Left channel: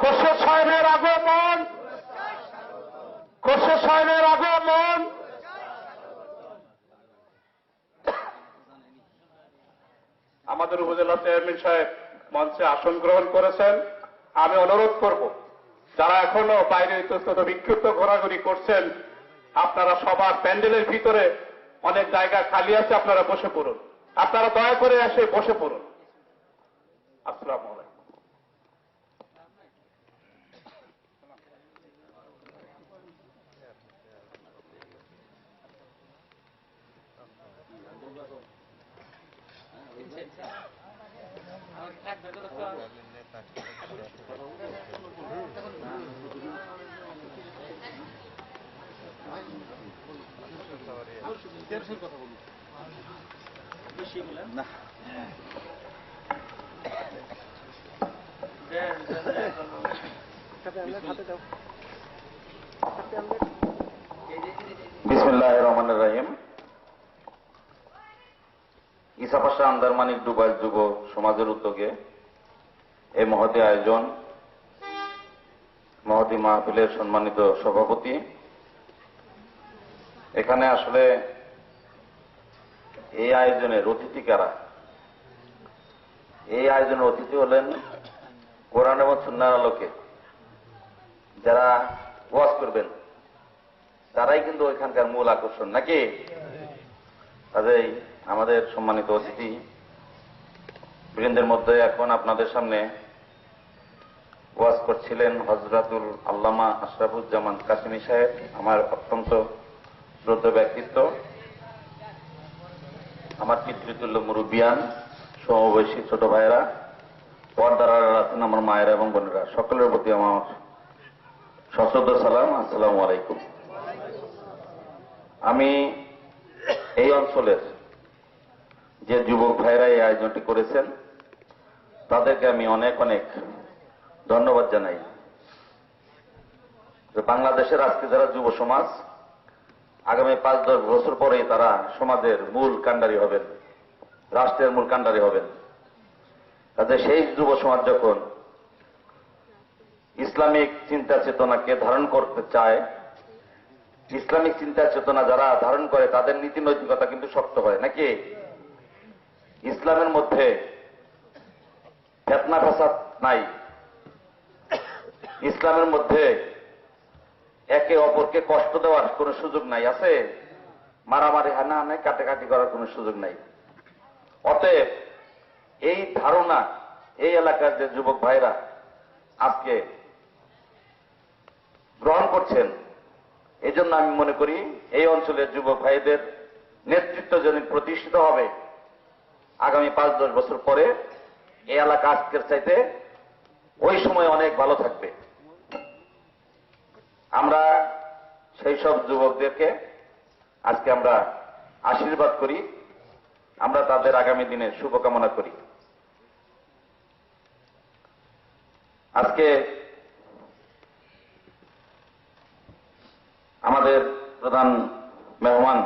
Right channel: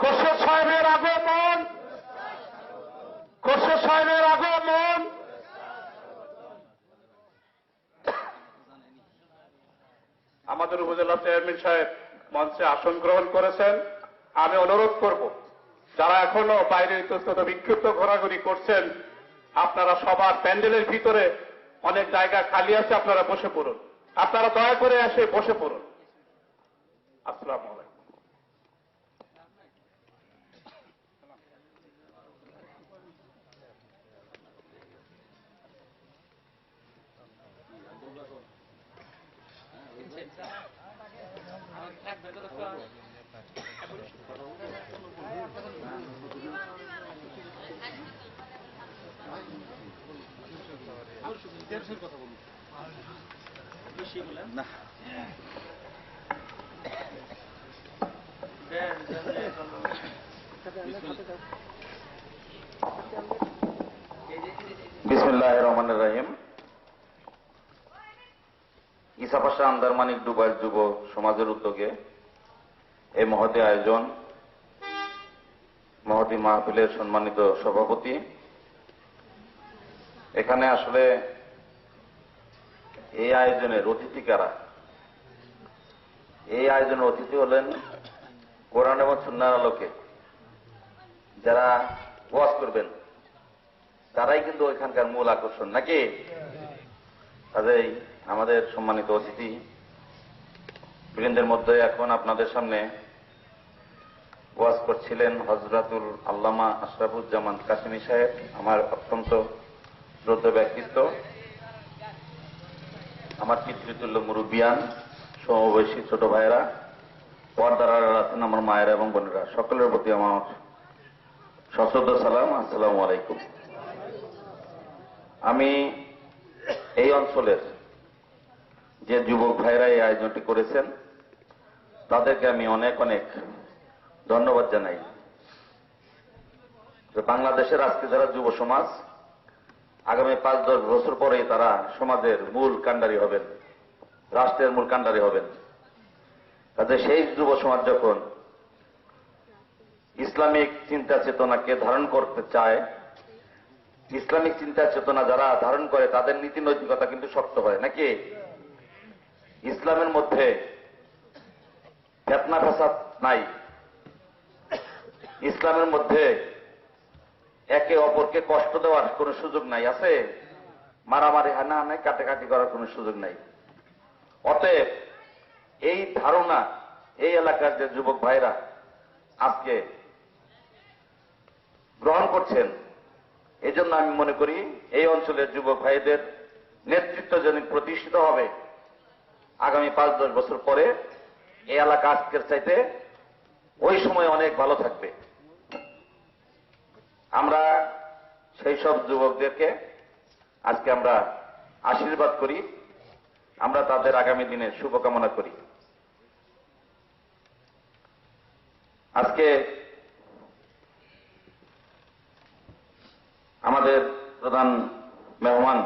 খোরশেদ সাহেবের আগমন, খোরশেদ সাহেবের আগমন। আমাদের উপজেলা চেয়ারম্যান সাহেব মঞ্চে আসন গ্রহণ করেছেন। আমি অনুরোধ করব, যারা এখনো বাইরে ইতস্তত বিক্ষিপ্ত ঘোরাঘুরি করছেন, আপনারা সবার প্যান্ডেলের ভিতরে অনেক জায়গা খালি আছে, আপনারা বসে পড়ুন। আপনারা দয়া করে এসে বসে পড়ুন। আসসালামু আলাইকুম। না বিসমিল্লাহির রহমানির রহিম। ইসাপাশা আন্দারমানিক ডুবাইল যুব সমাজের উদ্যোগে এই মহতী আয়োজন, মহতী মাহফিলের সম্মানিত সভাপতি, এখানে আসলে এই আয়োজনের অতিথি কারা? এই আয়োজনের অতিথি হলেন কোরআন এবং সুন্নাহর আলোকে যারা ওয়াজ করবেন, তারাই কিন্তু ওইখানকার মূল আকর্ষণ, নাকি? কাজেই আমাদের সম্মানিত অতিথি বৃন্দের মধ্যে এখন আপনাদের সামনে ওয়াজ করছিলেন হযরতুল আল্লামা আশরাফুজ্জামান কাসেমী সাহেব, আমার অত্যন্ত শ্রদ্ধেয় ব্যক্তিত্ব, আমার পিতৃতুল্য মুরব্বিয়ান, সমবয়সী ছোট ভাইয়েরা, পর্দার আড়ালে আছেন আমার মায়েরা এবং বোনেরা, সকলের প্রতি আমার সশ্রদ্ধ সালাম, আসসালামু আলাইকুম। আমি এই অঞ্চলের যে যুবক ভাইরা এই আয়োজনটি করেছেন, তাদেরকে আমি অনেক অনেক ধন্যবাদ জানাই। যে বাংলাদেশের আজকে যারা যুব সমাজ, আগামী 5-10 বছর পরে তারা সমাজের মূল কাণ্ডারি হবেন, রাষ্ট্রের মূল কাণ্ডারি হবেন। কাজে সেই যুব সমাজ যখন ইসলামিক চিন্তা চেতনাকে ধারণ করতে চায়, ইসলামিক চিন্তা চেতনা যারা ধারণ করে তাদের নীতি নৈতিকতা কিন্তু শক্ত হয়, নাকি? ইসলামের মধ্যে ফিতনা ফাসাদ নাই, ইসলামের মধ্যে একে অপরকে কষ্ট দেওয়ার কোন সুযোগ নাই, আছে? মারামারি হানাহানি কাটাকাটি করার কোন সুযোগ নাই। অতএব এই ধারণা এই এলাকার যে যুবক ভাইরা আজকে গ্রহণ করছেন, এই জন্য আমি মনে করি এই অঞ্চলের যুবক ভাইদের নেতৃত্ব যদি প্রতিষ্ঠিত হবে, আগামী 5-10 বছর পরে এই এলাকা আজকের চাইতে ওই সময় অনেক ভালো থাকবে। আমরা সেই সব যুবকদেরকে আজকে আমরা আশীর্বাদ করি, আমরা তাদের আগামী দিনের শুভকামনা করি। আজকে আমাদের প্রধান মেহমান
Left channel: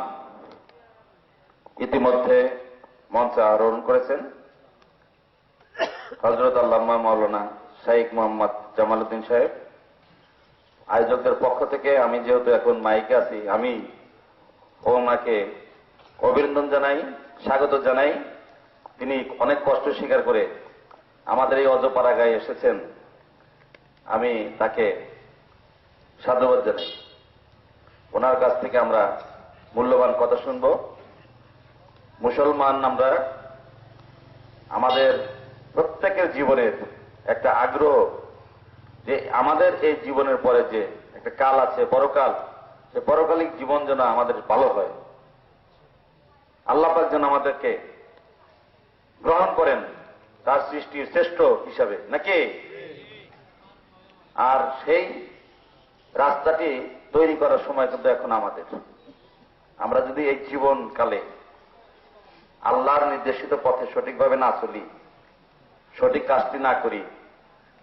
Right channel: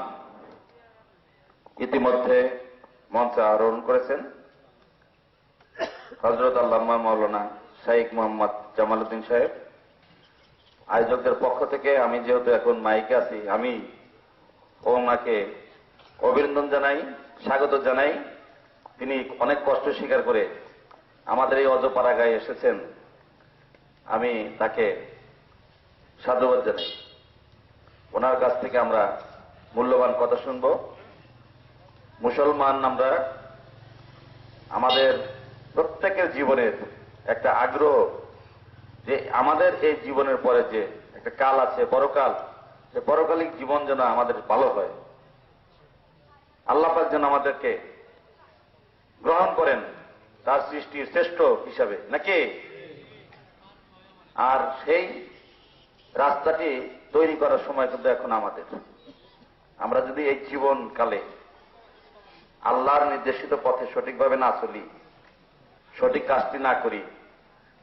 ইতিমধ্যে মঞ্চে আরোহণ করেছেন হযরত আল্লামা মাওলানা শাইখ মোহাম্মদ জামাল উদ্দিন সাহেব। আয়োজকদের পক্ষ থেকে আমি যেহেতু এখন মাইকে আছি, আমি ওনাকে অভিনন্দন জানাই, স্বাগত জানাই। তিনি অনেক কষ্ট স্বীকার করে আমাদের এই অজপাড়াগায় এসেছেন, আমি তাকে সাধুবাদ জানাই। ওনার কাছ থেকে আমরা মূল্যবান কথা শুনব। মুসলমান আমরা, আমাদের প্রত্যেকের জীবনের একটা আগ্রহ যে আমাদের এই জীবনের পরে যে একটা কাল আছে, পরকাল, সে পরকালিক জীবন যেন আমাদের ভালো হয়, আল্লাহ পাক যেন আমাদেরকে গ্রহণ করেন তার সৃষ্টির শ্রেষ্ঠ হিসাবে, নাকি? আর সেই রাস্তাটি তৈরি করার সময় কিন্তু এখন আমাদের। আমরা যদি এই জীবনকালে আল্লাহর নির্দেশিত পথে সঠিকভাবে না চলি, সঠিক কাজটি না করি,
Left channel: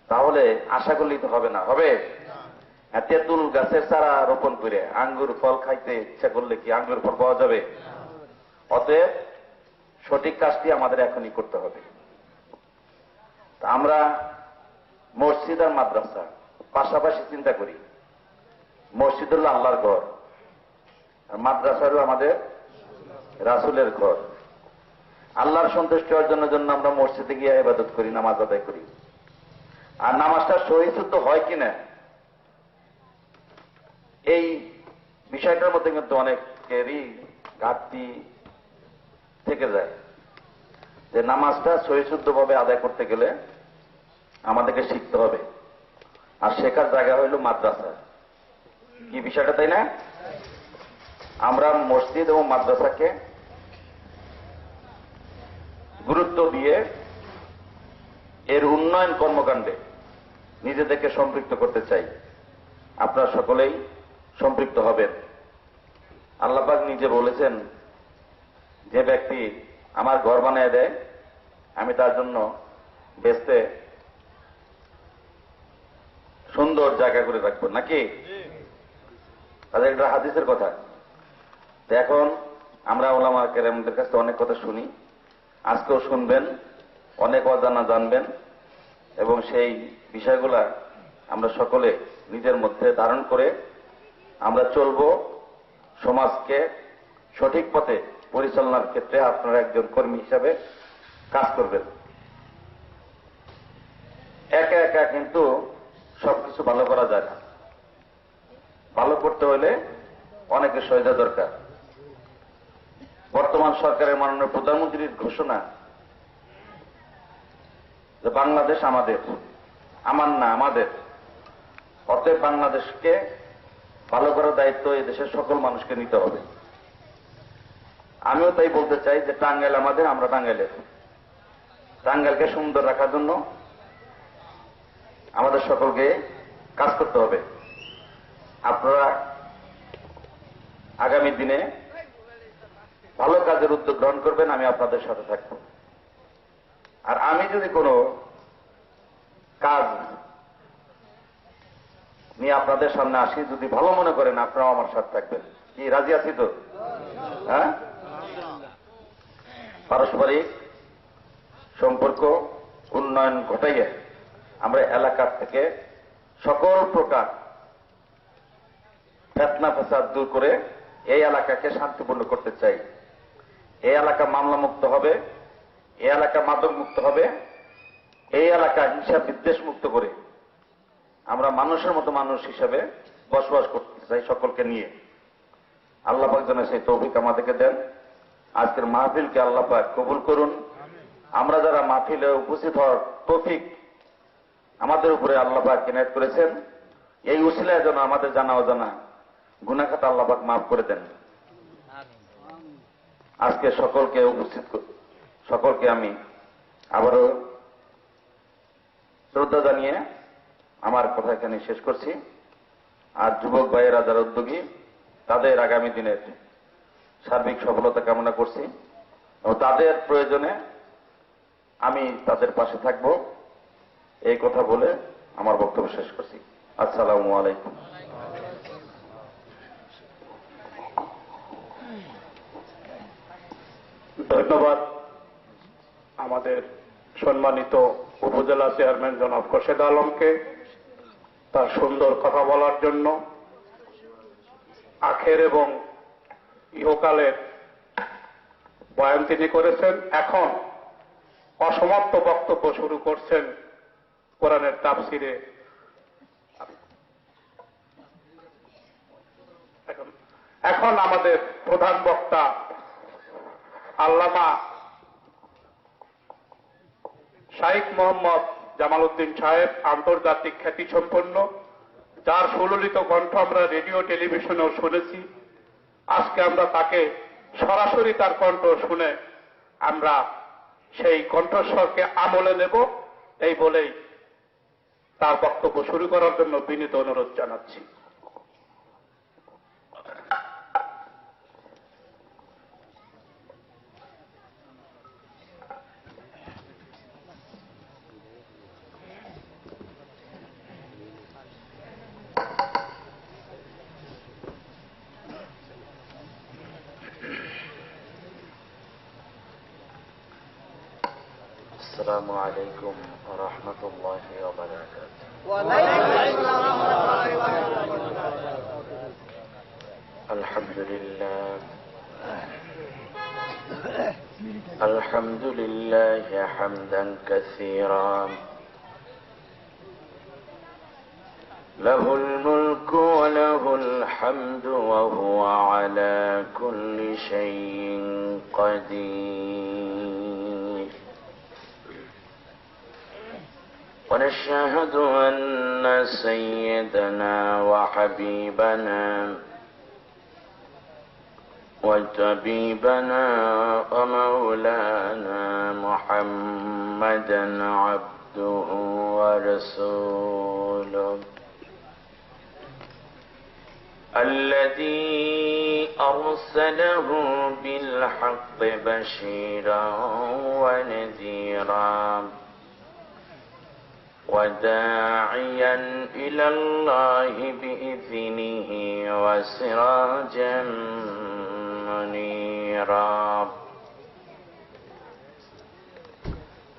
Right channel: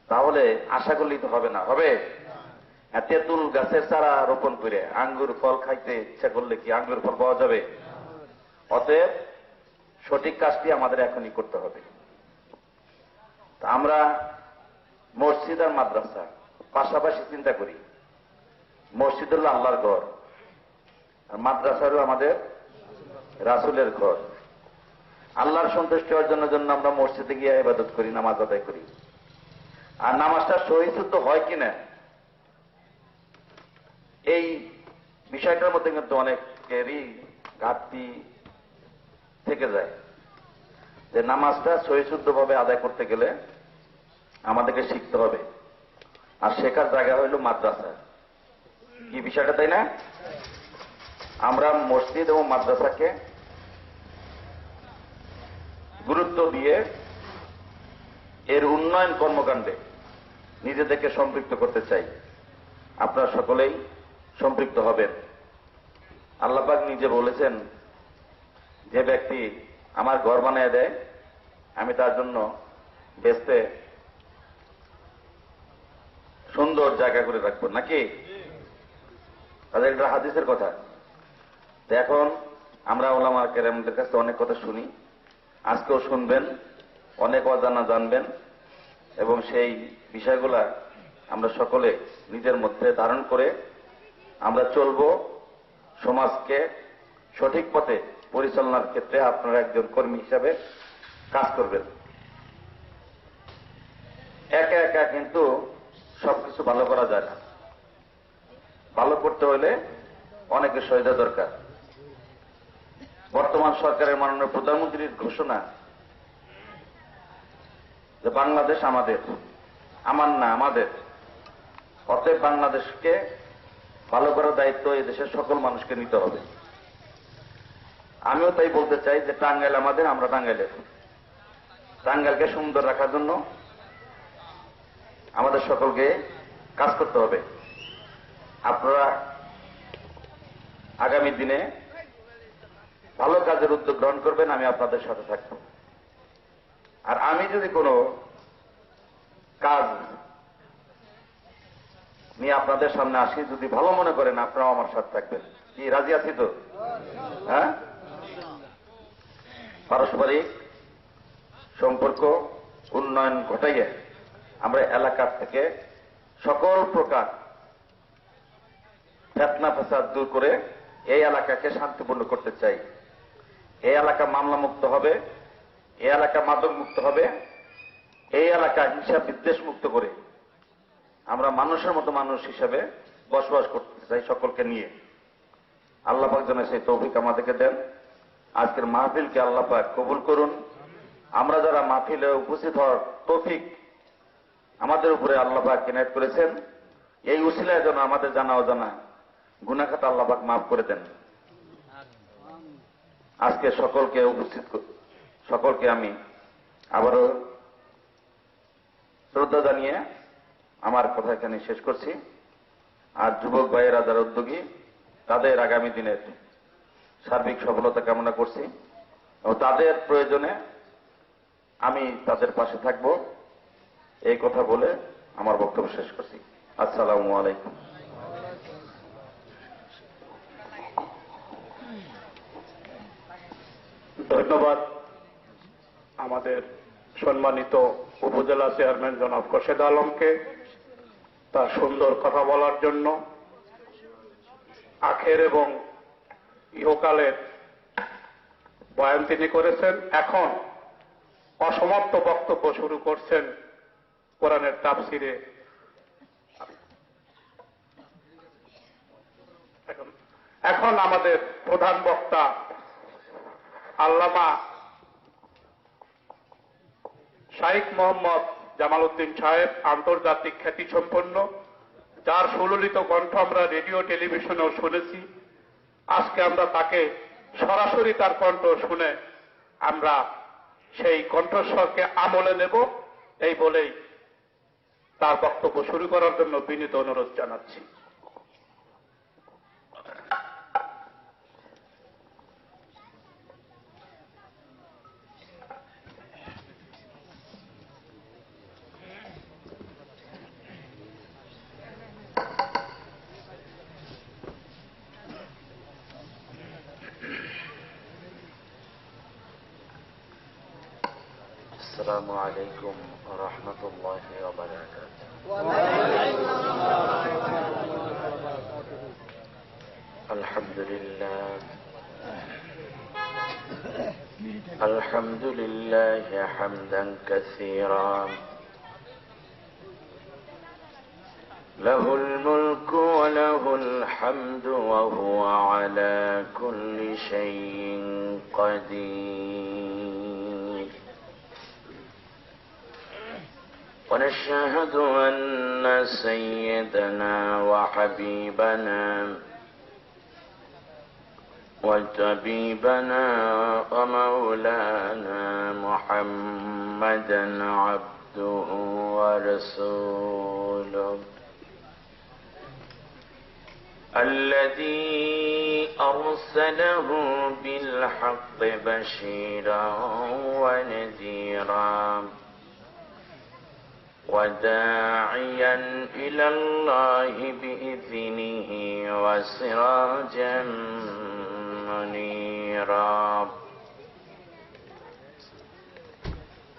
তাহলে আশা করলেই তো হবে না। হবে? তেঁতুল গাছের চারা রোপণ করে আঙ্গুর ফল খাইতে ইচ্ছা করলে কি আঙ্গুর ফল পাওয়া যাবে? অতএব সঠিক কাজটি আমাদের এখনই করতে হবে। আমরা মসজিদ আর মাদ্রাসা পাশাপাশি চিন্তা করি। মসজিদ হল আল্লাহর ঘর, আর মাদ্রাসা হল আমাদের রাসূলের ঘর। আল্লাহর সন্তুষ্টি অর্জনের জন্য আমরা মসজিদে গিয়ে ইবাদত করি, নামাজ আদায় করি। আর নামাজটা সহি শুদ্ধ হয় কিনা, এই বিষয়টার মধ্যে কিন্তু অনেকেরই ঘাটতি থেকে যায়। যে নামাজটা সহি শুদ্ধভাবে আদায় করতে গেলে আমাদেরকে শিখতে হবে, আর শেখার জায়গা হইল মাদ্রাসা। কি বিষয়টা, তাই না? আমরা মসজিদ এবং মাদ্রাসাকে গুরুত্ব দিয়ে এর উন্নয়ন কর্মকাণ্ডে নিজেদেরকে সম্পৃক্ত করতে চাই। আপনারা সকলেই সম্পৃক্ত হবেন। আল্লাহ পাক নিজে বলেছেন, যে ব্যক্তি আমার ঘর বানিয়ে দেয় আমি তার জন্য বেচতে সুন্দর জায়গা করে রাখবো, নাকি? তাদের এটা হাদিসের কথা। তো এখন আমরা ওলামা কেরামদের কাছে অনেক কথা শুনি, আজকেও শুনবেন, অনেক অজানা জানবেন, এবং সেই বিষয়গুলা আমরা সকলে নিজের মধ্যে ধারণ করে আমরা চলব। সমাজকে সঠিক পথে পরিচালনার ক্ষেত্রে আপনারা একজন কর্মী হিসাবে কাজ করবেন। একা একা কিন্তু সবকিছু ভালো করা যায় না। ভালো করতে হলে অনেকের সহায়তা দরকার। বর্তমান সরকারের মাননীয় প্রধানমন্ত্রীর ঘোষণা যে বাংলাদেশ আমাদের, আমার না আমাদের, অতএব বাংলাদেশকে ভালো করার দায়িত্ব এই দেশের সকল মানুষকে নিতে হবে। আমিও তাই বলতে চাই যে টাঙ্গাইল আমাদের, আমরা টাঙ্গাইলের। টাঙ্গাইলকে সুন্দর রাখার জন্য আমাদের সকলকে কাজ করতে হবে। আপনারা আগামী দিনে ভালো কাজের উদ্যোগ গ্রহণ করবেন, আমি আপনাদের সাথে থাকব। আর আমি যদি কোনো কাজ নিয়ে আপনাদের সামনে আসি, যদি ভালো মনে করেন আপনারাও আমার সাথে থাকবেন। কি রাজি আছি তো? হ্যাঁ, পারস্পরিক সম্পর্ক উন্নয়ন ঘটাইয়ে আমরা এলাকার থেকে সকল প্রকার ফিতনা ফাসাদ দূর করে এই এলাকাকে শান্তিপূর্ণ করতে চাই। এই এলাকা মামলা মুক্ত হবে, এই এলাকা মাদক মুক্ত হবে, এই এলাকা হিংসা বিদ্বেষ মুক্ত করে আমরা মানুষের মতো মানুষ হিসেবে বসবাস করতে চাই, সকলকে নিয়ে। আল্লাহ পাক যেন সেই তৌফিক আমাদেরকে দেন। আজকের মাহফিলকে আল্লাহ পাক কবুল করুন। আমরা যারা মাহফিলে উপস্থিত হওয়ার তৌফিক আমাদের উপরে আল্লাহ পাক ইনায়েত করেছেন, এই উসিলায় যেন আমাদের জানা অজানা গুনাহ খাতা আল্লাহ পাক মাফ করে দেন। আজকে সকলকে আমি আবারও শ্রদ্ধা জানিয়ে আমার কথা এখানে শেষ করছি। আর যুবক ভাইয়েরা যারা উদ্যোগী, তাদের আগামী দিনের সার্বিক সফলতা কামনা করছি এবং তাদের প্রয়োজনে আমি তাদের পাশে থাকব, এই কথা বলে আমার বক্তব্য শেষ করছি। আসসালামু আলাইকুম। ধন্যবাদ আমাদের সম্মানিত উপজেলা চেয়ারম্যান জনাব খোরশেদ আলমকে তার সুন্দর কথা বলার জন্য। আখের এবং ইহকালের বয়ান তিনি করেছেন। এখন অসমাপ্ত বক্তব্য শুরু করছেন কোরআনের তাফসিরে। এখন আমাদের প্রধান বক্তা আল্লামা শাইখ মোহাম্মদ জামাল উদ্দিন সাহেব, আন্তর্জাতিক খ্যাতিসম্পন্ন, যার সুললিত কণ্ঠ আমরা রেডিও টেলিভিশনেও শুনেছি। আজকে আমরা তাকে সরাসরি তার কণ্ঠ শুনে আমরা সেই কণ্ঠস্বরকে আমলে নেব, এই বলেই তার বক্তব্য শুরু করার জন্য বিনীত অনুরোধ জানাচ্ছি। السلام عليكم ورحمة الله وبركاته. الحمد لله الحمد لله حمدا كثيرا له الملك وله الحمد وهو على كل شيء قدير. ونشهد أن سيدنا وحبيبنا وطبيبنا ومولانا محمدا عبده ورسوله الذي أرسله بالحق بشيرا ونذيرا وداعيا إلى الله بإذنه وسراجا منيرا.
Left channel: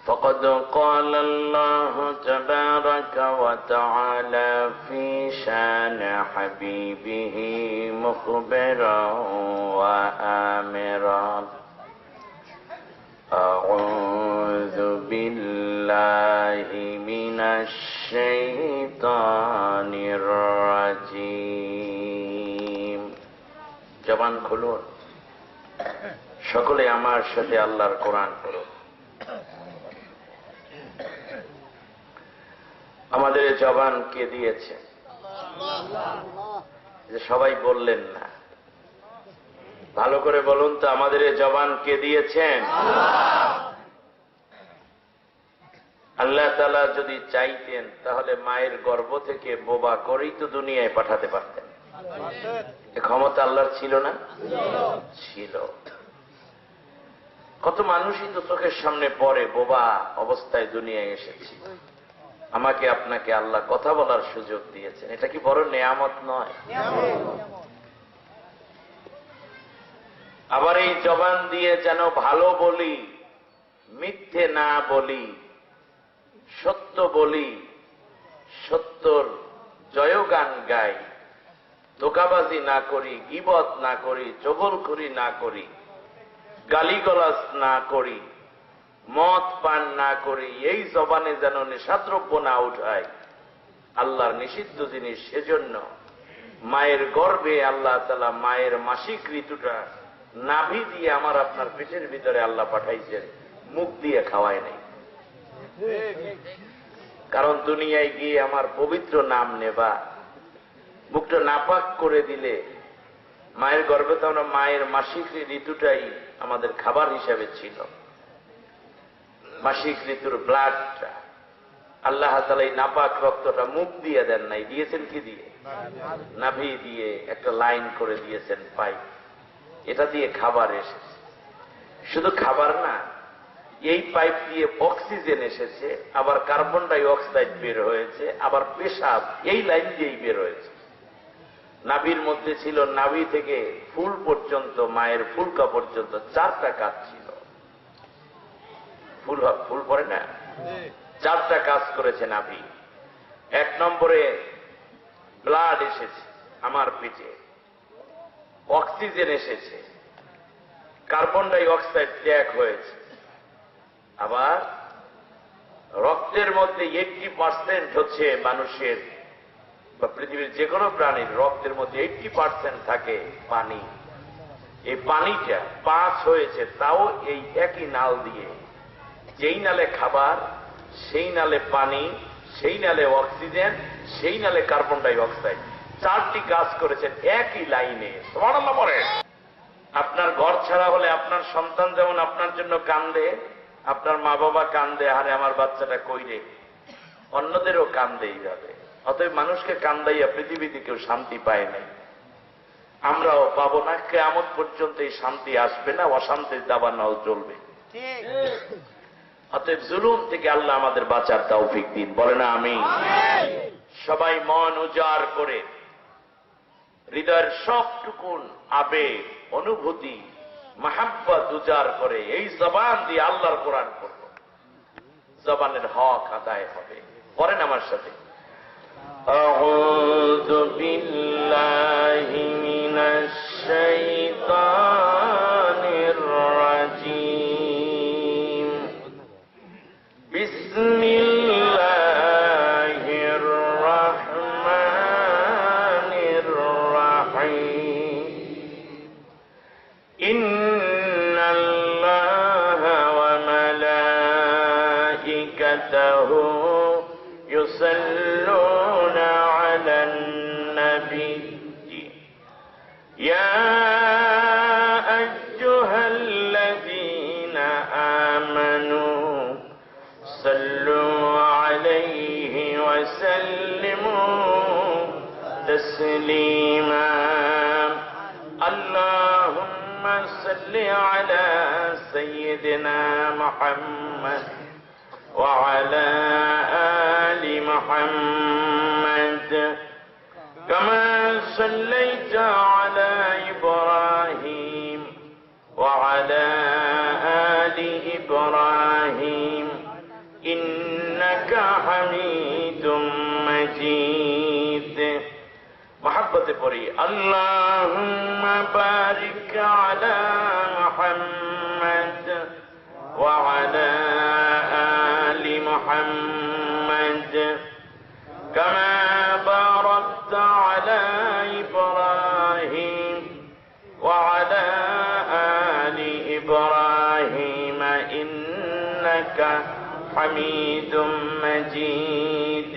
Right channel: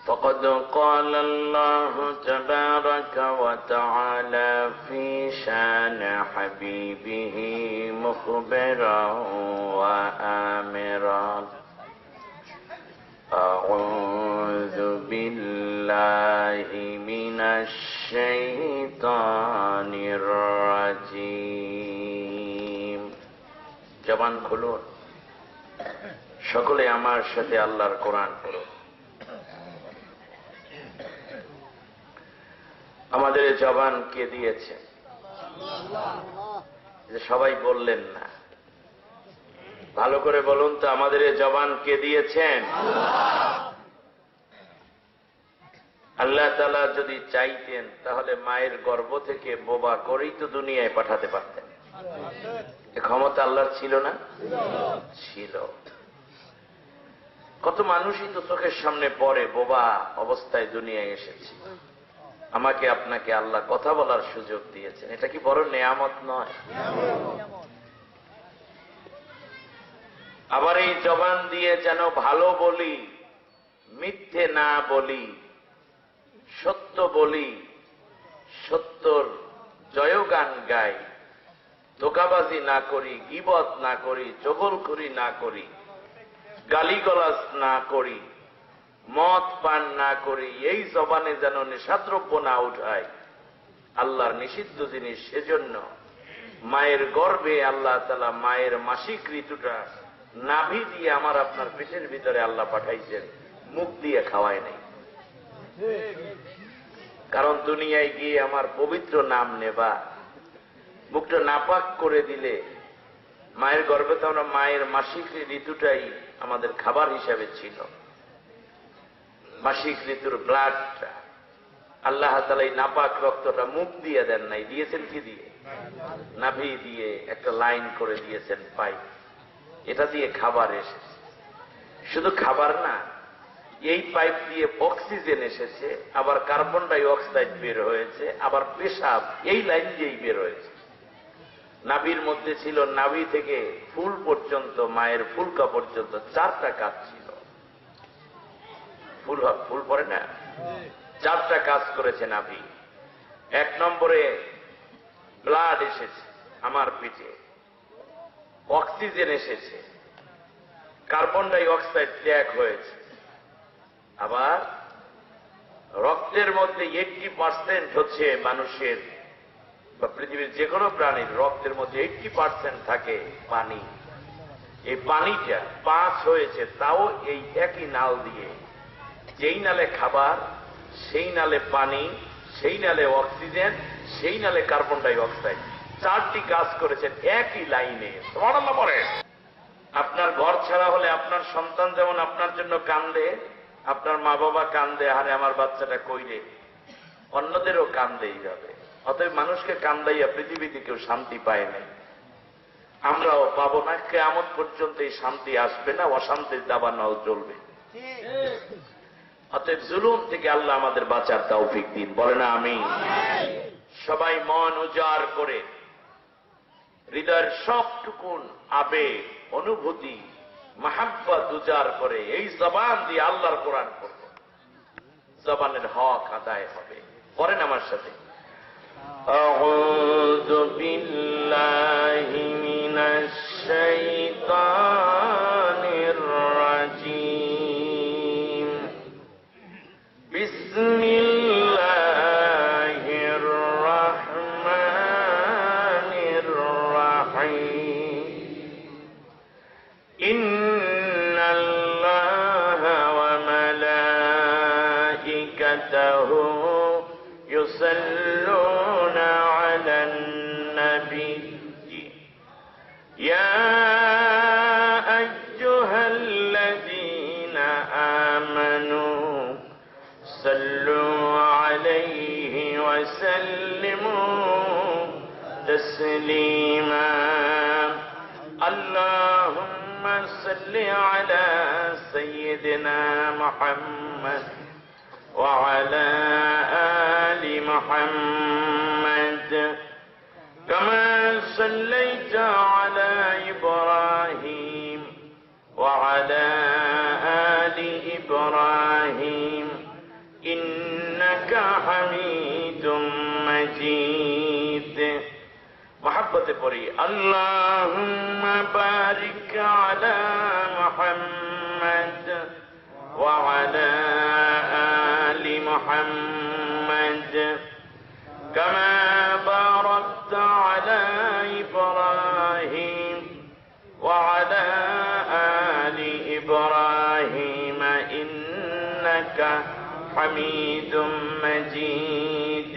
فقد قال الله تبارك وتعالى في شان حبيبه مخبرا وآمرا: أعوذ بالله من الشيطان الرجيم. জবান খুলুন, সকলে আমার সাথে আল্লাহর কোরআন পড়ুন। আমাদের জবান কে দিয়েছে? যে সবাই বললেন না, ভালো করে বলুন তো, আমাদের জবান কে দিয়েছেন? আল্লাহ তাআলা যদি চাইতেন তাহলে মায়ের গর্ভ থেকে বোবা করেই তো দুনিয়ায় পাঠাতে পারতেন। এ ক্ষমতা আল্লাহর ছিল না? ছিল। কত মানুষই তো চোখের সামনে পড়ে বোবা অবস্থায় দুনিয়ায় এসেছে। আমাকে আপনাকে আল্লাহ কথা বলার সুযোগ দিয়েছেন, এটা কি বড় নেয়ামত নয়? আবার এই জবান দিয়ে যেন ভালো বলি, মিথ্যে না বলি, সত্য বলি, সত্যর জয়গান গাই, ধোঁকাবাজি না করি, গীবত না করি, চগলখড়ি না করি, গালিগালাজ না করি, মদ পান না করি, এই জবানে যেন নেশাদ্রব্য না উঠায়, আল্লাহর নিষিদ্ধ জিনিস। সেজন্য মায়ের গর্ভে আল্লাহ তাআলা মায়ের মাসিক ঋতুটা নাভি দিয়ে আমার আপনার পেটের ভিতরে আল্লাহ পাঠাইছেন, মুখ দিয়ে খাওয়ায় নাই। কারণ দুনিয়ায় গিয়ে আমার পবিত্র নাম নেবা, মুখটা নাপাক করে দিলে, মায়ের গর্ভে তো আমরা মায়ের মাসিক ঋতুটাই আমাদের খাবার হিসাবে ছিল। মাসিক ঋতুর ব্লাডটা আল্লাহ তাআলা এই নাপাক রক্তটা মুখ দিয়ে দেন নাই, দিয়েছেন কি দিয়ে? নাভি দিয়ে একটা লাইন করে দিয়েছেন, পাইপ, এটা দিয়ে খাবার এসেছে। শুধু খাবার না, এই পাইপ দিয়ে অক্সিজেন এসেছে, আবার কার্বন ডাই অক্সাইড বের হয়েছে, আবার পেশাব এই লাইন দিয়েই বের হয়েছে। নাভির মধ্যে ছিল, নাভি থেকে ফুল পর্যন্ত, মায়ের ফুলকা পর্যন্ত 4টা কাজ ছিল। ফুল পরে না, 4টা কাজ করেছে নাভি। 1 নম্বরে ব্লাড এসেছে আমার পেটে, অক্সিজেন এসেছে, কার্বন ডাই অক্সাইড ত্যাগ হয়েছে। আবার রক্তের মধ্যে 80% হচ্ছে মানুষের বা পৃথিবীর যে কোনো প্রাণীর রক্তের মধ্যে 80% থাকে পানি। এই পানিটা পাস হয়েছে, তাও এই একই নাল দিয়ে। যেই নালে খাবার, সেই নালে পানি, সেই নালে অক্সিজেন, সেই নালে কার্বন ডাই অক্সাইড, 4টি কাজ করেছেন একই লাইনে। সুবহানাল্লাহ পড়ে। আপনার ঘর ছাড়া হলে আপনার সন্তান যেমন আপনার জন্য কান্দে, আপনার মা বাবা কান্দে, আরে আমার বাচ্চাটা কই রে, অন্যদেরও কান্দে এইভাবে। অতএব মানুষকে কান্দাইয়া পৃথিবীতে কেউ শান্তি পায় নাই, আমরাও পাবো না। কিয়ামত পর্যন্ত এই শান্তি আসবে না, অশান্তির দাবানল চলবে। অতএব জুলুম থেকে আল্লাহ আমাদের বাঁচার তৌফিক দিন, বলে না আমিন। সবাই মন উজাড় করে, হৃদয়ের সবটুকুন আবেগ, অনুভূতি, মাহাব্বত উজাড় করে এই জবান দিয়ে আল্লাহর কোরআন পড়ব। জবানের হক আদায় হবে। পড়েন আমার সাথে, আউযু বিল্লাহি মিনাশ শাইতানির রাজীম, বিসমিল্লাহির রাহমানির রাহিম, ইন্নাল্লাহা ওয়া মালাইকাতাহু ইউসাল্লুনা আলান নবী ইয়া আইয়ুহাল্লাযীনা আমানু সাল্লু আলাইহি ওয়া সাল্লিমু তাসলিমা, আল্লাহুম্মা সাল্লি আলা সাইয়্যিদিনা মুহাম্মদ ওয়া আলা আলি মুহাম্মদ কামা সাল্লাইতা আলা ইব্রাহিম ওয়া আলা আলি ইব্রাহিম ইন্নাকা হামিদুম মাজিদ। মহব্বতে পড়ি, আল্লাহুম্মা বারিক আলা মুহাম্মদ ওয়া আলা আলি মুহাম্মদ কামা বারাকতা আলা ইব্রাহিম ওয়া আলা আলি ইব্রাহিম ইন্নাকা হামিদুম মাজিদ।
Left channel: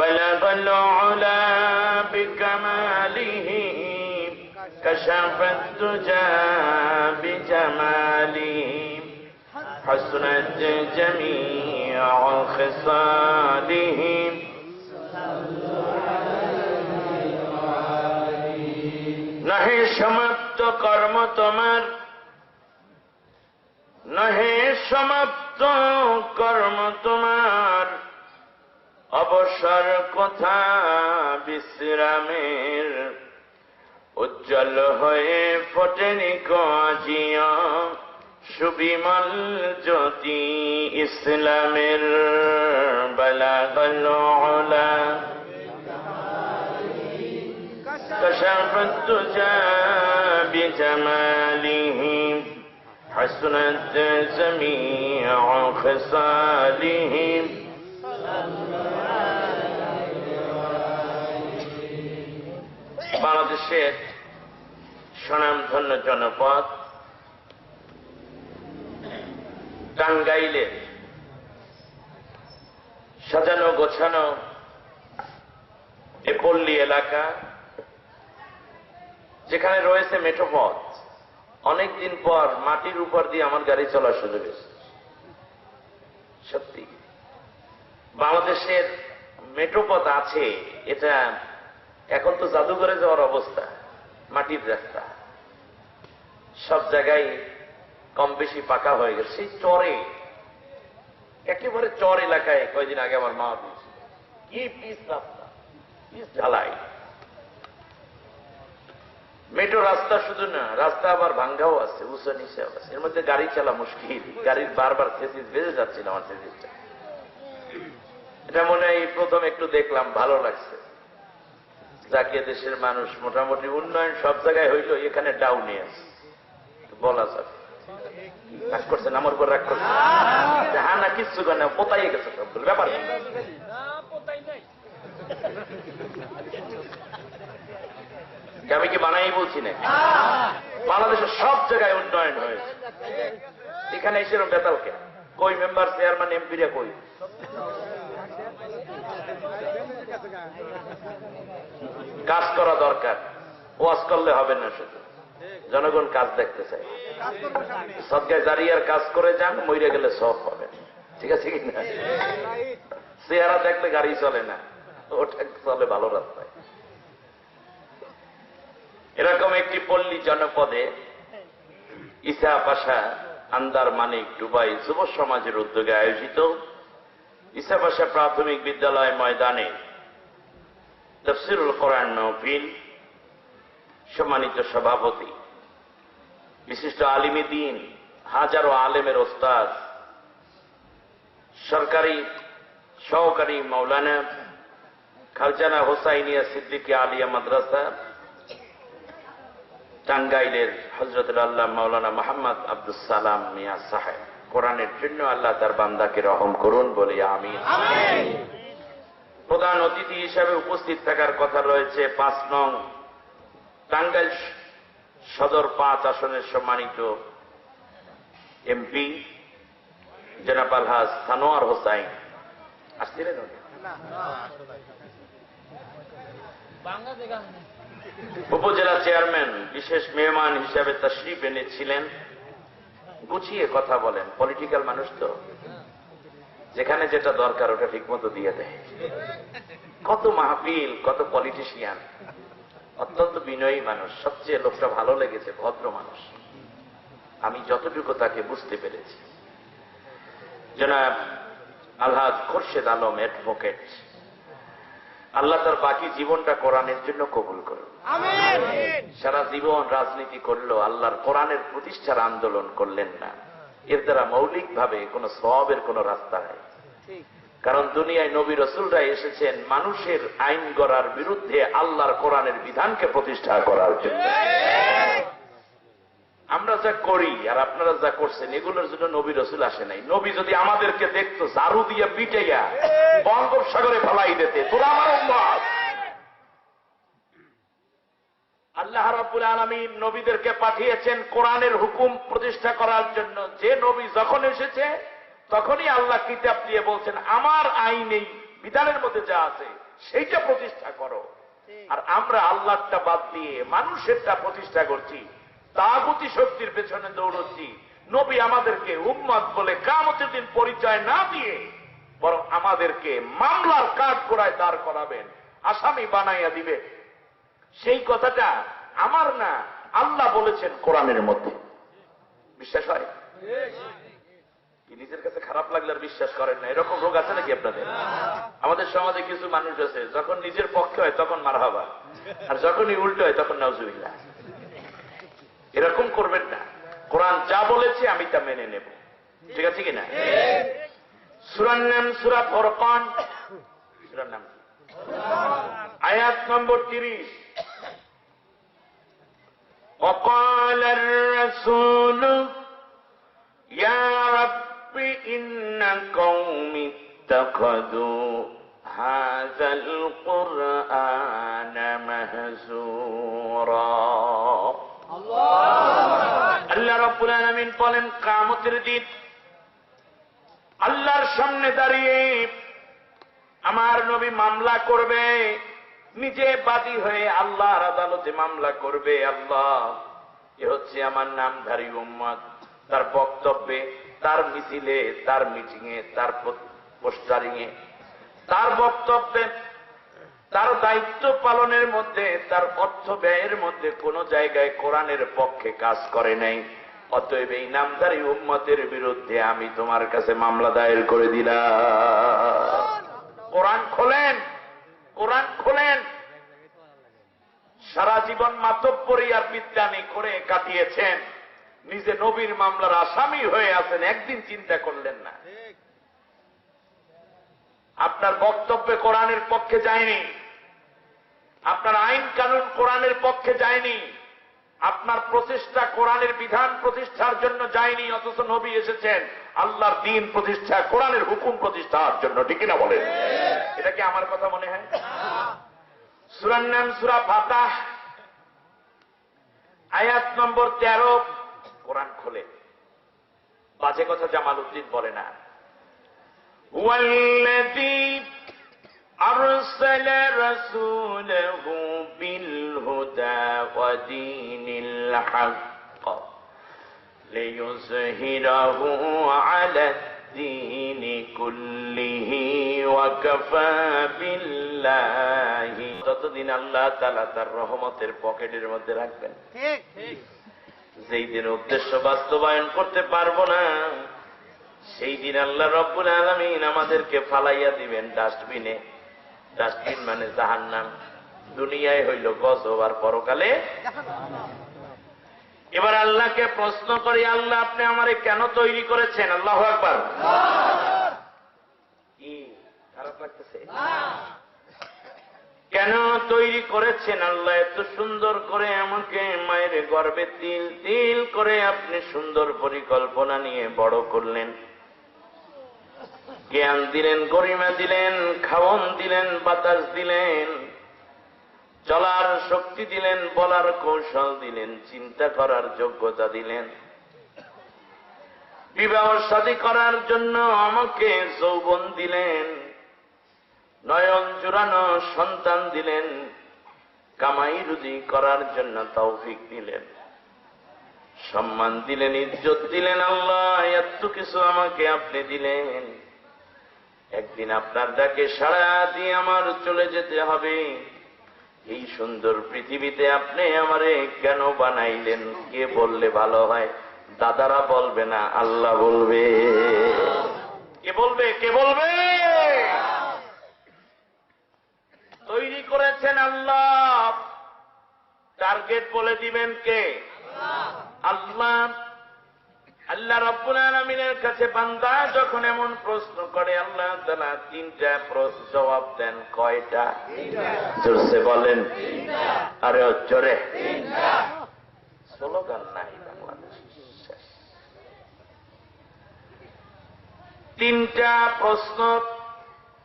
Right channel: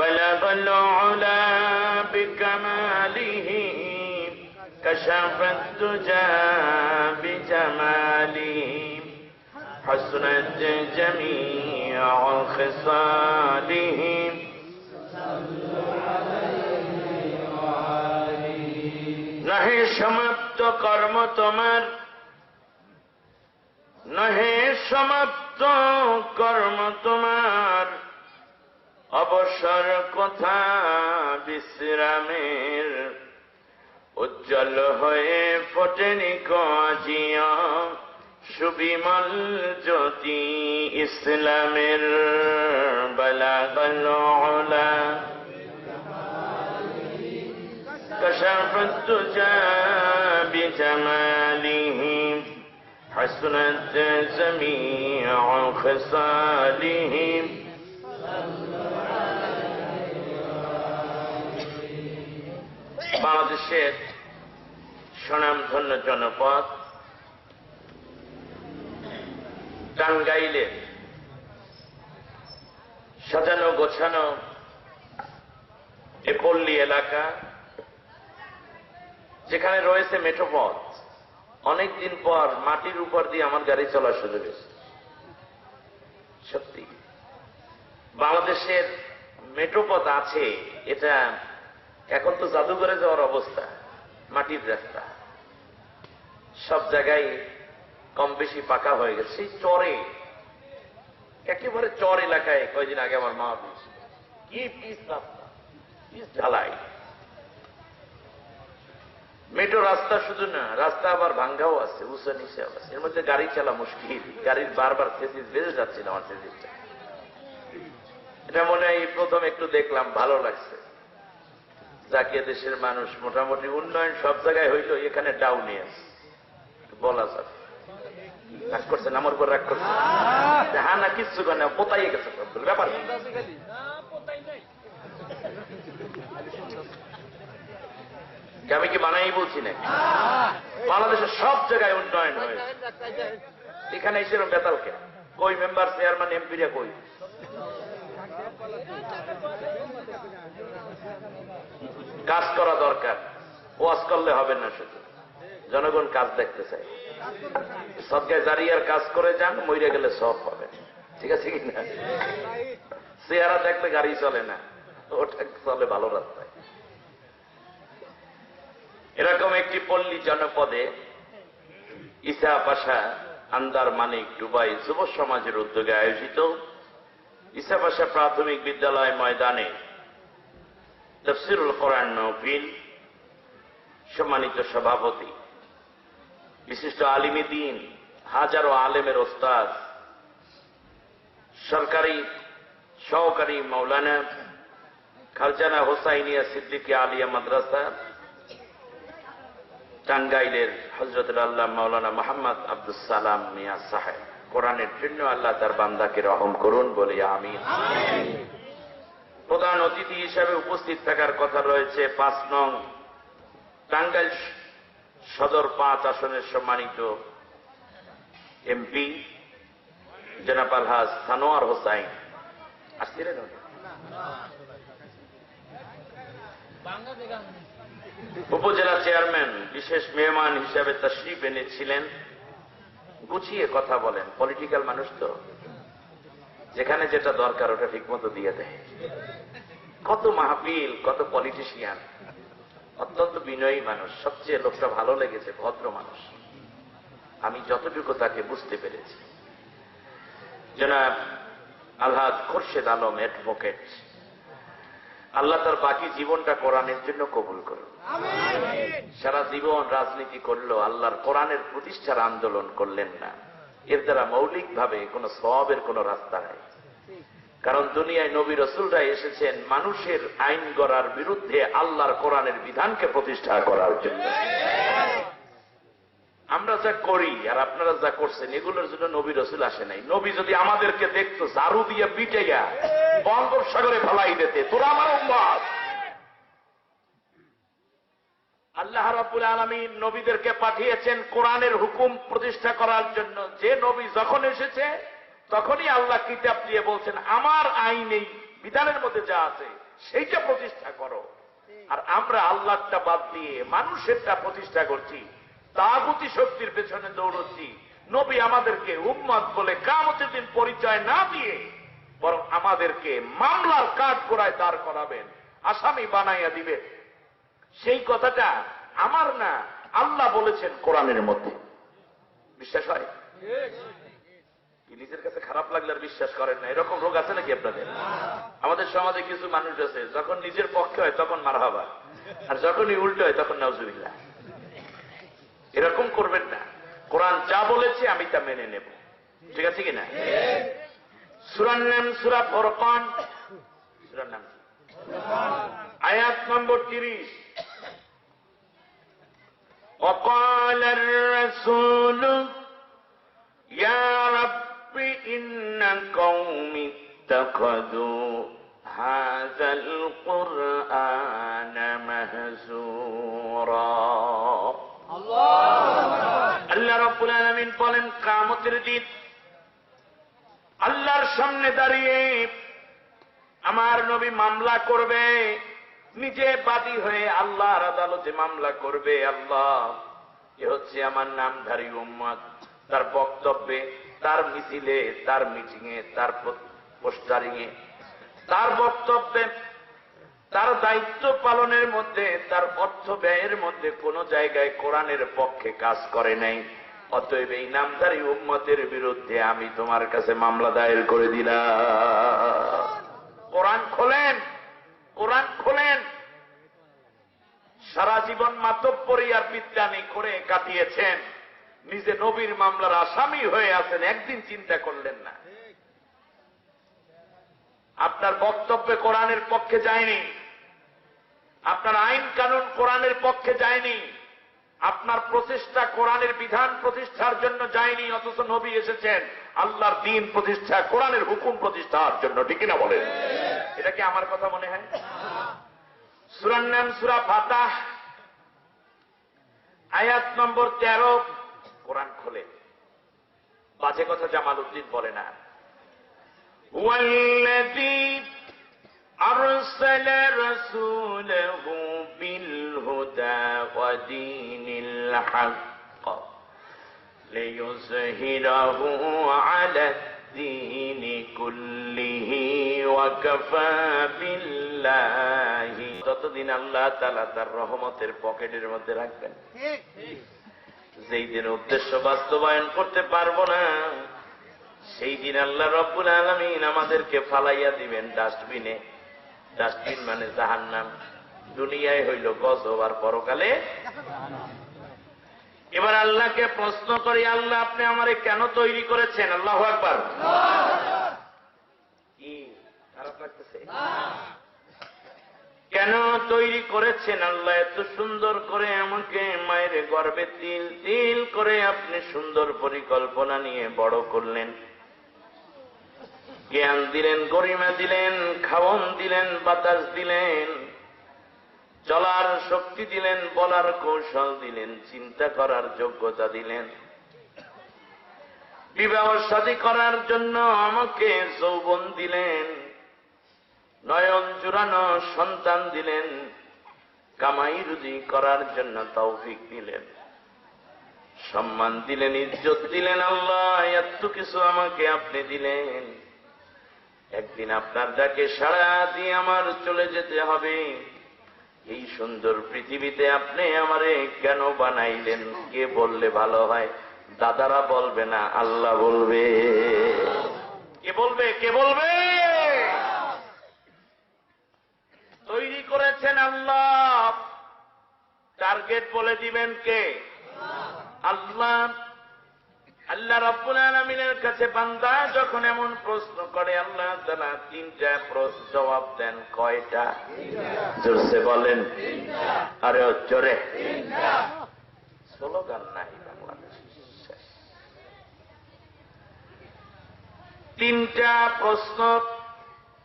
بلغ العلا بكماله كشف الدجى بجماله حسنت جميع خصاله নহে সমাপ্ত কর্ম তোমার, নহে সমাপ্ত কর্ম তোমার, অবসর কথা বিশ্রামের, উজ্জ্বল হয়ে ফোটেনি কাজিয়া সুবিমল জ্যোতি ইসলামের। বালাগাল উলা কাশাফাত তুজা বিজামালিহি হাসনাত জামিউ খিসালিহি। বাংলাদেশের স্বনামধন্য জনপদ টাঙ্গাইলের সাজানো গোছানো এ পল্লী এলাকা, যেখানে রয়েছে মেঠোপথ। অনেকদিন পর মাটির উপর দিয়ে আমার গাড়ি চলার সুযোগ হয়েছে। সত্যি বাংলাদেশের মেঠোপথ আছে, এটা এখন তো জাদুঘরে যাওয়ার অবস্থা। মাটির রাস্তা সব জায়গায় কম বেশি পাকা হয়ে গেছে। সেই চরে, একেবারে চর এলাকায় কয়েকদিন আগে আমার মা বলছে, কি পিস রাস্তা, পিস ঢালাই। মেট্রো রাস্তা শুধু না, রাস্তা আবার ভাঙ্গাও আছে, উঁচা নিচে আছে। এর মধ্যে গাড়ি চালা মুশকিল, গাড়ির বারবার থেসিস বেড়ে যাচ্ছিল আমার থেসিসটা। এটা মনে হয় প্রথম একটু দেখলাম, ভালো লাগছে। যাকে দেশের মানুষ মোটামুটি উন্নয়ন সব জায়গায় হইল, এখানে ডাউনে আছে বলা যাবে। রাগ করছেন আমার উপর, রাগ করছেন? হ্যাঁ না, কিচ্ছু না, পোতাইয়ে গেছে সবগুলো ব্যাপার। আমি কি বানাই বলছি না? বাংলাদেশের সব জায়গায় উন্নয়ন হয়েছে। এখানে এসে বেতাল কে? কই মেম্বার, চেয়ারম্যান, এমপিরা কই? কাজ করা দরকার, ওয়াজ করলে হবে না। শুধু জনগণ কাজ দেখতে চায়। সদকায়ে জারিয়ার কাজ করে যান, মইরা গেলে সব পাবেন। ঠিক আছে কি না? চেহারা দেখলে গাড়ি চলে না, ওটা চলে ভালো রাস্তায়। এরকম একটি পল্লী জনপদে ইসা পাশা, আন্দার মানিক, ডুবাই যুব সমাজের উদ্যোগে আয়োজিত ইসা পাশা প্রাথমিক বিদ্যালয় ময়দানে তাফসীরুল কোরআন মাহফিল, সম্মানিত সভাপতি, বিশিষ্ট আলিমে দ্বীন, হাজারো আলেমের ওস্তাদ, সরকারি সহকারী মাওলানা খালজানা হোসাইনিয়া সিদ্দিকী আলিয়া মাদ্রাসা, টাঙ্গাইলের হযরতুল আল্লাহ মাওলানা মোহাম্মদ আব্দুস সালাম মিয়া সাহেব, কোরআনের জন্য আল্লাহ তার বান্দাকে রহম করুন বলি আমিন। প্রধান অতিথি হিসাবে উপস্থিত থাকার কথা রয়েছে 5 নং টাঙ্গাইল সদর 5 আসনের সম্মানিত এমপি জনাব আলহাজ সানোয়ার হোসাইন। আসছিলেন উপজেলা চেয়ারম্যান বিশেষ মেহমান হিসাবে তাশরিফ এনেছিলেন। গুছিয়ে কথা বলেন, পলিটিক্যাল মানুষ তো, যেখানে যেটা দরকার ওটা ঠিকমতো দিয়ে দেয়। কত মাহফিল, কত পলিটিশিয়ান, অত্যন্ত বিনয়ী মানুষ। সবচেয়ে লোকটা ভালো লেগেছে, ভদ্র মানুষ। আমি যতটুকু তাকে বুঝতে পেরেছি। জনাব আলহাজ খোরশেদ আলম অ্যাডভোকেট, আল্লাহ তার বাকি জীবনটা কোরআনের জন্য কবুল করুন। সারা জীবন রাজনীতি করলো, আল্লাহর কোরআনের প্রতিষ্ঠার আন্দোলন করলেন না। এর দ্বারা মৌলিকভাবে কোন সওয়াবের কোন রাস্তা নেই। কারণ দুনিয়ায় নবী রাসূলরা এসেছেন মানুষের আইন গড়ার বিরুদ্ধে আল্লাহর কোরআনের বিধানকে প্রতিষ্ঠা করার জন্য। আমরা যা করি আর আপনারা যা করছেন এগুলোর জন্য নবী রাসূল আসে নাই। নবী যদি আমাদেরকে দেখতো ঝাড়ু দিয়ে পিটাইয়া বঙ্গোপসাগরে ফেলাই দিতে, তোরা আমার উম্মত। আল্লাহ রাব্বুল আলামিন নবীদেরকে পাঠিয়েছেন কোরআনের হুকুম প্রতিষ্ঠা করার জন্য। যে নবী যখন এসেছে তখনই আল্লাহ কিতাব দিয়ে বলছেন আমার আইন এই বিধানের মধ্যে যা আছে সেইটা প্রতিষ্ঠা করো। আর আমরা আল্লাহটা বাদ দিয়ে মানুষেরটা প্রতিষ্ঠা করছি, তাগুতি শক্তির পেছনে দৌড়চ্ছি। নবী আমাদেরকে উম্মত বলে কিয়ামতের দিন পরিচয় না দিয়ে বরং আমাদেরকে মামলার কাঠগড়ায় দাঁড় করাবেন, আসামি বানাইয়া দিবে। সেই কথাটা আমার না, আল্লাহ বলেছেন কোরআনের মধ্যে। বিশ্বাস হয়? নিজের কাছে খারাপ লাগলে আর বিশ্বাস করেন না, এরকম রোগ আছে নাকি আপনাদের? আমাদের সমাজে কিছু মানুষ আছে, যখন নিজের পক্ষে হয় তখন মারহাবা, আর যখনই উল্টো হয় তখন নাউজুবিল্লাহ। এরকম করবেন না। কোরআন যা বলেছে আমি তা মেনে নেব, ঠিক আছে কিনা? সূরার নাম সূরা ফুরকান, সূরার নাম আয়াত নম্বর 30। وقال الرسول يا رب إن قومي اتخذوا هذا القرآن مهجورا। আল্লাহ রাব্বুল আলামিন বলেন কিয়ামতের দিন আল্লাহর সামনে দাঁড়িয়ে আমার নবী মামলা করবে, নিজে বাদী হয়ে আল্লাহর আদালতে মামলা করবে। আল্লাহ, এ হচ্ছে আমার নামধারী উম্মত, তার বক্তব্যে, তার মিছিলে, তার মিটিংয়ে, তার পোস্টারিংয়ে, তার বক্তব্যে, তার দায়িত্ব পালনের মধ্যে, তার অর্থ ব্যয়ের মধ্যে কোন জায়গায় কোরআনের পক্ষে কাজ করে নাই। অতএব এই নামধারী উম্মতের বিরুদ্ধে আমি তোমার কাছে মামলা দায়ের করে দিলাম। কোরআন খোলেন, কোরআন খোলেন। সারা জীবন মাতব্বরি আর বিদ্যানি করে কাটিয়েছেন, নিজে নবীর মামলার আসামি হয়ে আছেন, একদিন চিন্তা করলেন না। আপনার বক্তব্যে কোরআনের পক্ষে যায়নি, আপনার আইন কানুন কোরআনের পক্ষে যায়নি, আপনার প্রচেষ্টা কোরআনের বিধান প্রতিষ্ঠার জন্য যায়নি। অথচ নবী এসেছেন আল্লাহর দ্বীন প্রতিষ্ঠা, কোরআনের হুকুম প্রতিষ্ঠার জন্য, ঠিক কিনা বলেন? এটা কি আমার কথা মনে হয়? সূরার নাম সূরা ফাতাহ, আয়াত নম্বর 13। কোরআন খোলে, বাজে কথা জামাল উদ্দিন বলে না। ওয়াল্লাযী আরসালা রাসূলাহু বিল হুদা ওয়া দীনিল হক লিইয়ুযহিরাহু আলা দ্দীনি কুল্লিহি ওয়া কাফা বিল্লাহি। ততদিন আল্লাহ তাআলা তার রহমতের পকেটের মধ্যে রাখবেন। যেই দিন উদ্দেশ্য বাস্তবায়ন করতে পারবো না, সেই দিন আল্লাহ রব্বুল আলামিন আমাদেরকে ফালাইয়া দিবেন ডাস্টবিনে। ডাস্টবিন মানে জাহান্নাম। দুনিয়ায় হইল গজব আর পরকালে। এবার আল্লাহকে প্রশ্ন করি, আল্লাহ আপনি আমারে কেন তৈরি করেছেন? আল্লাহু আকবার। লাগতেছে? কেন তৈরি করেছেন আল্লাহ এত সুন্দর করে আমাকে? মায়ের গর্ভে তিল তিল করে আপনি সুন্দর পরিকল্পনা নিয়ে বড় করলেন, জ্ঞান দিলেন, গরিমা দিলেন, খাওয়ন দিলেন, বাতাস দিলেন, চলার শক্তি দিলেন, বলার কৌশল দিলেন, চিন্তা করার যোগ্যতা দিলেন, বিবাহ শাদী করার জন্য আমাকে যৌবন দিলেন, নয়ন জুড়ানো সন্তান দিলেন, কামাই রুজি করার জন্য তৌফিক দিলেন, সম্মান দিলেন, ইজ্জত দিলেন। আল্লাহ এত কিছু আমাকে আপনি দিলেন, একদিন আপনার ডাকে সাড়া দিয়ে আমার চলে যেতে হবে। এই সুন্দর পৃথিবীতে আপনি আমারে কেন বানাইলেন? কে বললে ভালো হয়? দাদারা বলবে না, আল্লাহ বলবে। কে বলবে? কে বলবে? তৈরি করেছেন আল্লাহ, টার্গেট বলে দিবেন কে? আল্লাহ। আল্লাহ রাব্বুল আলামিনের কাছে বান্দা যখন এমন প্রশ্ন করে, আল্লাহ তাআলা তিনটা প্রশ্ন জবাব দেন। কয়টা? জোরসে বলেন। আরে জোরে। স্লোগান নাই বাংলাদেশে। তিনটা প্রশ্ন,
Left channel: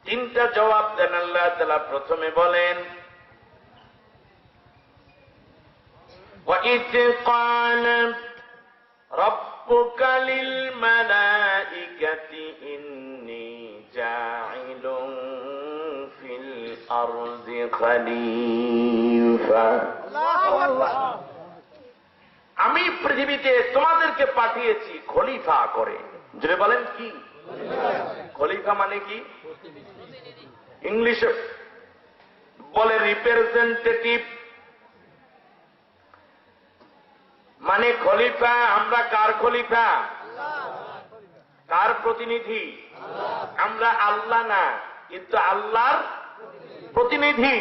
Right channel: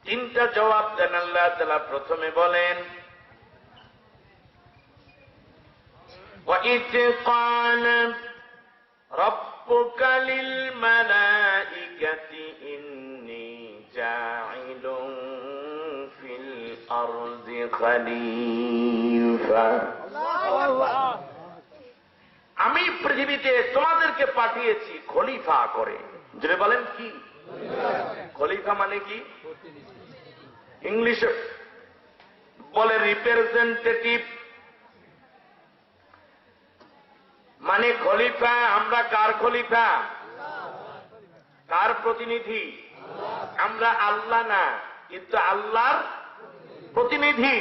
তিনটা জবাব দেন আল্লাহ তাআলা। প্রথমে বলেন, وَإِذْ قَالَ رَبُّكَ لِلْمَلَائِكَةِ إِنِّي جَاعِلٌ فِي الْأَرْضِ خَلِيفَةً। আমি পৃথিবীতে তোমাদেরকে পাঠিয়েছি খলিফা করে। যদি বলেন কি খলিফা মানে কি? ইংলিশে বলে রিপ্রেজেন্টেটিভ, মানে খলিফা। আমরা কার খলিফা? কার প্রতিনিধি? আমরা আল্লাহ না, কিন্তু আল্লাহর প্রতিনিধি।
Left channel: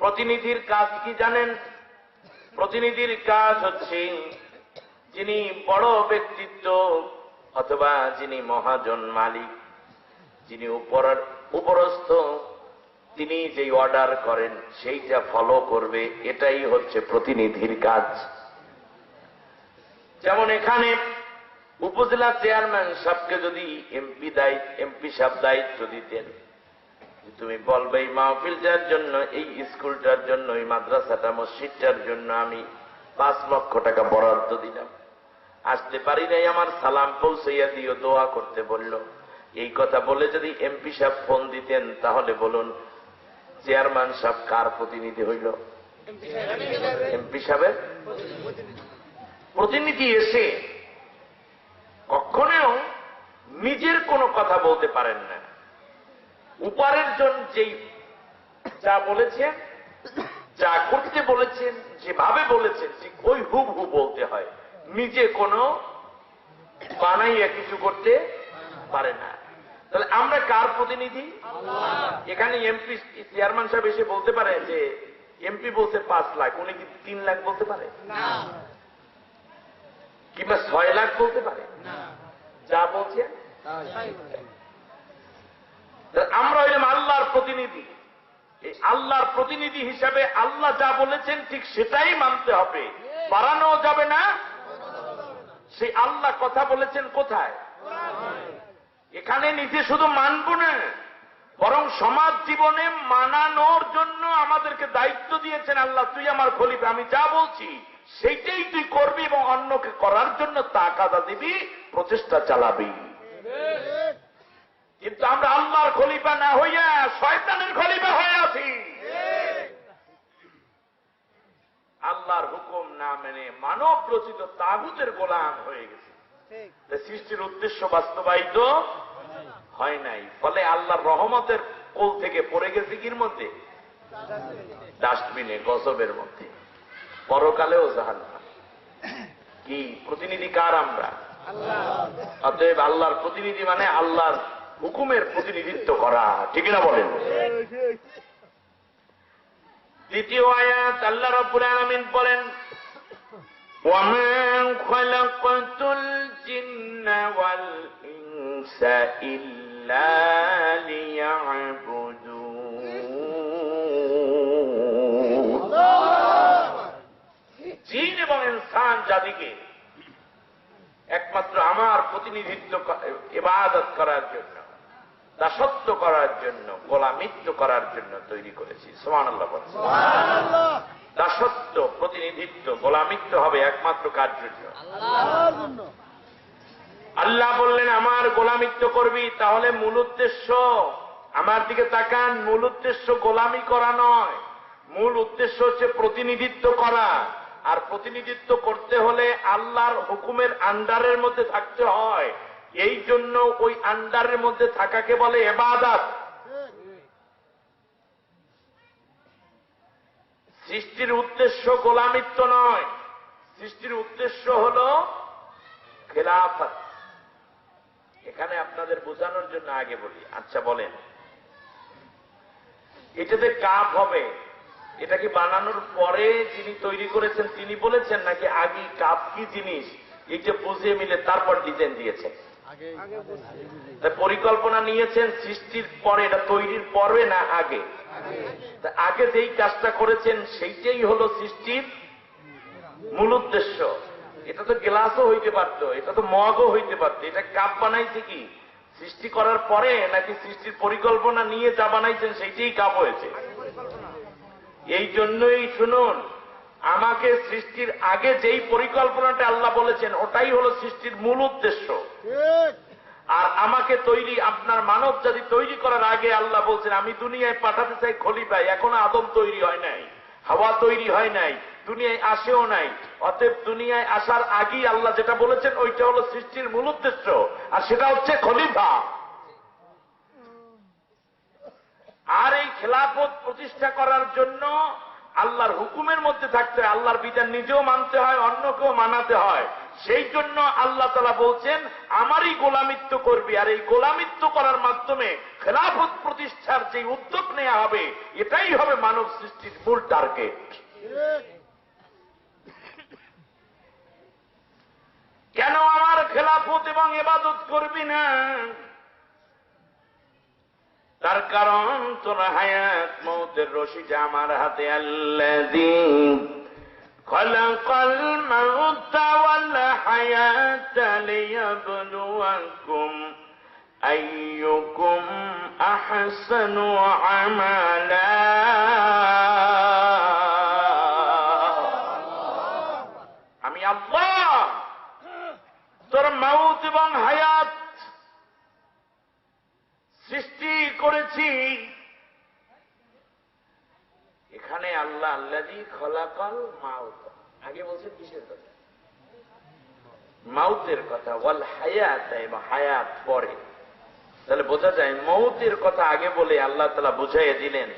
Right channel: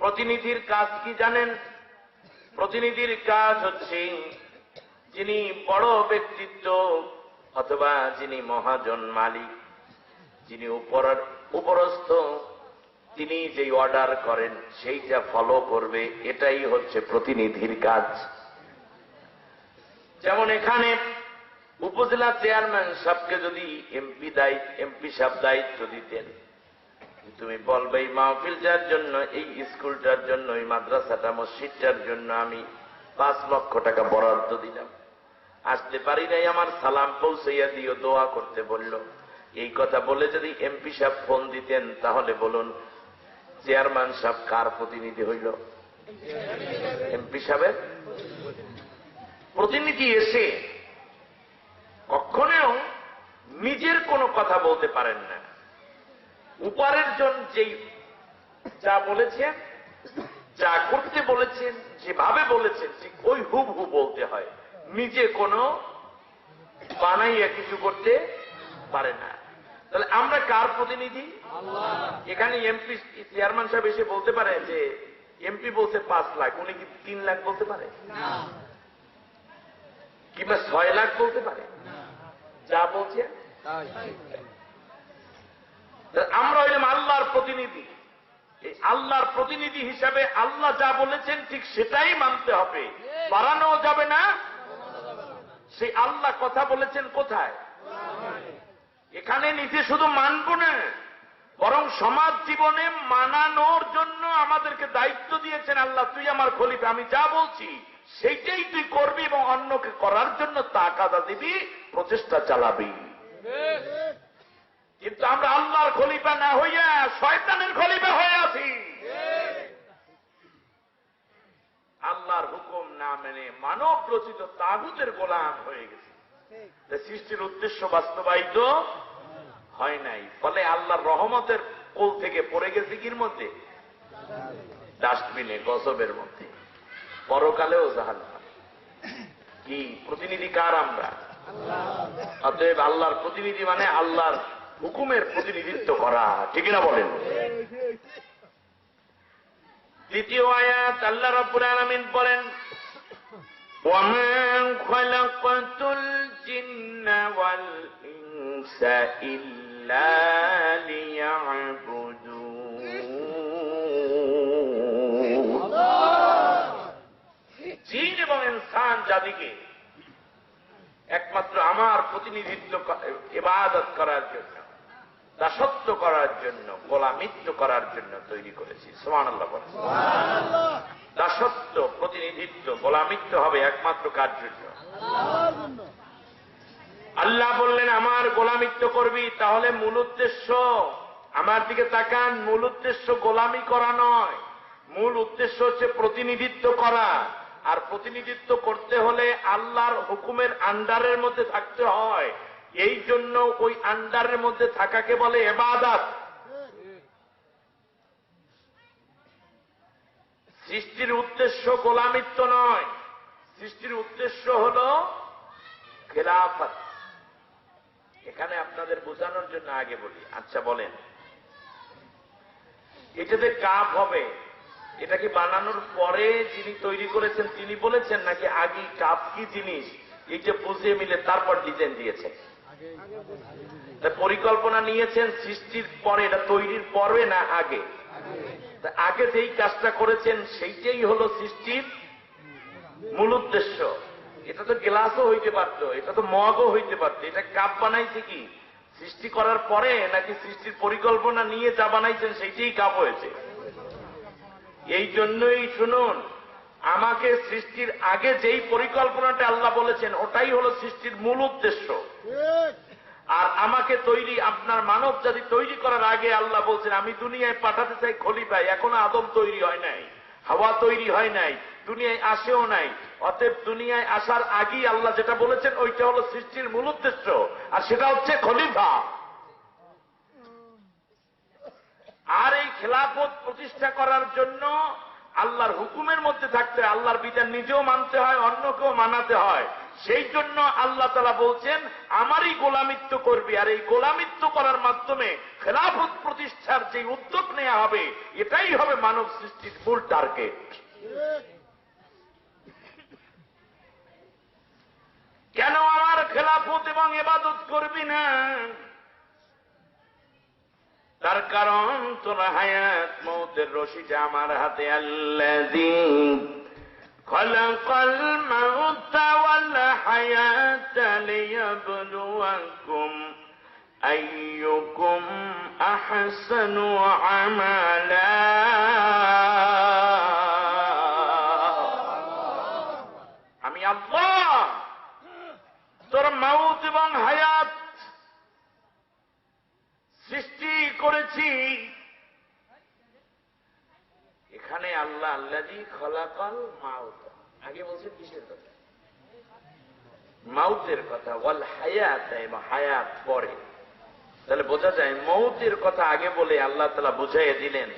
প্রতিনিধির কাজ কি জানেন? প্রতিনিধির কাজ হচ্ছে যিনি বড় ব্যক্তিত্ব অথবা যিনি মহাজন মালিক, যিনি উপরস্থ, তিনি যে অর্ডার করেন সেইটা ফলো করবে, এটাই হচ্ছে প্রতিনিধির কাজ। যেমন এখানে উপজেলা চেয়ারম্যান সাহেবকে যদি এমপি সাহেব দায়িত্ব দিতেন, তুমি বলবে এই মাহফিলটার জন্য, এই স্কুলটার জন্য, এই মাদ্রাসাটা, মসজিদটার জন্য আমি 5 লক্ষ টাকা বরাদ্দ দিলাম, আসতে পারি নাই, আমার সালাম পৌঁছাইয়া দিও, দোয়া করতে বলল। এই কথা বলে যদি এমপি সাহেব ফোন দিতেন, তাহলে বলুন চেয়ারম্যান সাহেব কার প্রতিনিধি হইল? এমপি সাহেবের প্রতিনিধি। এসে কখনো নিজের কোনো কথা বলতে পারেন না। উপরের জন যেই যা বলেছেন, যা করতে বলেছেন, যেভাবে বলেছেন, ঠিক ওই হুবহু বলতে হয়। নিজে কোনো বানাইয়া কিছু করতে পারে না। তাহলে আমরা কার প্রতিনিধি? এখানে এমপি চেয়ারম্যান সাহেব এসে বলতে পারে যে এমপি বলছে 5 লাখ, উনি কি 3 লাখ বলতে পারে? কিংবা 6 লাখ বলতে পারে? যা বলছে আমরা হইলাম আল্লাহর প্রতিনিধি। এই আল্লাহর প্রতিনিধি হিসাবে আল্লাহ যা বলেছেন ঠিক সেটাই মানতে হবে, বাড়ানো যাবে না। সেই আল্লাহ কথা বলেছেন কোথায়? এখানে নিজে শুধু মানব না, বরং সমাজ জীবনে মানানোর জন্য আমাদেরকে দায়িত্ব দিয়েছেন আল্লাহ। তুই আমার খলিফা, আমি যা বলছি সেইটাই তুই করবি এবং অন্যকে করার জন্য তাকাদা দিবি, প্রচেষ্টা চালাবি। কিন্তু আমরা আল্লাহর খলিফা না হইয়া শয়তানের খলিফা হয়ে আছি। আল্লাহর হুকুম না মেনে মানব রচিত তাগুতের গোলাম হয়ে গেছে। সৃষ্টির উদ্দেশ্য বাস্তবায়িত হয় নাই। ফলে আল্লাহর রহমতের কোল থেকে পড়ে গেছে কির মধ্যে? ডাস্টবিনে, গজবের মধ্যে, পরকালেও জাহান্নাম। কি প্রতিনিধি কার? আমরা। অতএব আল্লাহর প্রতিনিধি মানে আল্লাহর হুকুমের প্রতিনিধিত্ব করা, ঠিক না বলেন? দ্বিতীয় আয়াত আল্লাহ রাব্বুল আলামিন বলেন, وَمَا خَلَقْتُ الْجِنَّ وَالْإِنسَ إِلَّا إلا ليعبدون জিন এবং ইনসান জাতিকে একমাত্র আমার প্রতিনিধিত্ব ইবাদত করার জন্য, দাসত্ব করার জন্য, গোলামিত্ব করার জন্য তৈরি করেছি। সুবহানাল্লাহ বলেন। দাসত্ব, প্রতিনিধিত্ব, গোলামিত্ব হবে একমাত্র কার জন্য? আল্লাহ বললেন আমার গোলামিত্ব করবি, তাহলে মূল উদ্দেশ্য, আমার দিকে তাকান, মূল উদ্দেশ্য গোলামি করা নয়, মূল উদ্দেশ্য হচ্ছে প্রতিনিধিত্ব করা। আর প্রতিনিধিত্ব করতে হলে আল্লাহর হুকুমের আন্ডারের মধ্যে থাকতে হয়। এই জন্য ওই আন্ডারের মধ্যে থাকাকে বলে ইবাদত। সৃষ্টির উদ্দেশ্য গোলামিত্ব নয়, সৃষ্টির উদ্দেশ্য হল খেলাফত। এখানে আপনাদের বোঝানোর জন্য আগে বলি, আচ্ছা বলেন, এটাতে কাপ হবে, এটা কি বানানোর পরে যিনি তৈরি করেছেন তিনি বলেছেন, নাকি আগে কাপ কি জিনিস এটা বুঝিয়ে মিলে তারপর ডিজাইন দিয়েছেন? পরিকল্পনা নিয়েছেন সৃষ্টির পরে, এটা তৈরির পরে না আগে? আগে যেই কাজটা করেছেন সেইটাই হলো সৃষ্টির মূল উদ্দেশ্য। এটা তো গ্লাসও হইতে পারত, এটা তো মগও হইতে পারত, এটা কাপ বানাইছে কি সৃষ্টি করার পরে, নাকি সৃষ্টির পরিকল্পনা নিয়ে যা বানাইছেন সেইটাই কাপ হয়েছে? এই জন্যই শুনুন, আমাকে সৃষ্টির আগে যেই পরিকল্পনাটা আল্লাহ বলেছেন ওটাই হলো সৃষ্টির মূল উদ্দেশ্য। আর আমাকে তৈরি, আপনার মানব জাতি তৈরি করার আগে আল্লাহ বলছেন আমি দুনিয়ায় পাঠাতে চাই খলিফায়। এখনো আদম তৈরি হয় নাই, হাওয়া তৈরি হয় নাই, দুনিয়ায় আসেও নাই। অতএব দুনিয়ায় আসার আগেই আল্লাহ যেটা বলেছেন ওইটা হলো সৃষ্টির মূল উদ্দেশ্য, আর সেটা হচ্ছে খলিফা। আর এই খেলাফত প্রতিষ্ঠা করার জন্য আল্লাহর হুকুমের মধ্যে থাকতে হয়, আল্লাহর বিধান নিজেও মানতে হয়, অন্যকেও মানাতে হয়। সেই জন্য আল্লাহ তাআলা বলছেন আমারই গোলামিত্ব করবি। আর এই গোলামিত্ব করার মাধ্যমে খেলাফত প্রতিষ্ঠার যে উদ্যোগ নেওয়া হবে এটাই হবে মানব সৃষ্টির মূল টার্গেট। কেন আমার খেলাফত এবং ইবাদত করবি না? তার কারণ তোর হায়াত মৌতের রশিটা আমার হাতে। আল্লাযী খালাকাল মাউতা ওয়াল হায়াতা লিয়াবলুয়াকুম আইয়ুকুম আহসানু আমালা। আমি আল্লাহ তোর মাউত এবং হায়াত সৃষ্টি করেছি। এখানে আল্লাহ আল্লাযী খালাকাল মাউত, আগে বলছেন কিসের কথা? মাউতের কথা। ওয়াল হায়াত, এবং হায়াত পরে। তাহলে বোঝা যায় মৌতের কথা আগে বলে আল্লাহ তাআলা বুঝাইয়া দিলেন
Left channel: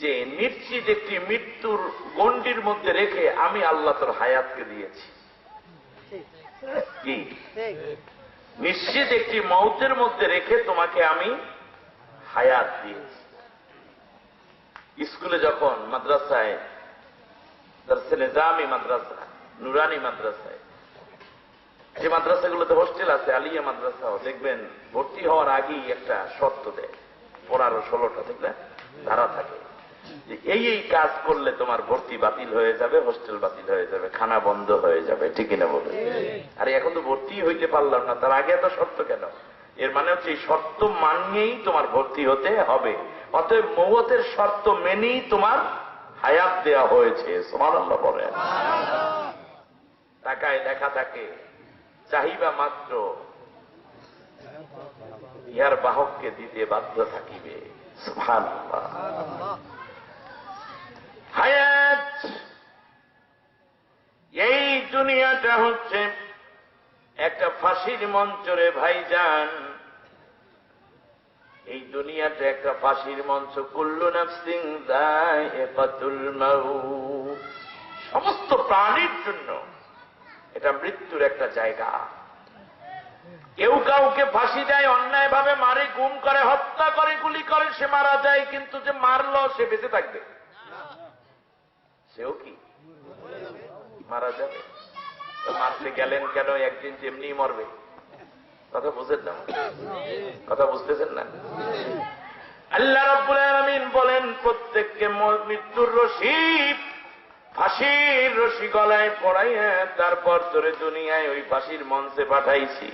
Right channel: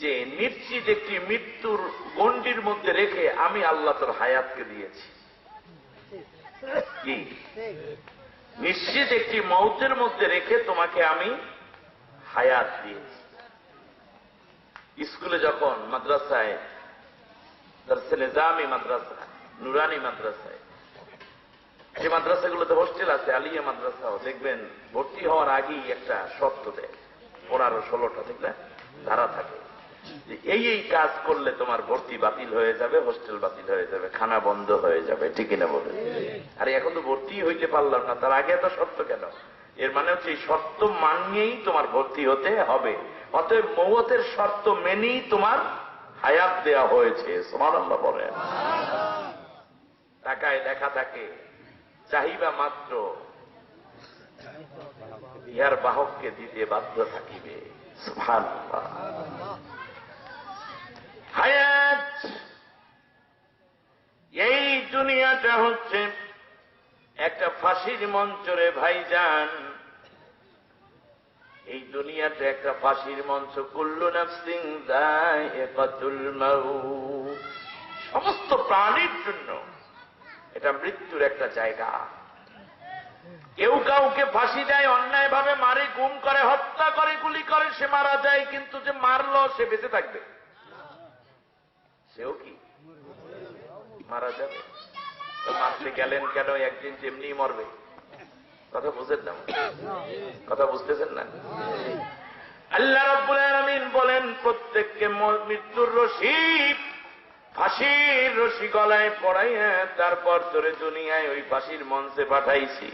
যে নিশ্চিত একটি মৃত্যুর গণ্ডির মধ্যে রেখে আমি আল্লাহ তোর হায়াতকে দিয়েছি। কি নিশ্চিত একটি মৌতের মধ্যে রেখে তোমাকে আমি হায়াত দিয়েছি। স্কুলে যখন মাদ্রাসায়, দরসে নিজামি মাদ্রাসা, নুরানি মাদ্রাসায়, যে মাদ্রাসাগুলোতে হোস্টেল আছে, আলিয়া মাদ্রাসাও দেখবেন ভর্তি হওয়ার আগেই একটা শর্ত দেয়, 15-16টা দেখবেন ধারা থাকে যে এই এই কাজ করলে তোমার ভর্তি বাতিল হয়ে যাবে, হোস্টেল বাতিল হয়ে যাবে, খানা বন্ধ হয়ে যাবে। ঠিক না বলে? আরে এখন তো ভর্তি হইতে পারলাম না, তার আগে এত শর্ত কেন? এর মানে হচ্ছে এই শর্ত মানিয়েই তোমার ভর্তি হতে হবে। অতএব মওতের শর্ত মেনেই তোমার হায়াত দেয়া হয়েছে। সুবহানাল্লাহ বলেন। টাকায় লেখা থাকে চাহিবা মাত্র ইহার বাহককে দিতে বাধ্য থাকিবে। সুবহানাল্লাহ। হায়াত, এই দুনিয়াটা হচ্ছে একটা ফাঁসির মঞ্চ রে ভাইজান। এই দুনিয়াটা একটা ফাঁসির মঞ্চ। কুল্লু নাফসিন যায়িকাতুল মাউত, সমস্ত প্রাণীর জন্য এটা মৃত্যুর একটা জায়গা। কেউ কাউকে ফাঁসি দেয়, অন্যায় ভাবে মারে, গুম করে, হত্যা করে, গুলি করে, সে মারা যায়। কিন্তু যে মারলো সে বেঁচে থাকবে? সেও কি মারা যাবে? তো মারতে গেলেন কেন? একদিন যেমনি মরবে। কথা বুঝেন না? কথা বুঝতেছেন না? আল্লাহ রাব্বুল আলামিন বলেন, প্রত্যেককে মৃত্যুর রশি, ফাঁসির রশি গলায় পড়াইয়া তারপর তোরে দুনিয়ায় ওই ফাঁসির মঞ্চে পাঠাইছি।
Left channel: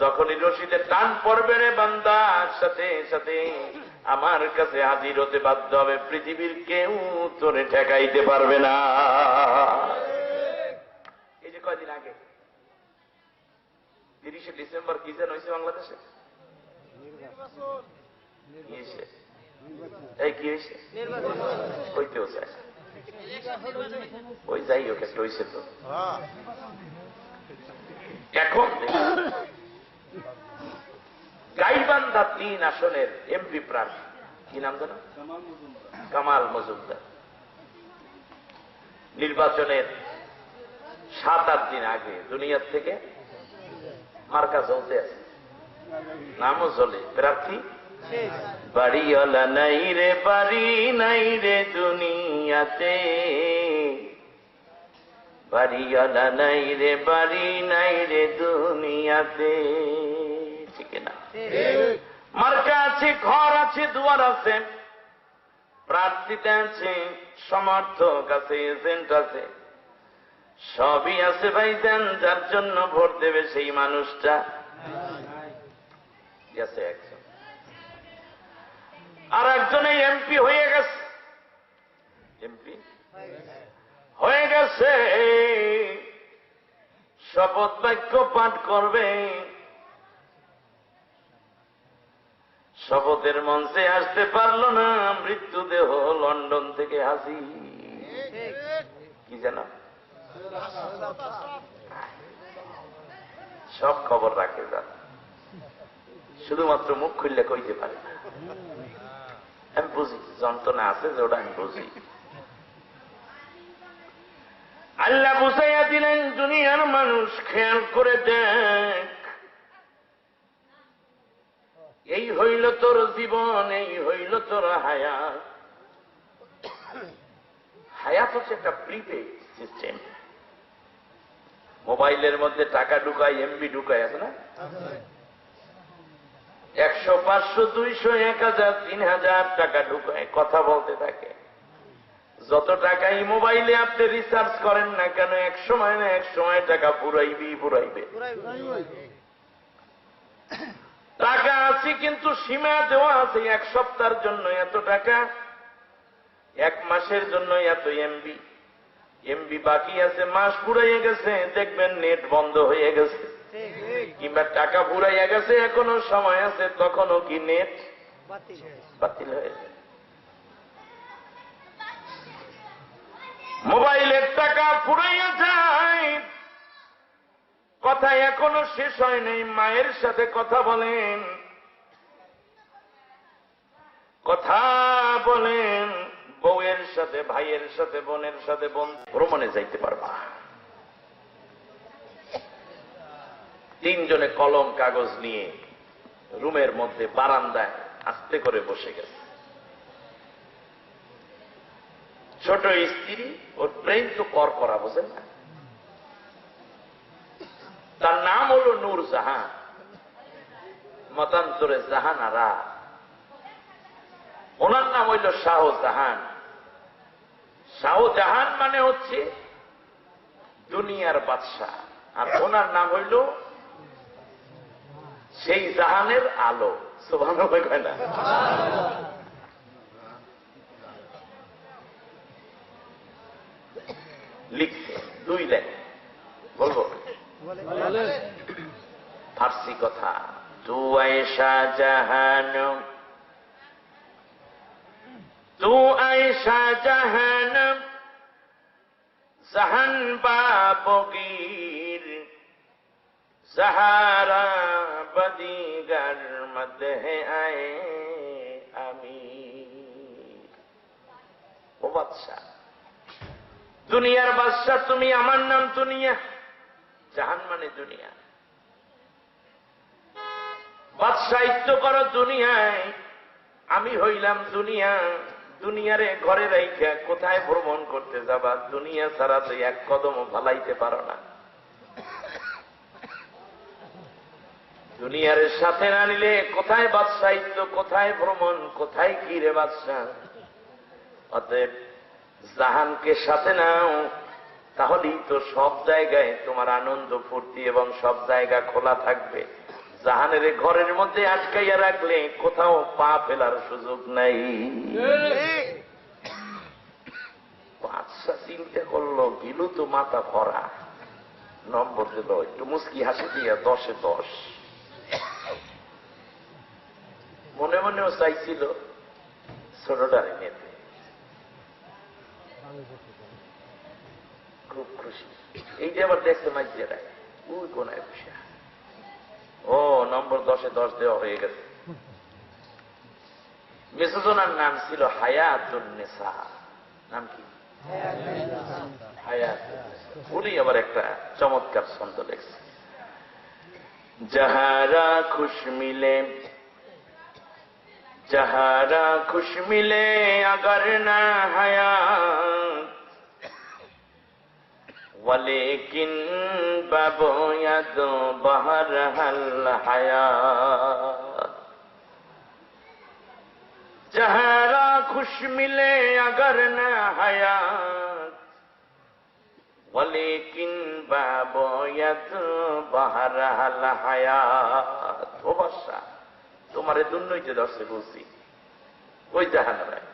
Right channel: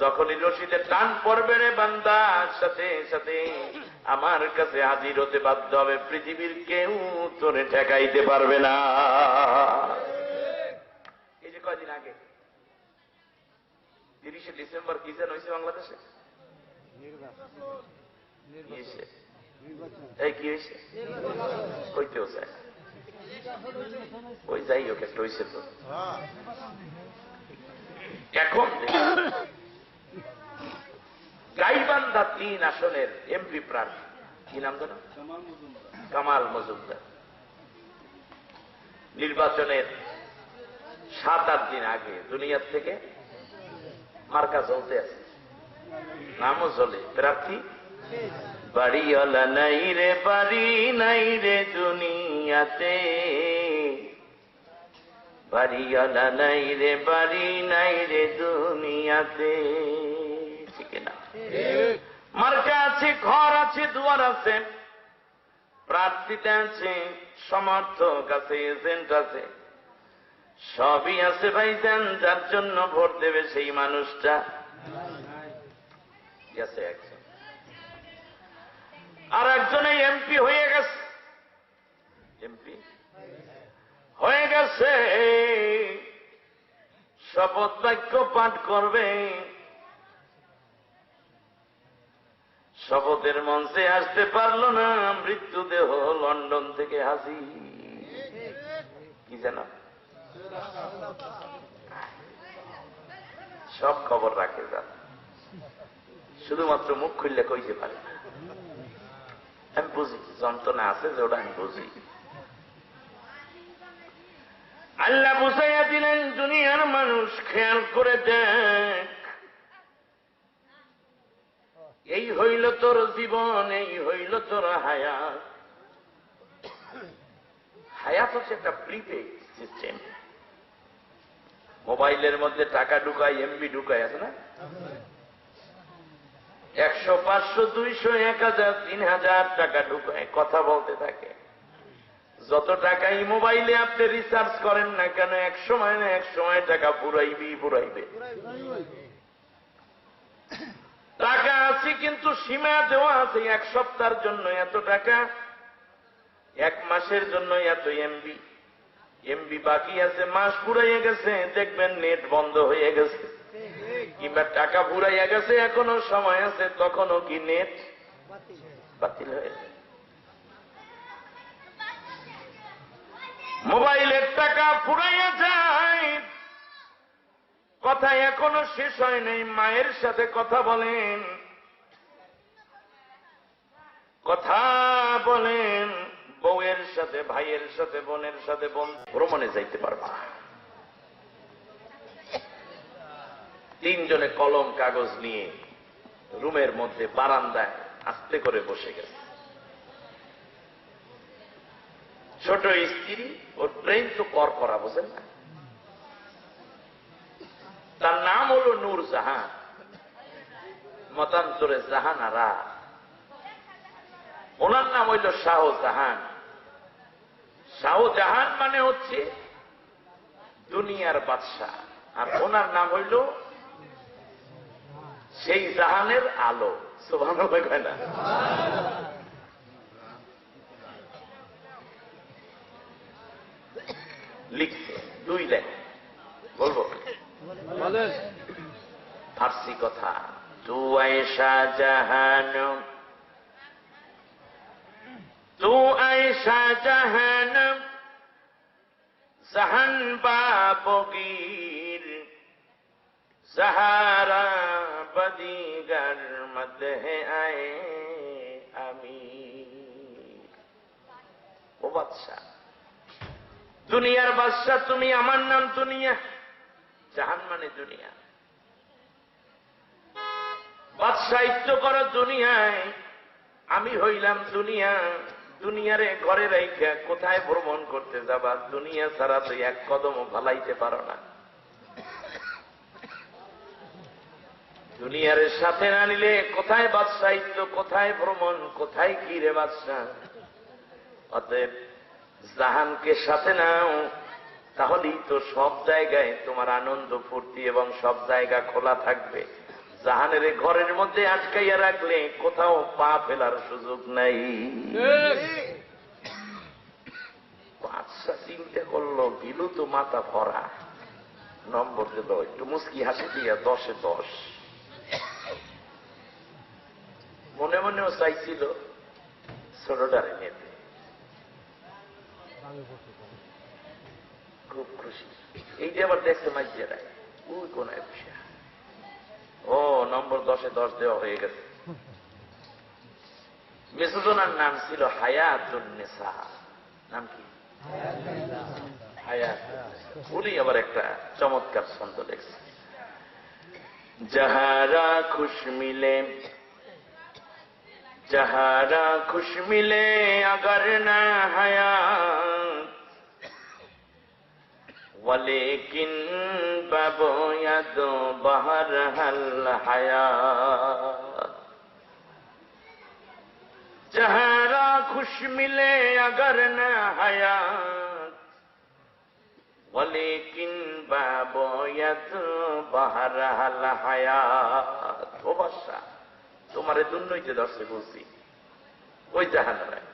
যখনই রশিতে টান পড়বে রে বান্দা, সাথে সাথে আমার কাছে হাজির হতে বাধ্য হবে। পৃথিবীর কেউ তোরে ঠেকাইতে পারবে না। এই যে কয়দিন আগে 30শে ডিসেম্বর কি যেন হয়েছে বাংলাদেশে? এই কি হয়েছে? হইতেও চায়, ওই যাই হোক একটা হয়েছে তো। এখন গাইবান্ধা 3 আসনের এমপি প্রার্থী, কি নাম জানো? কামাল মজুমদার। নির্বাচনের 7-8 দিন আগে দুনিয়ার থেকে মার্কা চলতে আছে, নামও চলে, প্রার্থী বাড়িওয়ালা নাই রে, বাড়ি নাই রে দুনিয়াতে, বাড়িওয়ালা নাই রে, বাড়ি নাই রে দুনিয়াতে। ঠিক না? মার্কা আছে, ঘর আছে, দুয়ার আছে, প্রার্থীতে আছে, সমর্থক আছে, এজেন্ট আছে, সবই আছে ভাইজান। যার জন্য ভোট দেবে সেই মানুষটা গেছে একজন, আর একজনে এমপি হয়ে গেছে, এমপি হয়ে গেছে, শপথ বাক্য পাঠ করবে, শপথের মঞ্চে আসতে পারল না, মৃত্যুদেহ লন্ডন থেকে হাজির। কি জানো? সব খবর রাখে যান, শুধুমাত্র মুখ খুললে কইতে পারে না। আমি বুঝি যন্ত্রণা আছে, যে ওটা আমি বুঝি। আল্লাহ বুঝাইয়া দিলেন, দুনিয়ার মানুষ খেয়াল করে দেখ, এই হইল তোর জীবন, এই হইল তোর হায়াত। হায়াত হচ্ছে একটা প্রিপেড সিস্টেম। মোবাইলের মধ্যে টাকা ঢুকায়, এমবি ঢুকায়, আছে না? 100, 500, 200, 1000, 3000 টাকা ঢুকায়, কথা বলতে থাকে। যত টাকাই মোবাইলে আপনি রিসার্চ করেন না কেন, এক সময় না এক সময় টাকা পুরাইবে। টাকা আছে কিন্তু সীমা দেওয়া আছে, 1 সপ্তাহের জন্য এত টাকা, 1 মাসের জন্য এত এমবি। এমবি বাকি আছে, মাস পুরাইয়া গেছে, দেখবেন নেট বন্ধ হয়ে গেছে, কিংবা টাকা পুরাইয়া গেছে, এখনো সময় আছে, তখনও কি নেট বাতিল হয়ে যায়। মোবাইলের টাকা পুরাইয়া যায়, কথা এখনো শেষ হয় নাই। মায়ের সাথে কথা বলেন, কথা বলেন, বউয়ের সাথে, ভাইয়ের সাথে, বোনের সাথে, ভ্রমণে যাইতে পারবা। 3 জনে কলম কাগজ নিয়ে রুমের মধ্যে বারান্দায় আস্তে করে বসে গেছে। ছোট স্ত্রী, ওর ব্রেন তো করা, বোঝেন না? তার নাম হল নূর জাহান, মতান্তরে জাহানারা। ওনার নাম হইল শাহজাহান। শাহজাহান মানে হচ্ছে দুনিয়ার বাদশাহ, আর ওনার নাম হইল সেই জাহানের আলো। সুবহানাল্লাহ কয় না? লিখছে 2 লাইন, বলবো? ফার্সি কথা। তু আয়েশা জাহান, তু আয়েশা জাহান, জাহান বাবগীর, জাহারা বদিগার মধ্যে আয়ে আমি। ও বাদশা, দুনিয়ার বাদশা তুমি, আমার নাম দুনিয়া, জাহান মানে দুনিয়া। বাদশাহিত্য করো দুনিয়ায়, আমি হইলাম দুনিয়া। দুনিয়ারে ঘরে রাইখা কোথায় ভ্রমণ করতে যাবা? দুনিয়া ছাড়া তো 1 কদমও ভালাইতে পারো না। দুনিয়ার সাথে না নিলে কোথায় বাদশাহিত্য, কোথায় ভ্রমণ, কোথায় কি রে বাদশাহ? অতএব জাহানকে সাথে নাও, তাহলেই তো সব জায়গায় তোমার আনন্দ ফুর্তি এবং সব জায়গা খোলা থাকবে। জাহানের ঘরের মধ্যে আটকাইয়া রাখলে কোথাও পা ফেলার সুযোগ নাই। বাদশা চিন্তা করলো, গিলু তো মাথা ভরা, নম্বর দিল একটু মুস্কি হাসি দিয়া 10-এ 10। মনে মনেও চাইছিল ছোটটারে নিতে, খুব খুশি। এই যে আবার দেখতে মাইজেরাই ওই কোনায় বসে, ও নম্বর 10-এ 10 দেওয়া হয়ে গেছে। মেসোজনার নাম ছিল হায়াতুন্নেসা। নাম কি? হায়াত। উনি আবার একটা চমৎকার ছন্দ লেখছে, যাহারা খুশ মিলে, যাহারা খুশ মিলে अगर ना हयात, वलेकिन बबोयत बहरहल हयात। যাহারা খুশ মিলে अगर ना हयात, वलेकिन बबोयत बहरहल हयात। ও বাদশা, তোমারে দুর্নইতে দর্শে বলছি, ওই জাহানারায়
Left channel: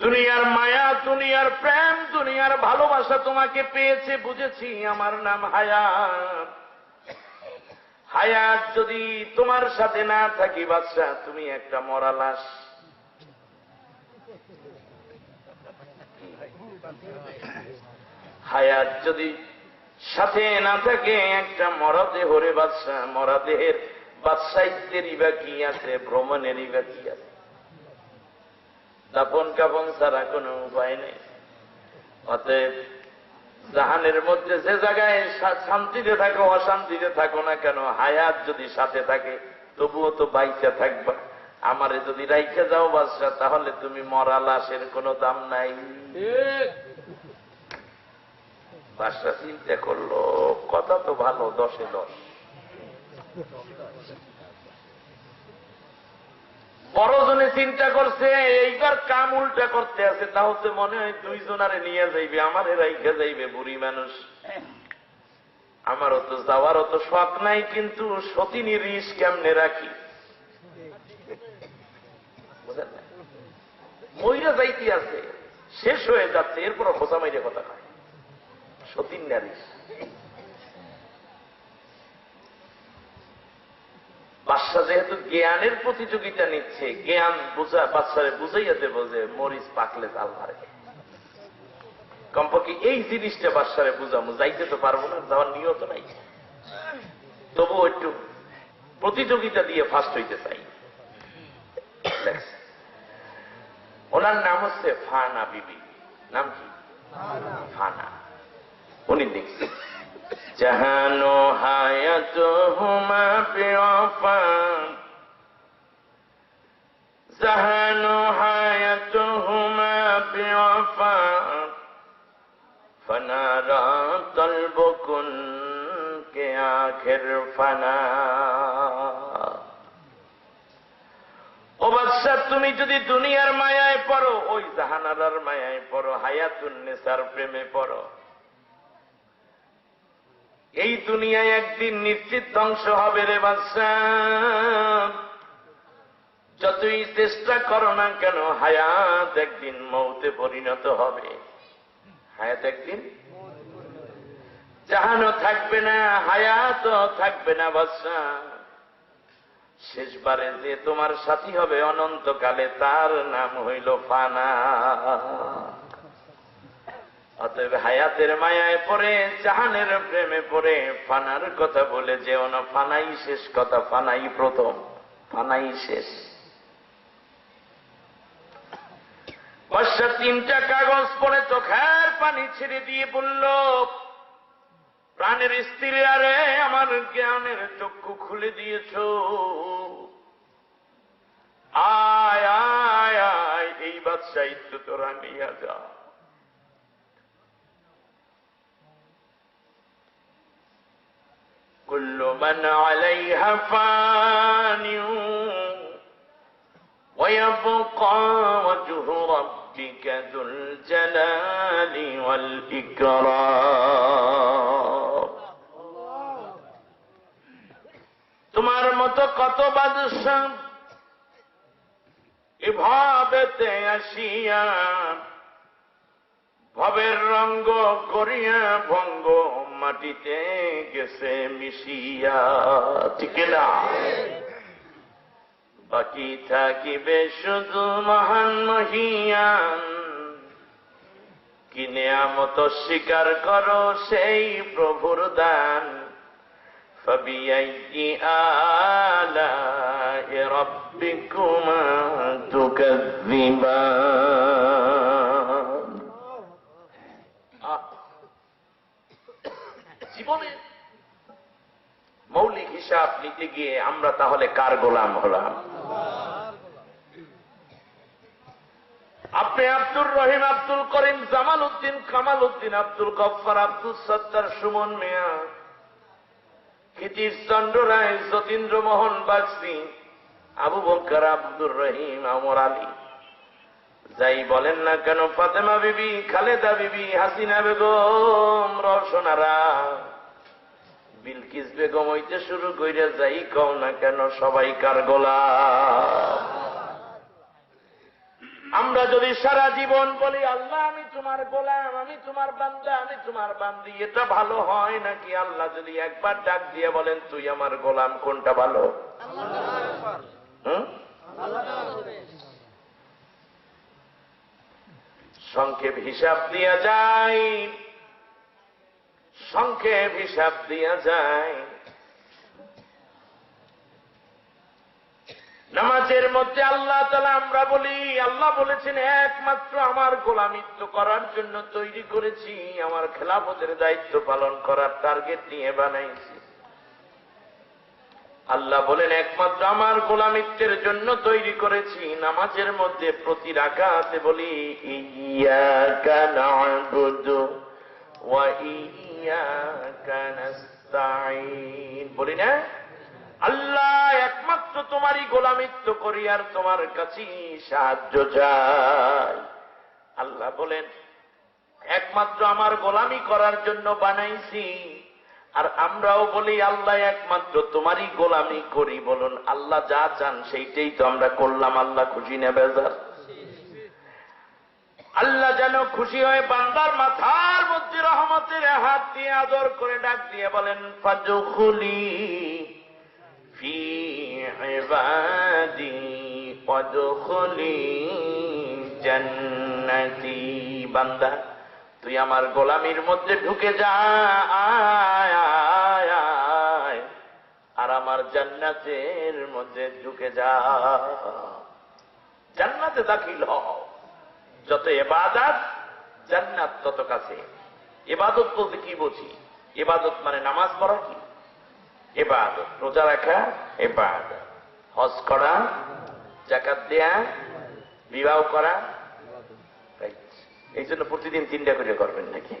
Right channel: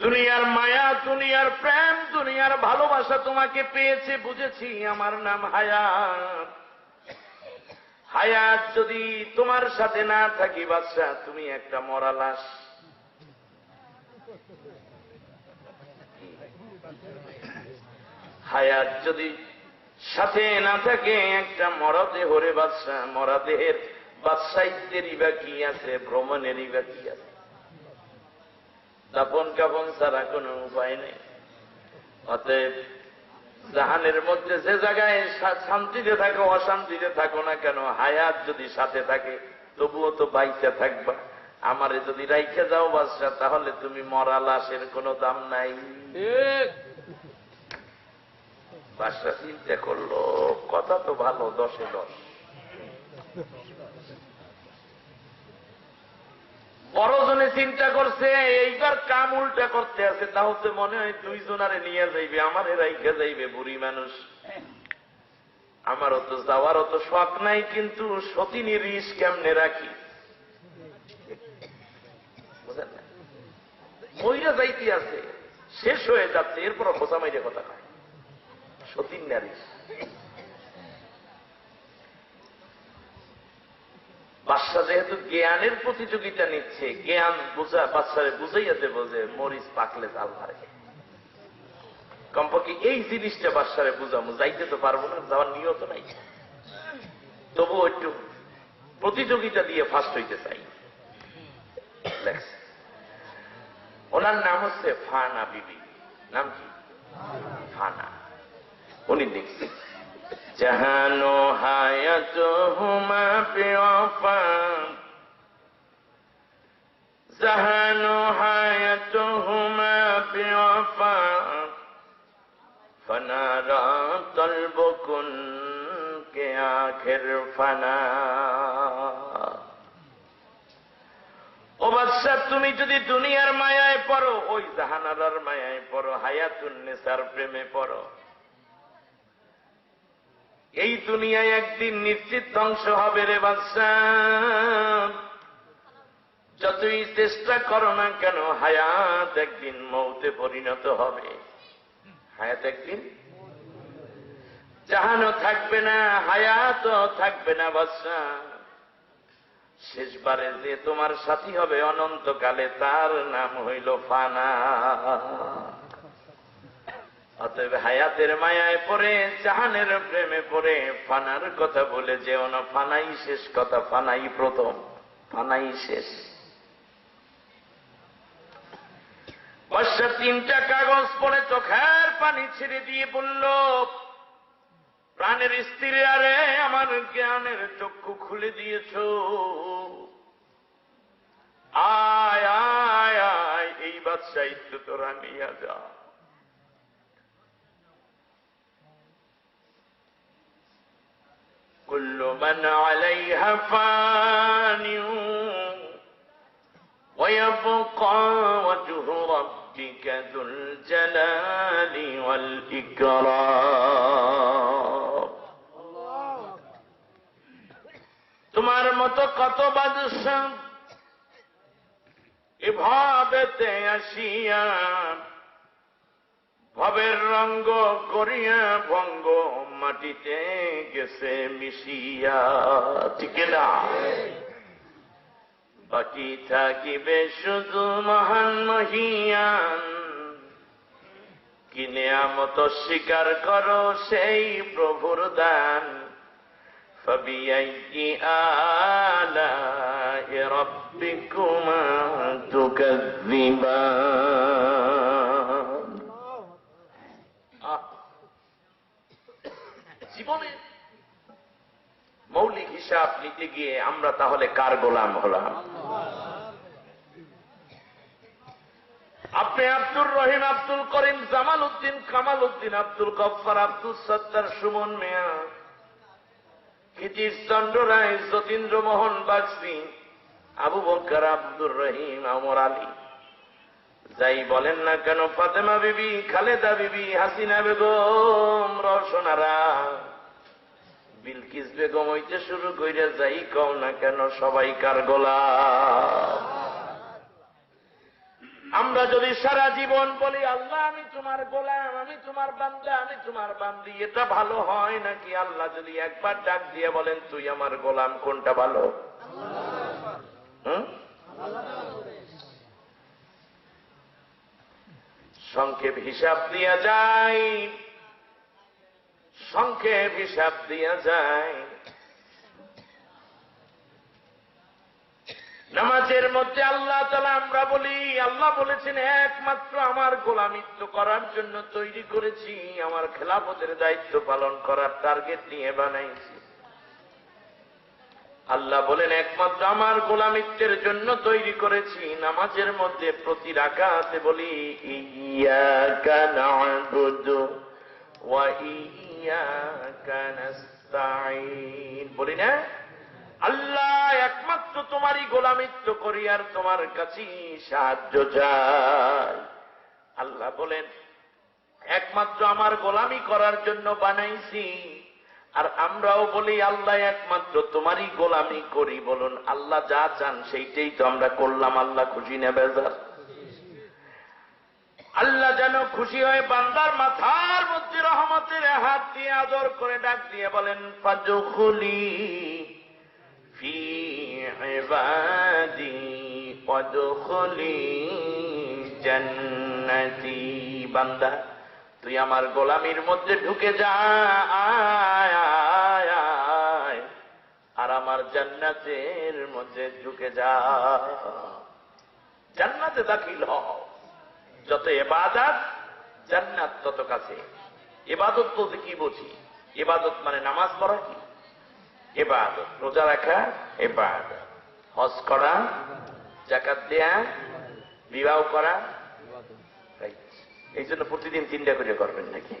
দুনিয়ার মায়া, দুনিয়ার প্রেম, দুনিয়ার ভালোবাসা তোমাকে পেয়েছে, বুঝেছি আমার নাম হায়াত। হায়াত যদি তোমার সাথে না থাকি বাদশা, তুমি একটা মরা লাশ। হায়াত যদি সাথে না থাকে একটা মরা দেহ রে বাদশা, মরা দেহের বাদশাহিত্যেরই বা কি আছে, ভ্রমণেরই বা কি আছে? দাফন কাফন ছাড়া কোনো উপায় নেই। অতএব জাহানের মধ্যে যে জায়গায় শান্তিতে থাকো অশান্তিতে থাকো না কেন, হায়াত যদি সাথে থাকে তবুও তো বাইচা থাকবা। আমারে যদি রাইখে যাও বাদশা, তাহলে তুমি মরা লাশের কোনো দাম নাই। বাদশা চিন্তা করলো, কথা তো ভালো, 10-এ 10। বড়জনে চিন্তা করছে এইবার কাম উল্টা করতে আছে, তা হচ্ছে মনে হয় 2 জনারে নিয়ে যাইবে, আমারে রাইখে যাইবে। বুড়ি মানুষ, আমারও তো যাওয়ার অত শখ নাই, কিন্তু সতীনী রিস কেমনে রাখি, বুঝেন না? মইরা যাইতে আছে, শেষ হয়ে যাচ্ছে, এরপর বোঝা মাইরে কথা কয় সতীন নারী। বাদশা যেহেতু জ্ঞানের প্রতিযোগিতা নিচ্ছে, জ্ঞান বুঝা বাদশারে বুঝাইয়া দেব যে মরিচ পাকলে জাল ধরে। কমপক্ষে এই জিনিসটা বাদশারে বুঝামু, যাইতে তো পারবো না, যাওয়ার নিয়ত নাই, তবু একটু প্রতিযোগিতা দিয়ে ফার্স্ট হইতে চাই। ওনার নাম হচ্ছে ফানা বিবি। নাম কি? ফানা। উনি দেখছেন, জাহানো হায়াত হুমা বেওয়াফা, জাহানো হায়াত হুমা বেওয়াফা, ফনারা তলব কুন কে আখির ফানা। ও বাদশা, তুমি যদি দুনিয়ার মায়ায় পড়ো, ওই জাহানারার মায়ায় পড়ো, হায়াতুন্নেসার প্রেমে পড়ো, এই দুনিয়ায় একদিন নিশ্চিত ধ্বংস হবে রে বাদশা। যতই চেষ্টা করো না কেন, হায়াত একদিন মৌতে পরিণত হবে। হায়াত একদিন, জাহানও থাকবে না, হায়াতও থাকবে না বাদশা। শেষবারে যে তোমার সাথী হবে অনন্তকালে, তার নাম হইল ফানা। অতএব হায়াতের মায়ায় পড়ে, জাহানের প্রেমে পড়ে, ফানার কথা বলে যেও না। ফানাই শেষ কথা, ফানাই প্রথম, ফানাই শেষ। বর্ষা 3টা কাগজ পড়ে চোখের পানি ছেড়ে দিয়ে বলল, প্রাণের স্ত্রী, আরে আমার জ্ঞানের চক্ষু খুলে দিয়েছ, আয় আয় আয়, এই বাদশাহিত্য তোরা নিয়ে যা। কুল্লু মান আলাইহা ফান ওয়া ইয়াবকা ওয়াজহু রাব্বিকা যুল জালালি ওয়াল ইকরাম। তোমার মতো কত বাদশা এভাবেতে আসিয়া ভবের রঙ্গ করিয়া ভঙ্গ মাটিতে গেছে মিশিয়া, ঠিক না? বাকি থাকিবে শুধু মহান মহিয়ান, কি নেয়ামত স্বীকার করো সেই প্রভুর দান। فبأي آلاء ربكما تكذبان। জীবনে মৌলিক হিসাব নিতে গিয়ে আমরা তাহলে কার গোলাম হলাম? আপনি আব্দুর রহিম, আব্দুল করিম, জামাল উদ্দিন, কামাল উদ্দিন, আব্দুল গফফার, আব্দুল সত্তার, সুমন মিয়া, ক্ষিতিশ চন্দ্র রায়, যতীন্দ্র মোহন বাগচি, আবু বকর, আব্দুর রহিম, আমর আলী, যাই বলেন না কেন, ফাতেমা বিবি, খালেদা বিবি, হাসিনা বেগম, রওশনারা, বিলকিস বেগম হইতে শুরু কইরা যাই কও না কেন, সবাই কার গোলাম? আমরা যদি সারা জীবন বলি আল্লাহ আমি তোমার গোলাম, আমি তোমার বান্দা, আমি তোমার বান্দি, এটা ভালো হয় নাকি? আল্লাহ যদি একবার ডাক দিয়ে বলেন তুই আমার গোলাম, কোনটা ভালো? সংক্ষেপ হিসাব দিয়া যায়, সংক্ষেপ হিসাব দিয়া যায়। নামাজের মধ্যে আল্লাহ তাআলা আমরা বলি, আল্লাহ বলেছেন একমাত্র আমার গোলামিত্ব করার জন্য তৈরি করেছি, আমার খেলাফতের দায়িত্ব পালন করার টার্গেট নিয়ে বানাইছি। আল্লাহ বলেন একমাত্র আমার গোলামিত্বের জন্য তৈরি করেছি। নামাজের মধ্যে প্রতি রাকাতে বলি ইয়াকা না'বুদু ওয়া ইয়াকা নাস্তাঈন, বলি না? আল্লাহ একমাত্র তোমারই গোলামিত্ব করি আর তোমার কাছেই সাহায্য চাই। আল্লাহ বলেন একমাত্র আমার গোলামি করার জন্য বানাইছি। আর আমরাও বলি আল্লাহ একমাত্র তোমারই গোলামি করি। বলুন আল্লাহ যা চান সেইটাই তো আমরা করলাম, আল্লাহ খুশি না বেজার? আল্লাহ যেন খুশি হয়ে বান্দার মাথার মধ্যে রহমতের হাত দিয়ে আদর করে ডাক দিয়ে বলেন ফাদখুলি ফি ইবাদি ওয়াদখুলি জান্নাতি। বান্দা তুই আমার গোলামির মধ্যে ঢুকে যা, আর আমার জান্নাতের মধ্যে ঢুকে যা। জান্নাতে দাখিল হও। যত ইবাদত জান্নাত তত কাছে। ইবাদত বলতে কি বুঝি? ইবাদত মানে নামাজ পড়া কি ইবাদত, রোজা রাখা ইবাদত, হজ করা, যাকাত দেয়া, বিবাহ করা। এই জন্য প্রতিদিন 3টা করে করবেন নাকি?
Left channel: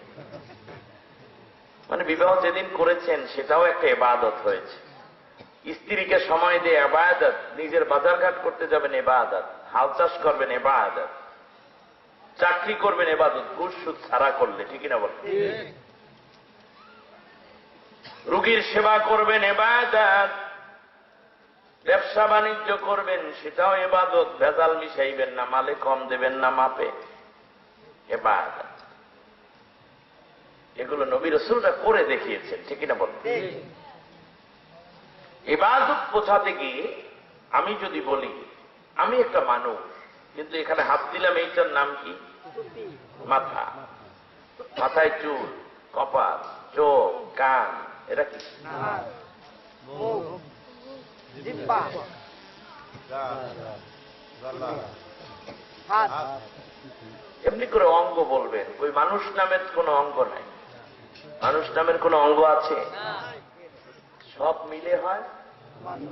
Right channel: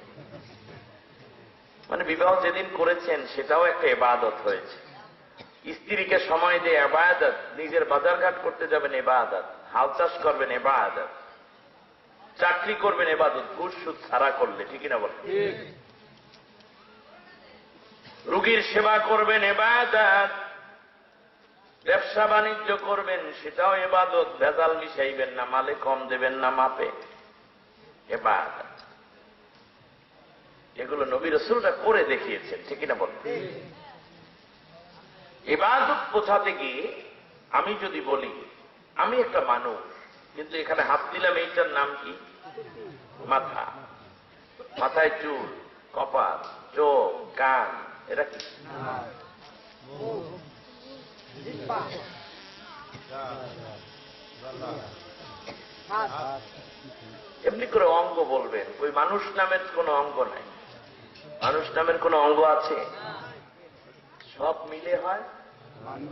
মানে বিবাহ যেদিন করেছেন সেটাও একটা ইবাদত হয়েছে। স্ত্রীকে সময় দিয়ে ইবাদত, নিজের বাজারঘাট করতে যাবেন ইবাদত, হাল চাষ করবেন ইবাদত, চাকরি করবেন ইবাদত, ঘুষ সুদ ছাড়া করলে, ঠিক না বলেন? রোগীর সেবা করবেন ইবাদত, ব্যবসা বাণিজ্য করবেন সেটাও ইবাদত, ভেজাল মিশাইবেন না, মালে কম দেবেন না মাপে, ইবাদত। এগুলো নবী রাসূলরা করে দেখিয়েছেন, ঠিক না বলেন? ইবাদত বোঝাতে গিয়ে আমি যদি বলি আমি একটা মানুষ, কিন্তু এখানে হাত দিলাম, এইটার নাম কি? মাথা। মাথায় চুল, কপাল, চোখ, কান, এটা কি? এমনি করে অঙ্গ বলবেন, ওই মানুষ নামের কোন অঙ্গ নাই। মানুষ নামের কোন অঙ্গ আছে? সব মিলে হয়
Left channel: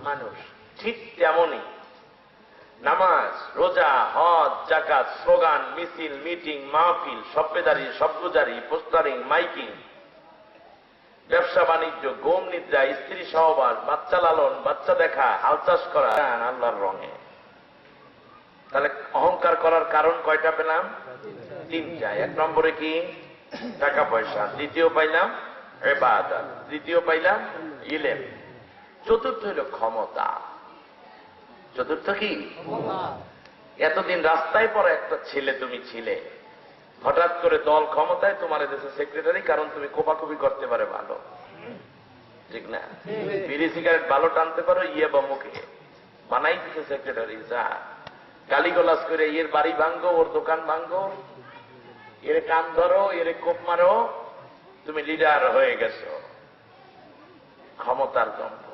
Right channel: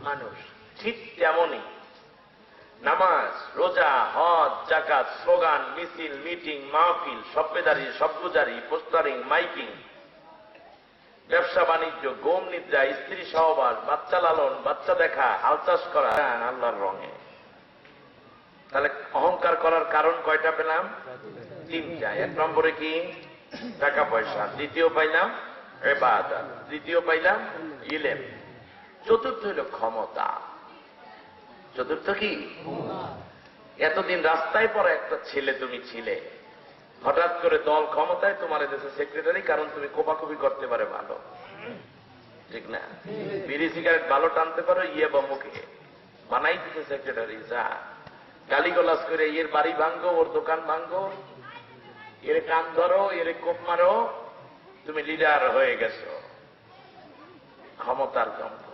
মানুষ। ঠিক তেমনই নামাজ, রোজা, হজ, যাকাত, স্লোগান, মিছিল, মিটিং, মাহফিল, সভ্যদারি, সভ্যজারি, পোস্টারিং, মাইকিং, ব্যবসা বাণিজ্য, গম নিদ্রা, স্ত্রী সহবাস, বাচ্চা লালন, বাচ্চা দেখা, হাল চাষ করা আল্লাহর রঙে। তাহলে অহংকার করার কারণ কয়টা পেলাম? তিনটা। এক নম্বরে কি? টাকা পয়সা। দ্বিতীয় পাইলাম ইবাদত। তৃতীয় পাইলাম ইলম। চতুর্থ হইল ক্ষমতা। চতুর্থ কি? এতদিন রাস্তায় পরে একটা ছেলে তুমি ছিলে, হঠাৎ করে দল ক্ষমতায়, তোমার দেশে সেক্রেটারি, কারণ তুমি কোপাকুপি করতে পারে ভালো, ঠিক না? বিড়ি সিগারেট ভালো টানতে পারো, ইয়ে বা মুখে বানাই দিচ্ছে সেক্রেটারি। যা গালিগলাজ করে এর বাড়ি ভাঙ্গো, ওর দোকান ভাঙ্গো, এর কান ধরো, এর কোপ মারো, তুমি লিডার হয়ে গেছো। ক্ষমতার দম্ভ।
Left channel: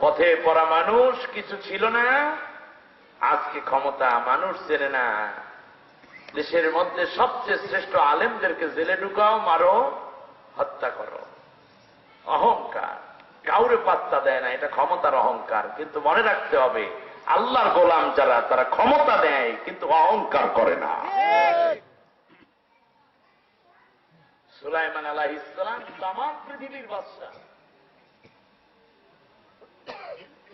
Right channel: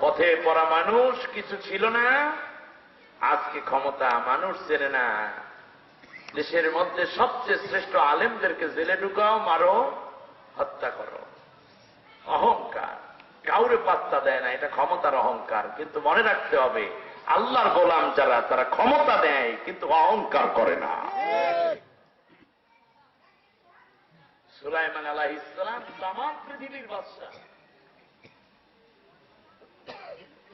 পথে পড়া মানুষ কিছু ছিল না, আজকে ক্ষমতা মানুষ চেনে না। দেশের মধ্যে সবচেয়ে শ্রেষ্ঠ আলেমদেরকে জেলে ঢুকাও, মারো, হত্যা করো। অহংকার, কাউরে পাত্তা দেয় না, এটা ক্ষমতার অহংকার। কিন্তু মনে রাখতে হবে, আল্লাহর গোলাম যারা, তারা ক্ষমতা দেয় কিন্তু অহংকার করে না। সুলাইমান আলাইহিস সালাম তাম পৃথিবীর বাদশা,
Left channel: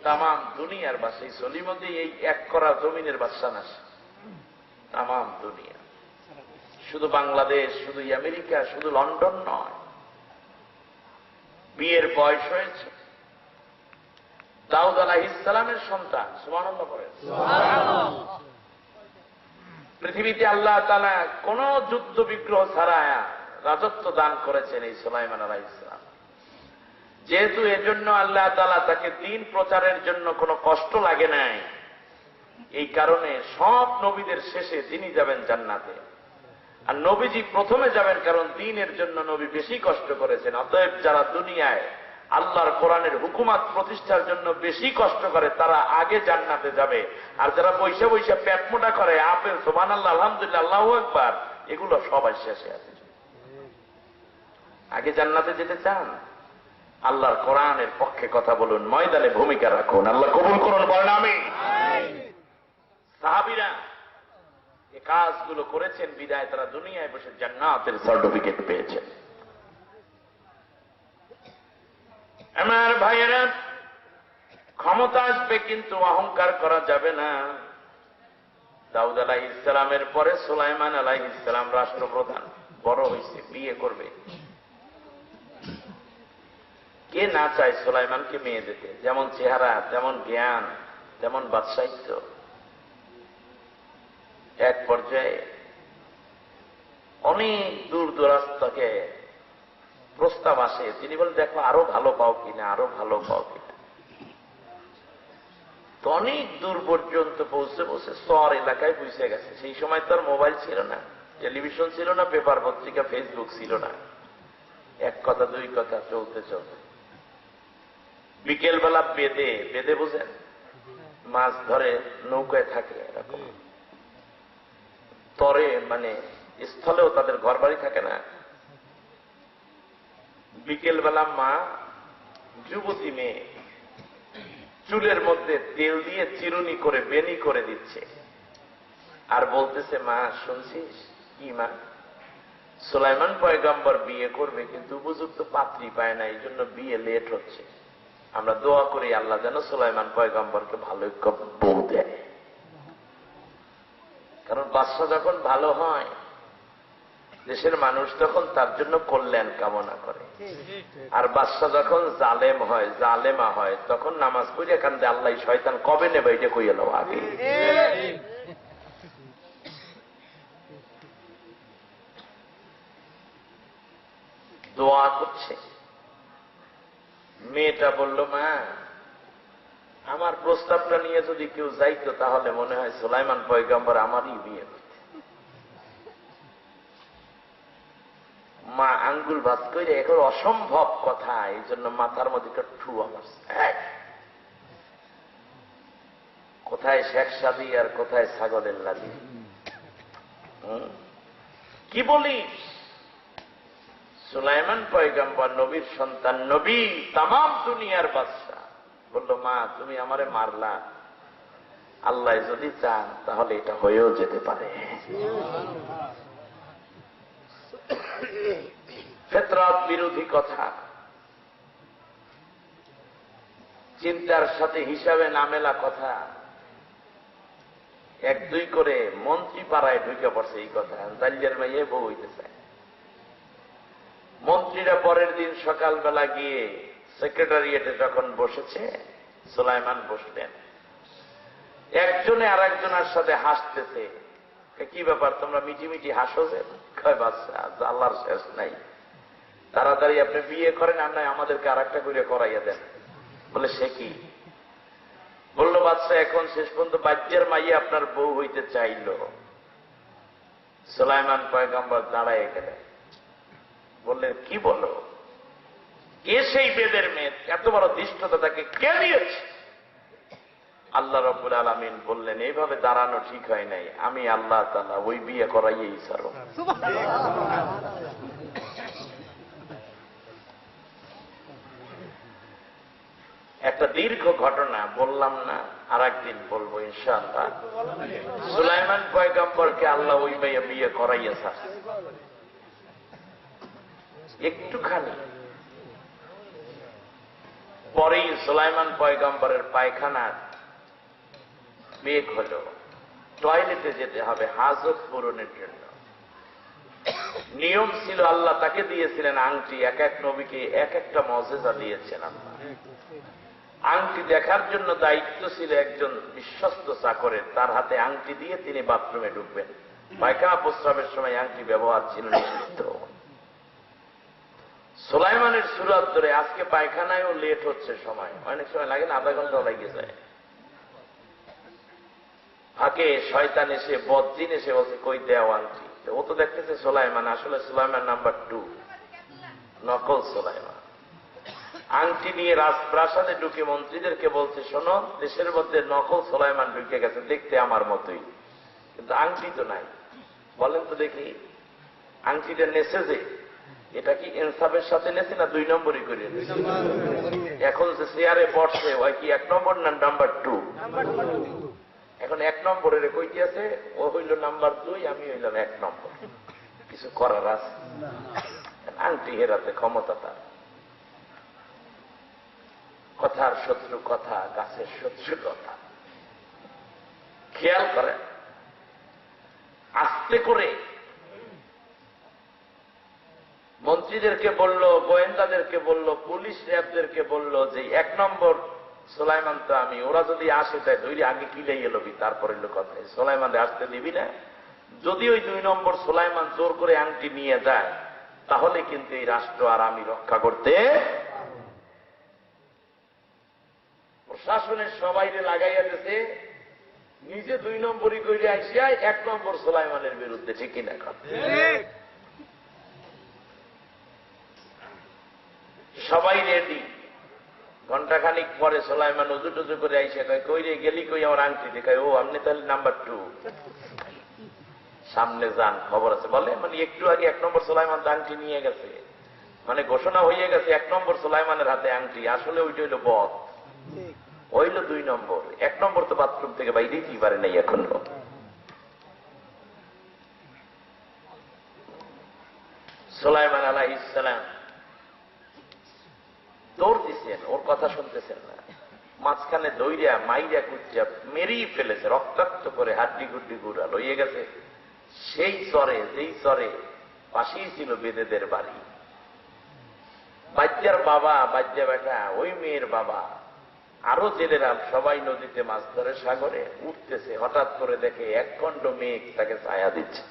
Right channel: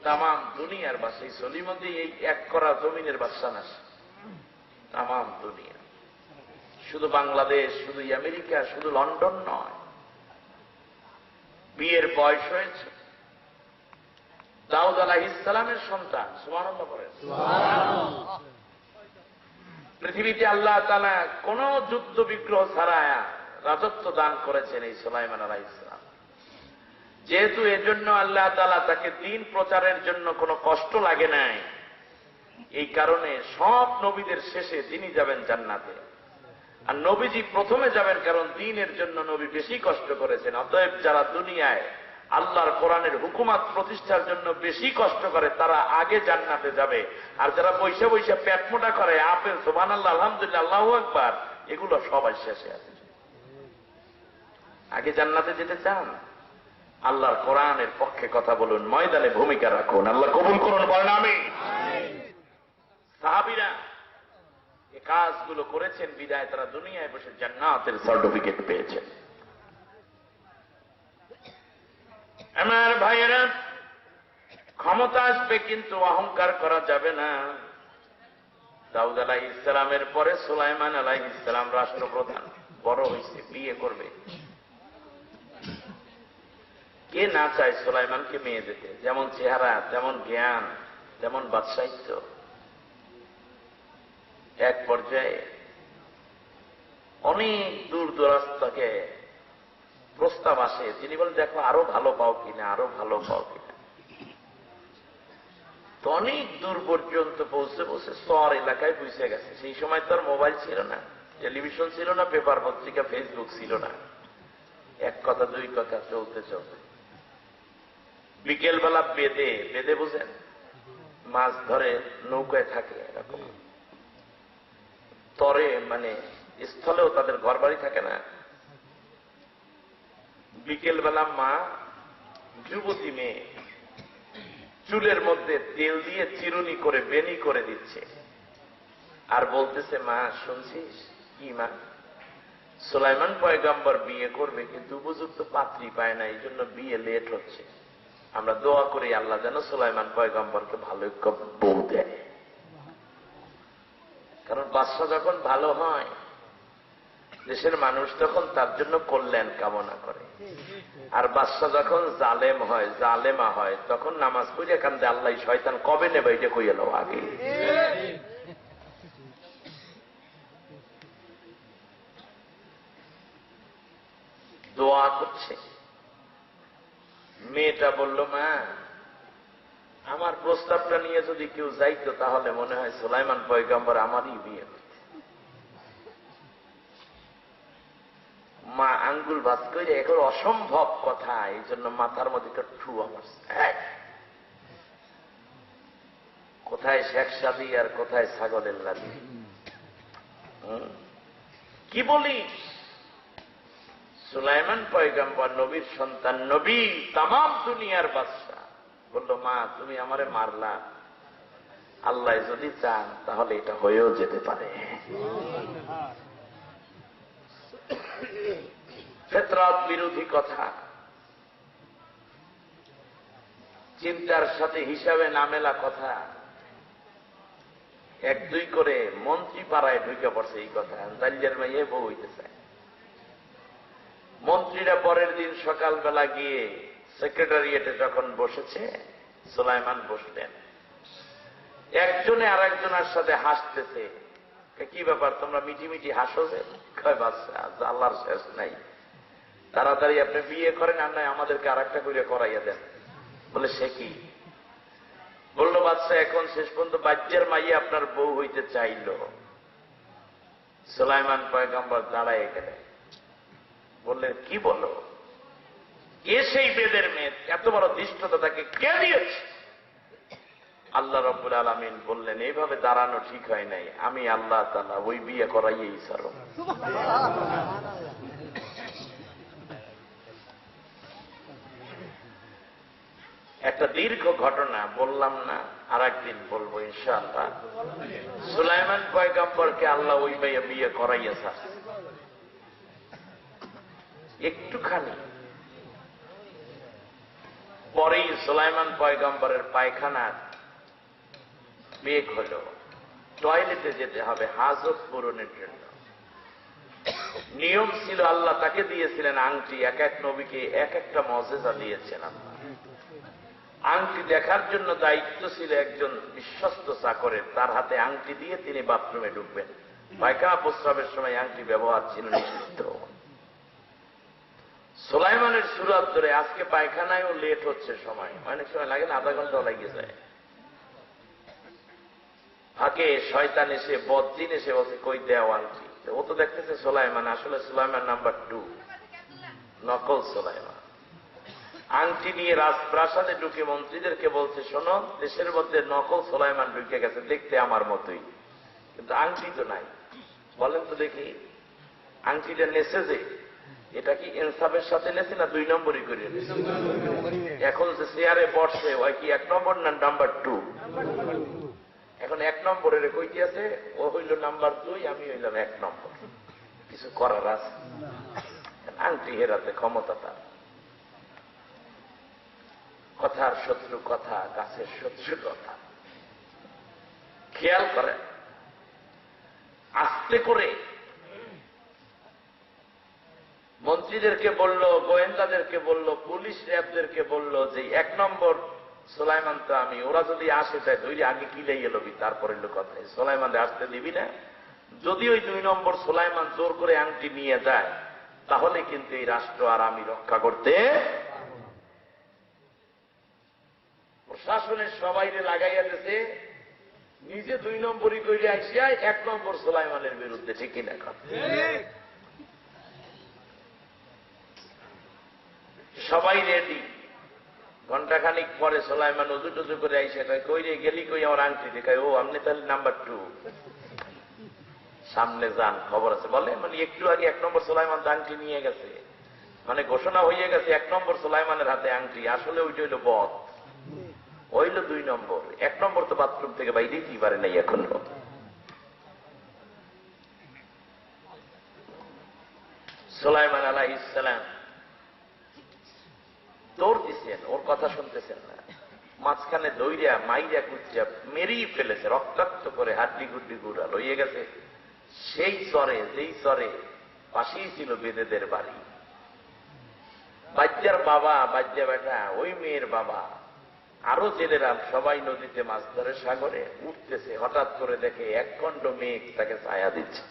তাম দুনিয়ার বাদশা। সলিমতি এই এক করা জমিনের বাদশা না, তাম দুনিয়া। শুধু বাংলাদেশ, শুধু আমেরিকা, শুধু লন্ডন নয়। বিয়ের বয়স হয়েছে, দাউদ আলাইহিস সালামের সন্তান। সুবহানাল্লাহ বলেন। পৃথিবীতে আল্লাহ তাআলা কোন যুদ্ধ বিগ্রহ ছাড়া রাজত্ব দান করেছেন এই সুলাইমান আলাইহিস সালাম। যেহেতু এজন্য আল্লাহ তাআলা তাকে দ্বীন প্রচারের জন্য কোনো কষ্ট লাগে নাই, এই কারণে সব নবীদের শেষে তিনি যাবেন জান্নাতে, আর নবীজি প্রথমে যাবেন, কারণ দ্বীনের জন্য নবী বেশি কষ্ট করেছেন। অতএব যারা দুনিয়ায় আল্লাহর কোরআনের হুকুমাত প্রতিষ্ঠার জন্য বেশি কষ্ট করে, তারা আগে জান্নাতে যাবে। আর যারা বৈশা বৈশা পেট মোটা করে, আপেল সুবহানাল্লাহ, আলহামদুলিল্লাহ, আল্লাহু আকবার, এগুলো সবাই শেষে আছে। আগে জান্নাতে যেতে চান? আল্লাহর কোরআনের পক্ষে কথা বলুন, ময়দানে ভূমিকা রাখুন, আল্লাহ কবুল করুন, বলেন আমিন। সাহাবীরা এই কাজগুলো করেছেন বিদায় তারা দুনিয়ায় বসে জান্নাতের সার্টিফিকেট পেয়েছেন। আমার ভাইয়েরা, ক্ষমতা আসবে কিন্তু অহংকার করা যাবে না। দাউদ আলাইহিস সালামের পরে সুলাইমান আলাইহিস সালাম রাষ্ট্রপ্রধান, বড় হয়েছে, বিয়ে করবে। কে না চায় সুলাইমানকে মেয়ে দিতে? যেমন চেহারা, তেমন জ্ঞান, তেমন বাদশাহিত্য। এক পর্যায়ে অনেক দূর দরাজ থেকে প্রস্তাব আসে, তিনি বলেন দেখো আরো ভালো পাও কিনা, আরো ভালো পাও কিনা। তো অনেক দূর পর্যন্ত পৌঁছে পৌঁছে শহর এলাকায় বুঝে গেছে। সেই সময় তো আর মোবাইল ছিল না, টেলিভিশন ছিল না, পেপার পত্রিকা, ফেসবুক ছিল না। এক কথা দুই কথা চলতে চলতে বিকেলবেলা বেদে, বেদে বুঝেন, মাছ ধরে নৌকায় থাকে, এরকম তরে, মানে স্থলেও তাদের ঘর বাড়ি থাকে না। বিকেলবেলা মা যুবতী মেয়ে চুলের মধ্যে তেল দিয়ে চিরুনি করে বেনি করে দিচ্ছে, আর বলতেছে, মা শুনছিস কি মা, সুলাইমান পয়গম্বর বিয়ে করবে কিন্তু উপযুক্ত পাত্রী পায় না, এই জন্য বিয়ে লেট হচ্ছে। আমরা দোয়া করি আল্লাহ যেন সুলাইমান পয়গম্বরকে ভালো বউ দেয়। কারণ বাদশা যখন ভালো হয়, দেশের মানুষ তখন তার জন্য কল্যাণ কামনা করে। আর বাদশা যখন জালেম হয়, জালেমা হয়, তখন নামাজ পড়ে কান্দে, আল্লাহ শয়তান কবে নেবে এটা কই এলো আগে। দোয়া করছে। মেয়েটা বলল, মা আমার প্রস্তাবটা নিয়ে যদি কেউ যাইতো তাহলে মনে হয় সুলাইমান পয়গম্বর আমারই বিয়ে করত। মা আঙ্গুল ভাত করে, এখন অসম্ভব কথা, এই জন্য মাথার মধ্যে একটা ঠুয়া মারছে। কোথায় শেখ সাদি আর কোথায় ছাগলের লাগি, কি বলিস? সুলাইমান পয়গম্বর নবীর সন্তান, নবী, তামাম দুনিয়ার বাদশা। বলল, মা তুমি আমারে মারলা, আল্লাহ যদি চান তাহলে এটা হয়েও যেতে পারে। ফিতরাত বিরোধী কথা, চিন্তার সাথে হিসাবে না মেলা কথা, এক দুই করে মন্ত্রী পাড়ায় ঢুকে পড়ছে এই কথা। জালিয়ার মাইয়ে বউ হইতে চায়। মন্ত্রীরা পরের দিন সকালবেলা গিয়ে সেক্রেটারিয়েটে যখন বসেছে, সুলাইমান বসলেন। একজনে আর একজনের সাথে হাসতেছে। কি ব্যাপার, তোমরা মিটি মিটি হাসো যে? কয় বাচ্চা, আল্লাহর শেষ নাই, তাড়াতাড়ি আপনি বিয়ে করেন, আর নাই আমাদেরকে আর একটা করে করাইয়া দেন। বলে সে কি? বললো বাচ্চা, এখন শেষ পর্যন্ত বাচ্চার মাইয়ে আপনার বউ হইতে চাইল। সুলাইমান পয়গম্বর দাঁড়ায় গেলেন, বললেন কি বলো? কে সেই বেদের মেয়ে? এত বড় ধৃষ্টতা তাকে কে দিয়েছে? আল্লাহ রাব্বুল আলামিন বললেন, এইভাবে দাঁড়ানো ঠিক হয় নাই, আমি আল্লাহ তাআলা ওই বিয়ে করাইয়েই ছাড়ো। একটা দীর্ঘ ঘটনা বললাম না, আর একদিন বলবো ইনশাআল্লাহ। সুলাইমান পয়গম্বরকে আল্লাহ ওই মেয়ে বিয়ে করাইয়েছে। একটুখানি পরেই সুলাইমান পয়গম্বরের পায়খানার বেগ হল, টয়লেটে যেতে হবে হাজত পূরণের জন্য। নিয়ম ছিল, আল্লাহ তাকে দিয়েছিলেন আংটি, এক এক নবীকে এক একটা মজেজা দিয়েছেন আল্লাহ। আংটি দেখার জন্য দায়িত্ব ছিল একজন বিশ্বস্ত চাকরের, তার হাতে আংটি দিয়ে তিনি বাথরুমে ঢুকবেন। পায়খানা প্রস্রাবের সময় আংটি ব্যবহার ছিল নিষিদ্ধ। সুলাইমানের সুরাত ধরে আজকে পায়খানায়ও লেট হচ্ছে, সময় অনেক সময় লাগে না, আধা ঘন্টাও লাগে যায়। ফাঁকে শয়তান এসে, বদজিন এসে বলছে কই দেও আংটি। ও তো দেখতেছে সুলাইমান, আসলে সুলাইমান নাম্বার 2, নকল সুলাইমান। আংটি নিয়ে রাজপ্রাসাদে ঢুকে মন্ত্রীদেরকে বলছে, শোনো, দেশের মধ্যে নকল সুলাইমান ঢুকে গেছে, দেখতে আমার মতোই, কিন্তু আংটি তো নাই। বলেন তো দেখি, আংটিটা নেছে যে, এটা কি ইনসাফের সাথে নেছে না 2 নম্বরই করে নেছে? এখন যে চেয়ারে বসে ওই কি 1 নম্বর না নাম্বার 2? এখন 1 নম্বরের কইটি আছে, ও হইল নাম্বার 2, আমি হইলাম 1 নম্বর। কিছু করার আছে? আংটি হেরাতে ক্ষমতা তার। কথার শত্রু কথা, গাছের শত্রু কথা। খেয়াল করেন, আস্তে করে মন্ত্রীদেরকে বলল, গোয়েন্দাদেরকে বলল, পুলিশ র্যাবদেরকে বলল যে 1 নম্বর সুলাইমান তো আমি, ওরা যদি আসে তাই ধৈর্য আগে কিলাই এলবি, তারপরে কথা সুলাইমানে আসতে দিবি না। যদি ওই 2 নম্বর সুলাইমান জোর করে আংটি নিয়ে যায়, তাহলে কিন্তু এই রাষ্ট্র আর আমি রক্ষা করতে। প্রশাসনের সবাইকে লাগাইয়া দিতে, নিজে 2 নম্বরই করে আসিয়া 1 নম্বর সুলাইমানের বিরুদ্ধে। ঠিক কিনা কথা? সবাই রেডি। ঘন্টাখানিক পরে সুলাইমান উজু টুজু করে আইসে কই রে গেলি কই, আমার আংটি দেখায়। ও আপনি তাহলে নাম্বার 2, সামনে যান, খবর আছে। বলে মানে একটু আগে 1 নম্বর সুলাইমান আংটি নিয়ে গেছে, মানে ঘোষণা হয়ে গেছে 1 নম্বর সুলাইমানের হাতে আংটি। আসলে ওইটা হইল বদ, হইল 2 নম্বর। 1 নম্বর তো বাথরুম থেকে বাইরেই কি পারে নাই এখনো। সুলাইমান আলাইহিস সালাম দৌড় দিচ্ছেন, ওর কথা শুনতেছেন না। মাঝখানে দৌড়িয়া মাইরা কুচিয়া মেরেই ফেলেছে, রক্তাক্ত করে হাড্ডি গুড্ডি গুড়া লইয়ে গেছে সেই চরে, যেই চরে পাশেই ছিল বেদেদের বাড়ি। বাচ্চার বাবা, বাচ্চা বেটা, ওই মেয়ের বাবা, আরো জেলেরা সবাই নদীতে মাছ ধরে, সাগরে উঠতেছে। হঠাৎ করে দেখে 1 খণ্ড মেঘ তাকে ছায়া দিচ্ছে।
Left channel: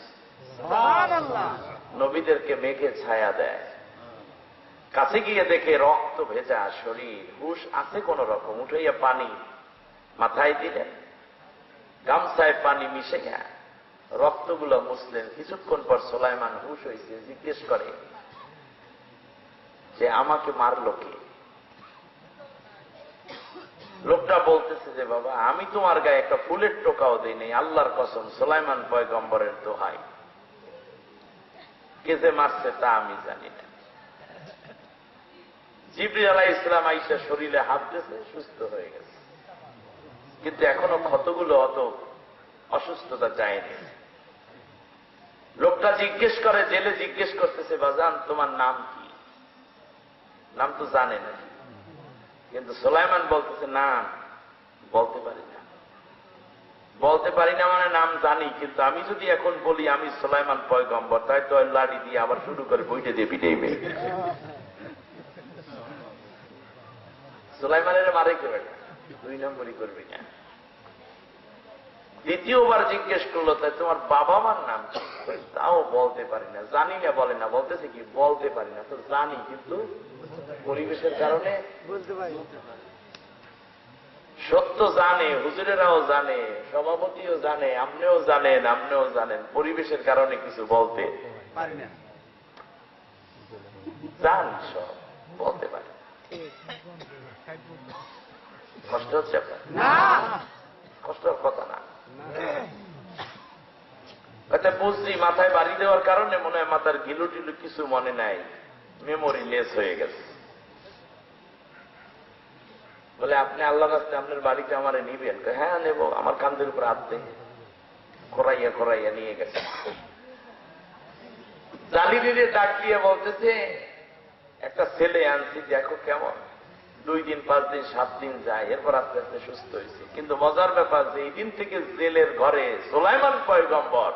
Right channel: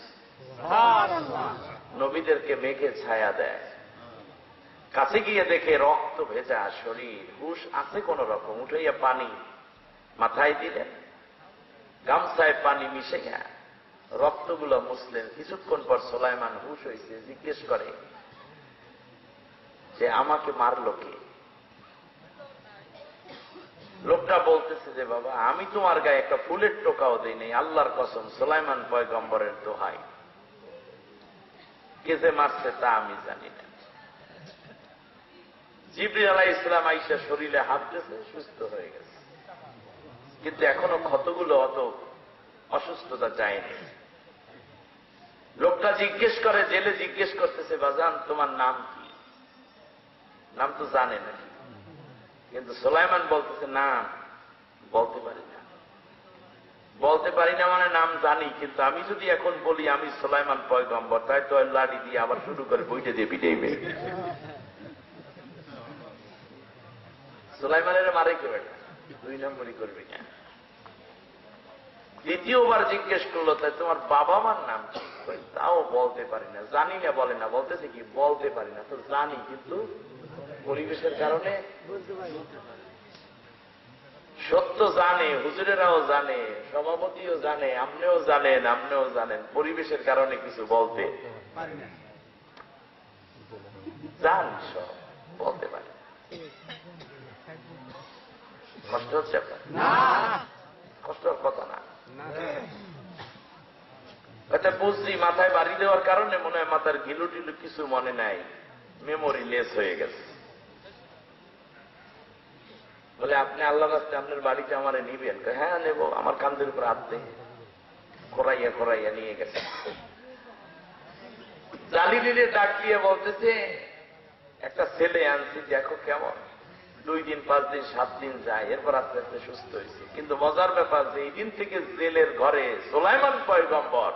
নবীদেরকে মেঘে ছায়া দেয়। কাছে গিয়ে দেখে রক্ত ভেজা শরীর, হুশ আছে কোন রকম। উঠাইয়া পানি মাথায় দিলেন, গামছায় পানি মিশে গেছে, রক্তগুলো মুছলেন। কিছুক্ষণ পর সুলাইমান হুশ হয়েছে, জিজ্ঞেস করে যে আমাকে মারলো কে? লোকটা বলতেছে যে বাবা, আমি তোমার গায়ে একটা ফুলের টোকাও দেই নাই, আল্লাহর কসম, সুলাইমান পয়গম্বরের দোহাই, কে যে মারছে তা আমি জানি না। জিবরিল আলাইহিস সালাম আইসা শরীরে হাত দিয়েছে, সুস্থ হয়ে গেছে, কিন্তু এখনো ক্ষতগুলো অত অসুস্থতা যায়নি। লোকটা জিজ্ঞেস করে, জেলে জিজ্ঞেস করতেছে, বাজান তোমার নাম কি? নাম তো জানে না, কিন্তু সুলাইমান বলতেছে না বলতে পারি না। বলতে পারি না মানে নাম জানি, কিন্তু আমি যদি এখন বলি আমি সুলাইমান পয়গম্বর, তাই তো লাড়ি দিয়ে আবার শুরু করে বইটা দিয়ে পিটাইবে। সুলাইমানের মারে কেবে না, 2 নম্বরই করবি না। দ্বিতীয়বার জিজ্ঞেস করলো, তাই তোমার বাবা মার নাম কি? তাও বলতে পারি না। জানি না বলে না, বলতেছে কি বলতে পারি না, তো জানি কিন্তু পরিবেশের কারণে বলতে পারি। সত্য জানে, হুজুরেরাও জানে, সভাপতিও জানে, আপনিও জানেন, পরিবেশের কারণে কিছু বলতে পারি না। জান সব বলতে পারি। কষ্ট হচ্ছে আপনার? কষ্টের কথা না। এটা বুঝছি, মাথায় বাড়ি দেওয়ার কারণে মনে হয় মাথার গিলু টিলু কিছু মনে নাই, মেমোরি লেস হয়ে গেছে। বলে আপনি আল্লাহ রাস্তায় আপনার বাড়িতে আমারে নিবেন? হ্যাঁ নেব। আমার কান্দের উপর হাত দিয়ে খোরাইয়া নিয়ে গেছে। জালিলিরে ডাক দিয়ে বলতেছে, একটা ছেলে আনছি, দেখো কেমন। 2 দিন 5 দিন 7 দিন যায়, এরপর আস্তে আস্তে সুস্থ হয়েছে। কিন্তু মজার ব্যাপার যে এই দিন থেকে জেলের ঘরে সুলাইমান পয়গম্বর,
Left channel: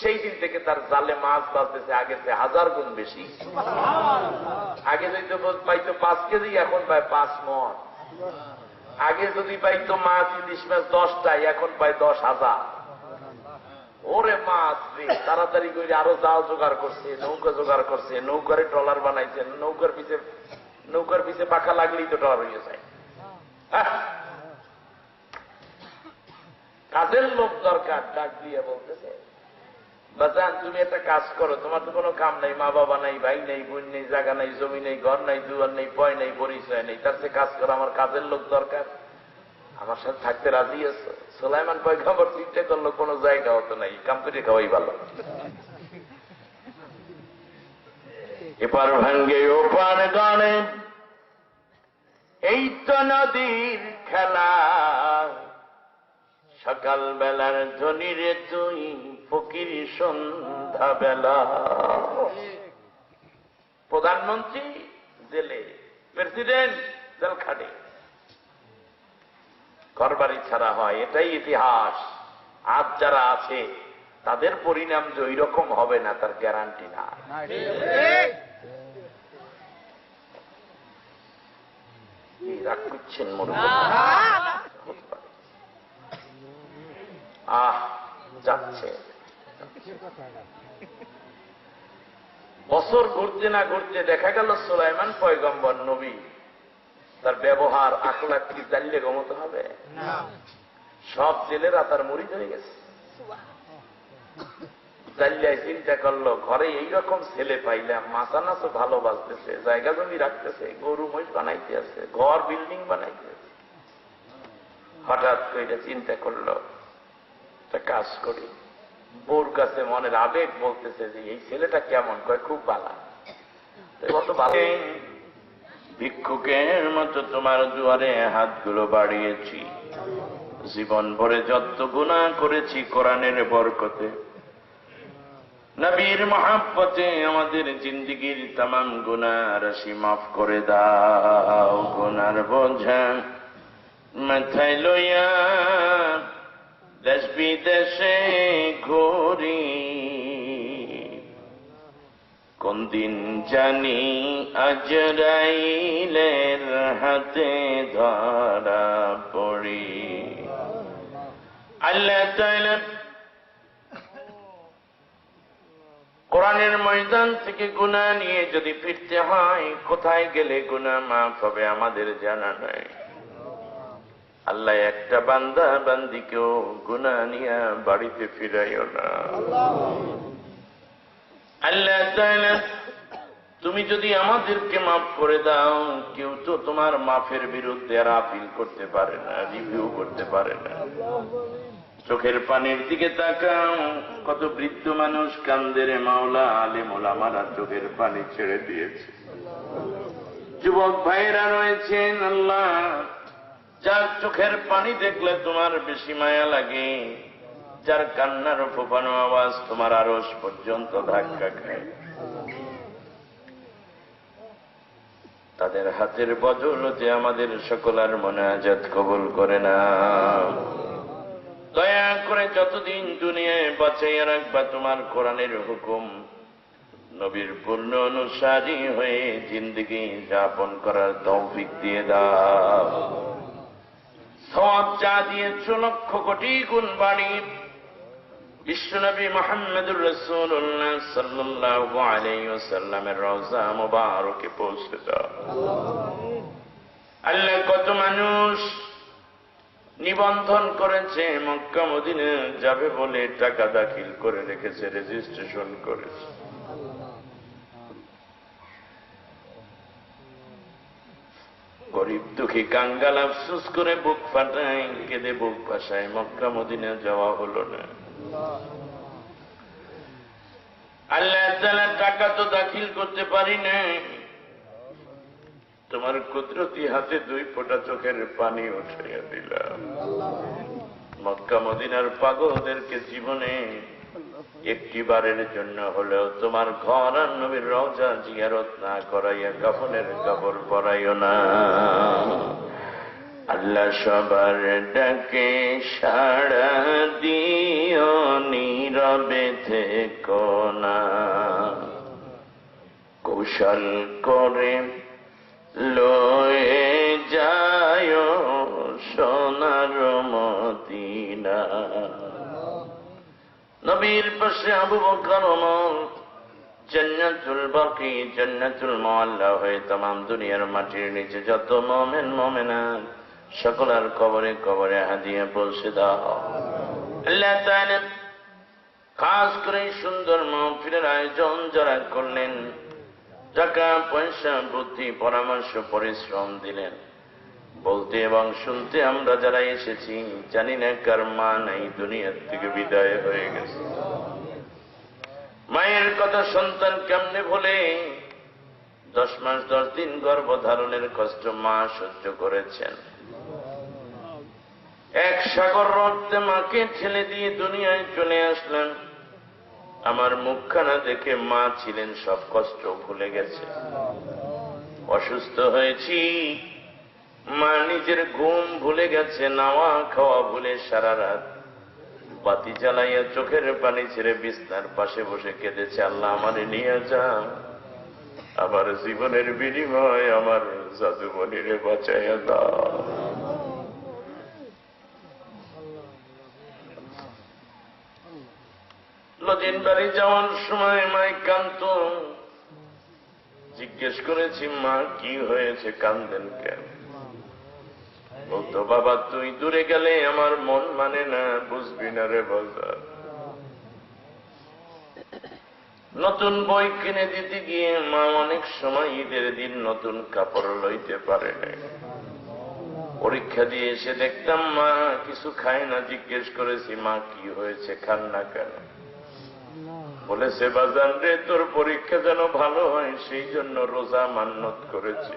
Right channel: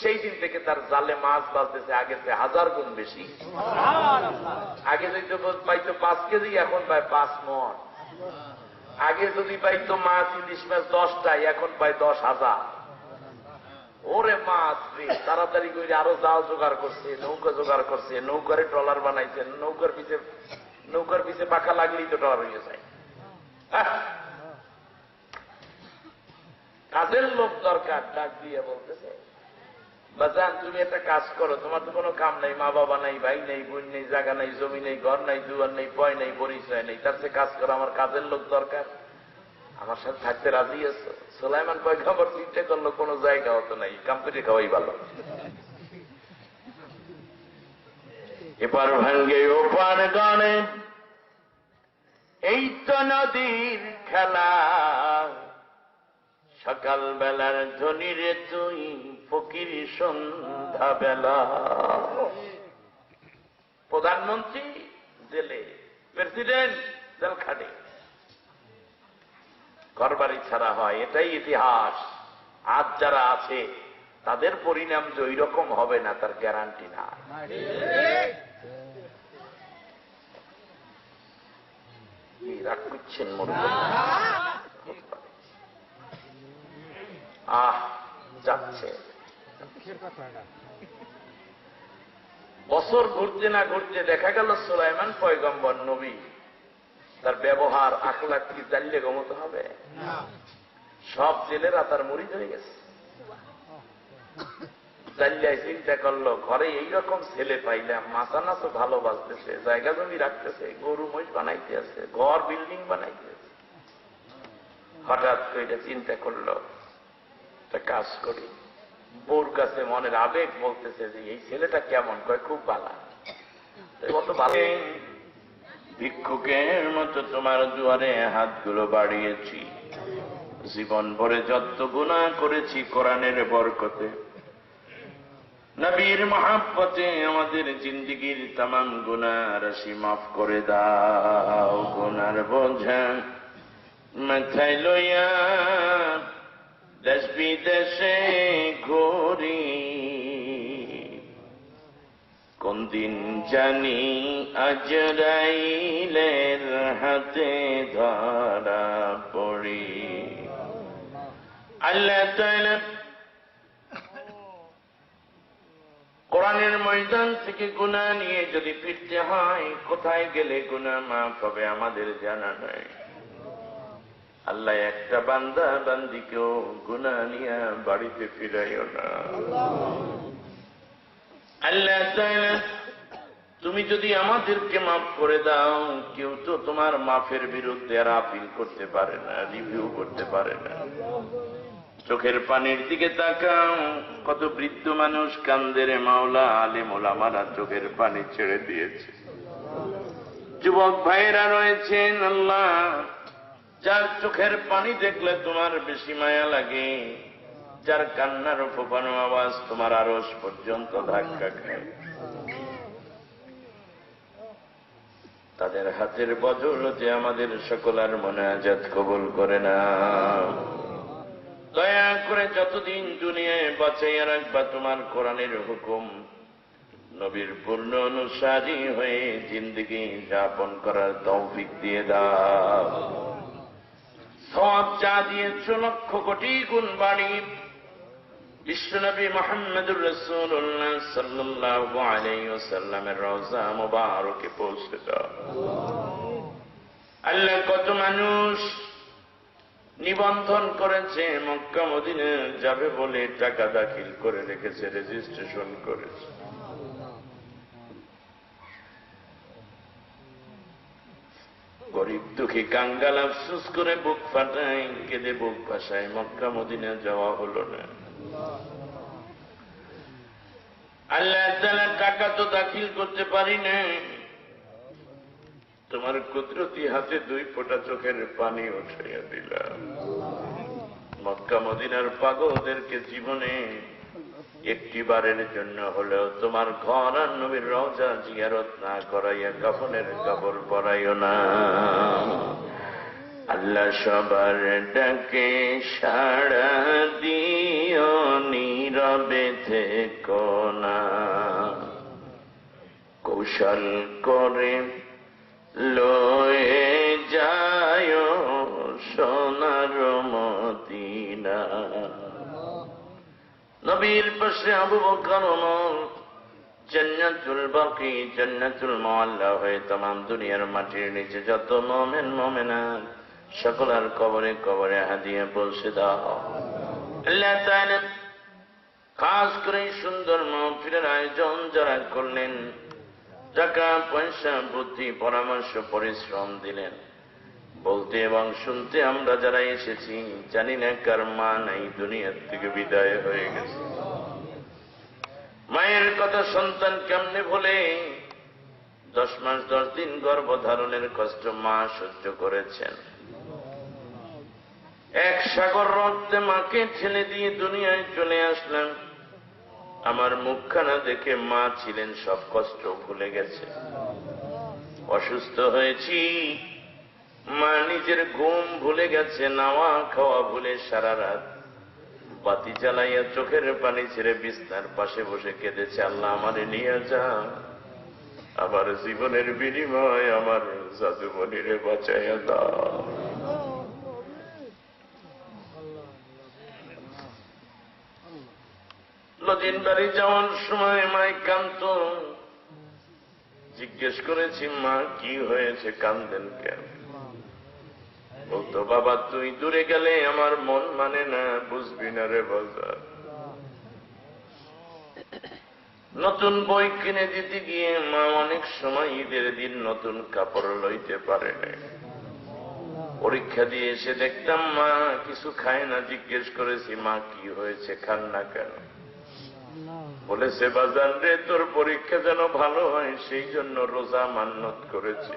সেই দিন থেকে তার জালে মাছ বাঁচতেছে আগের চেয়ে 1000 গুণ বেশি। আগে যদি পাইতো 5 কেজি, এখন পায় 5 মণ। আগে যদি পাইতো মাছ, ইলিশ মাছ 10টাই, এখন পায় 10,000। ওরে মাছ রে, তাড়াতাড়ি করে আরো জাল জোগাড় করছে, নৌকা জোগাড় করছে, নৌকারে ট্রলার বানাইছেন, নৌকার পিছে পাখা লাগলেই তো ট্রলার হয়ে যায়। কাজের লোক দরকার। ডাক দিয়ে বলতেছে, বাজান তুমি একটা কাজ করো, তোমার তো কোনো কাম নাই, মা বাবা নাই, ভাই নেই, বোন নেই, জায়গা নাই, জমি নেই, ঘর নাই, দুয়ার নেই, পয় নেই, পরিচয় নেই, তার চেয়ে কাজ করো, আমার কাজের লোক দরকার, আমার সাথে থাকতে রাজি আছো? সুলাইমান পয়গম্বর চিন্তা করলো কোনো জায়গা হতো নাই, কাম করে খাওয়াই ভালো। এপার ভাঙ্গে ওপার গানে, এই তো নদীর খেলা, সকাল বেলার ধ্বনি রে তুই ফকির সন্ধ্যা বেলা। প্রধানমন্ত্রী জেলে, প্রেসিডেন্ট জেল খাটে, ঘরবাড়ি ছাড়া হয়, এটাই ইতিহাস। আজ যারা আছে তাদের পরিণাম যে ওই রকম হবে না তার গ্যারান্টি না। রাগ করছেন যাচ্ছে। বছর ঘুরতে না ঘুরতে দেখা গেল সুলাইমান পয়গম্বর নবী, তার ব্যবহার আখলাক কি জানলে গমতে হবে? সব জেলেরা তার মুরিদ হয়ে গেছে। জাল্লায় চিন্তা করলো, ঘরে এইরকম ছেলে পাইলাম, মাথা নাচও ভালো বাজতেছে, জায়গা জমি রাখতেছে, গরু মহিষ বানাইতে আছে, ঘর বিল্ডিং বানাইতে আছে। হঠাৎ করে চিন্তা করলো, একটা কাজ করি। বউর কাছে মনের আবেগ বলতেছে যে এই ছেলেটা কেমন, কয় খুব ভালো। কত ভালো, ভিক্ষুকের মতো তোমার দুয়ারে হাতগুলো বাড়িয়েছি, জীবন ভরে যত গুনাহ করেছি কোরআনের বরকতে, নবীর মহাব্বতে আমাদের জিন্দেগীর तमाम গুনাহ রাশি মাফ করে দাও। গুনার বোঝা মাথায় লইয়া দেশ বিদেশে ঘুরি, কোন দিন জানি আজরাইলের হাতে ধরা পড়ি। আল্লাহ তাআলা কোরআনের ময়দান থেকে গুনাহ নিয়ে যদি ফিরতে হয়, কোথায় গেলে গুনাহ মাফ হবে আমাদের জানা নাই। আল্লাহ একটা বান্দা বান্দিকেও গুনাহ নিয়ে বাড়িতে ফিরাইও না। আল্লাহ তাআলা তুমি যদি আমাদেরকে মাফ করে দাও, কেউ তো তোমার মাফের বিরুদ্ধে আর আপিল করতে পারে না, রিভিউ করতে পারে না। চোখের পানির দিকে তাকাও, কত বৃদ্ধ মানুষ কান্দে রে মাওলা, আলেম ওলামারা চোখের পানি ছেড়ে দিয়েছে। যুবক ভাইরা রয়েছেন আল্লাহ, যার চোখের পানি দেখলে তোমার বেশি মায়া লাগে, যার কান্নার ফোঁপানো আওয়াজ তোমার আরশ পর্যন্ত ধাক্কা খায়, তাদের হাতের বদৌলতে আমাদের সকলের মোনাজাত কবুল করে না। দয়া করে যতদিন দুনিয়ায় বাঁচাইয়া রাখবা তোমার কোরআনের হুকুম, নবীর পূর্ণ অনুসারী হয়ে জিন্দেগি যাপন করার তৌফিক দিয়ে দাও। সওয়াব যা দিয়েছ লক্ষ কোটি গুণ বাড়ি বিশ্বনবী মুহাম্মদুর রাসূলুল্লাহ সাল্লাল্লাহু আলাইহি ওয়াসাল্লামের রওজা মুবারকে পৌঁছে দাও। আল্লাহ, কত মানুষ নিবন্ধন করেছে, মক্কা মদিনা যাবে বলে টাকা দাখিল করে রেখেছে, রেজিস্ট্রেশন করেছে। গরিব দুঃখী কাঙ্গাল আফসোস করে বুক ফাটায়, কেঁদে বুক ভাসায়, মক্কা মদিনা যাওয়া হলো না। আল্লাহ তাআলা টাকা তো দাখিল করতে পারি না, তোমার কুদরতি হাতে 2 ফোঁটা চোখের পানি উঠাইয়া দিলাম। মক্কা মদিনার পাগলদেরকে জীবনে একটি বারের জন্য হলেও তোমার ঘর আর নবীর রওজা জিয়ারত না করাইয়া কাফনের কাপড় পরাইও না। আল্লাহ, সবার ডাকে সাড়া দিও, নীরবে থেকো না। কৌশল করে লয়ে যায় সোনার মদিনা। নবীর পাশে আবু বকর ওমর জান্নাতুল বাকি, জান্নাতুল মুআল্লা হয়ে तमाम দুনিয়ার মাটির নিচে যত মুমিন মুমিনাত সকলের কবরে কবরে হাদিয়া পৌঁছে দাও। আল্লাহ তাআলা খাস করে সুন্দর মাহফিলের আয়োজন যারা করলেন, টাকা পয়সা বুদ্ধি পরামর্শ পরিশ্রম দিলেন, বলতে এবং শুনতে আমরা যারা এসেছি জানি না কার মা নাই, দুনিয়ার থেকে বিদায় হয়ে গেছে। মায়ের কথা সন্তান কেমনে ভোলে? 10 মাস 10 দিন গর্ভধারণের কষ্ট মা সহ্য করেছেন। এক সাগর রক্তে মাকে ঠেলে দিয়ে দুনিয়ায় চলে আসলেন। আমার মুখখানা দেখে মা ছিলেন সব কষ্ট ভুলে গেছে। অসুস্থ হয়েছি, মা নিজের ঘুম ভুলে গেছে, নাওয়া খাওয়া ভুলে সারা রাত বাতি জ্বালাইয়া চোখের পানি ছেড়ে বিছনার পাশে বসে কেঁদেছে, আল্লাহ আমারে নিয়ে যা, আমার জীবনের বিনিময় আমার জাদুমণিরে বাঁচাইয়া দাও। লদিন বাড়ি যাওয়ার সময় মাই কান্ত, জিজ্ঞেস করেছি মা কি হয়েছে, কান্দেন কেন? বলতো, বাবা তুই দূরে গেলে আমার মন মানে না, বুঝবি না রে বাজার। নতুন বই কিনে দিতে গিয়ে মা অনেক সময় ঈদের দিন নতুন কাপড় লইতে পারে না। পরীক্ষা দিয়ে এসে দেখতাম মা কিছু খায় না। জিজ্ঞেস করেছি মা কি হয়েছে, খান না কেন? বলেছে, বাজান রে তোর পরীক্ষা যেন ভালো হয় সেই জন্য রোজা মান্নত করেছি।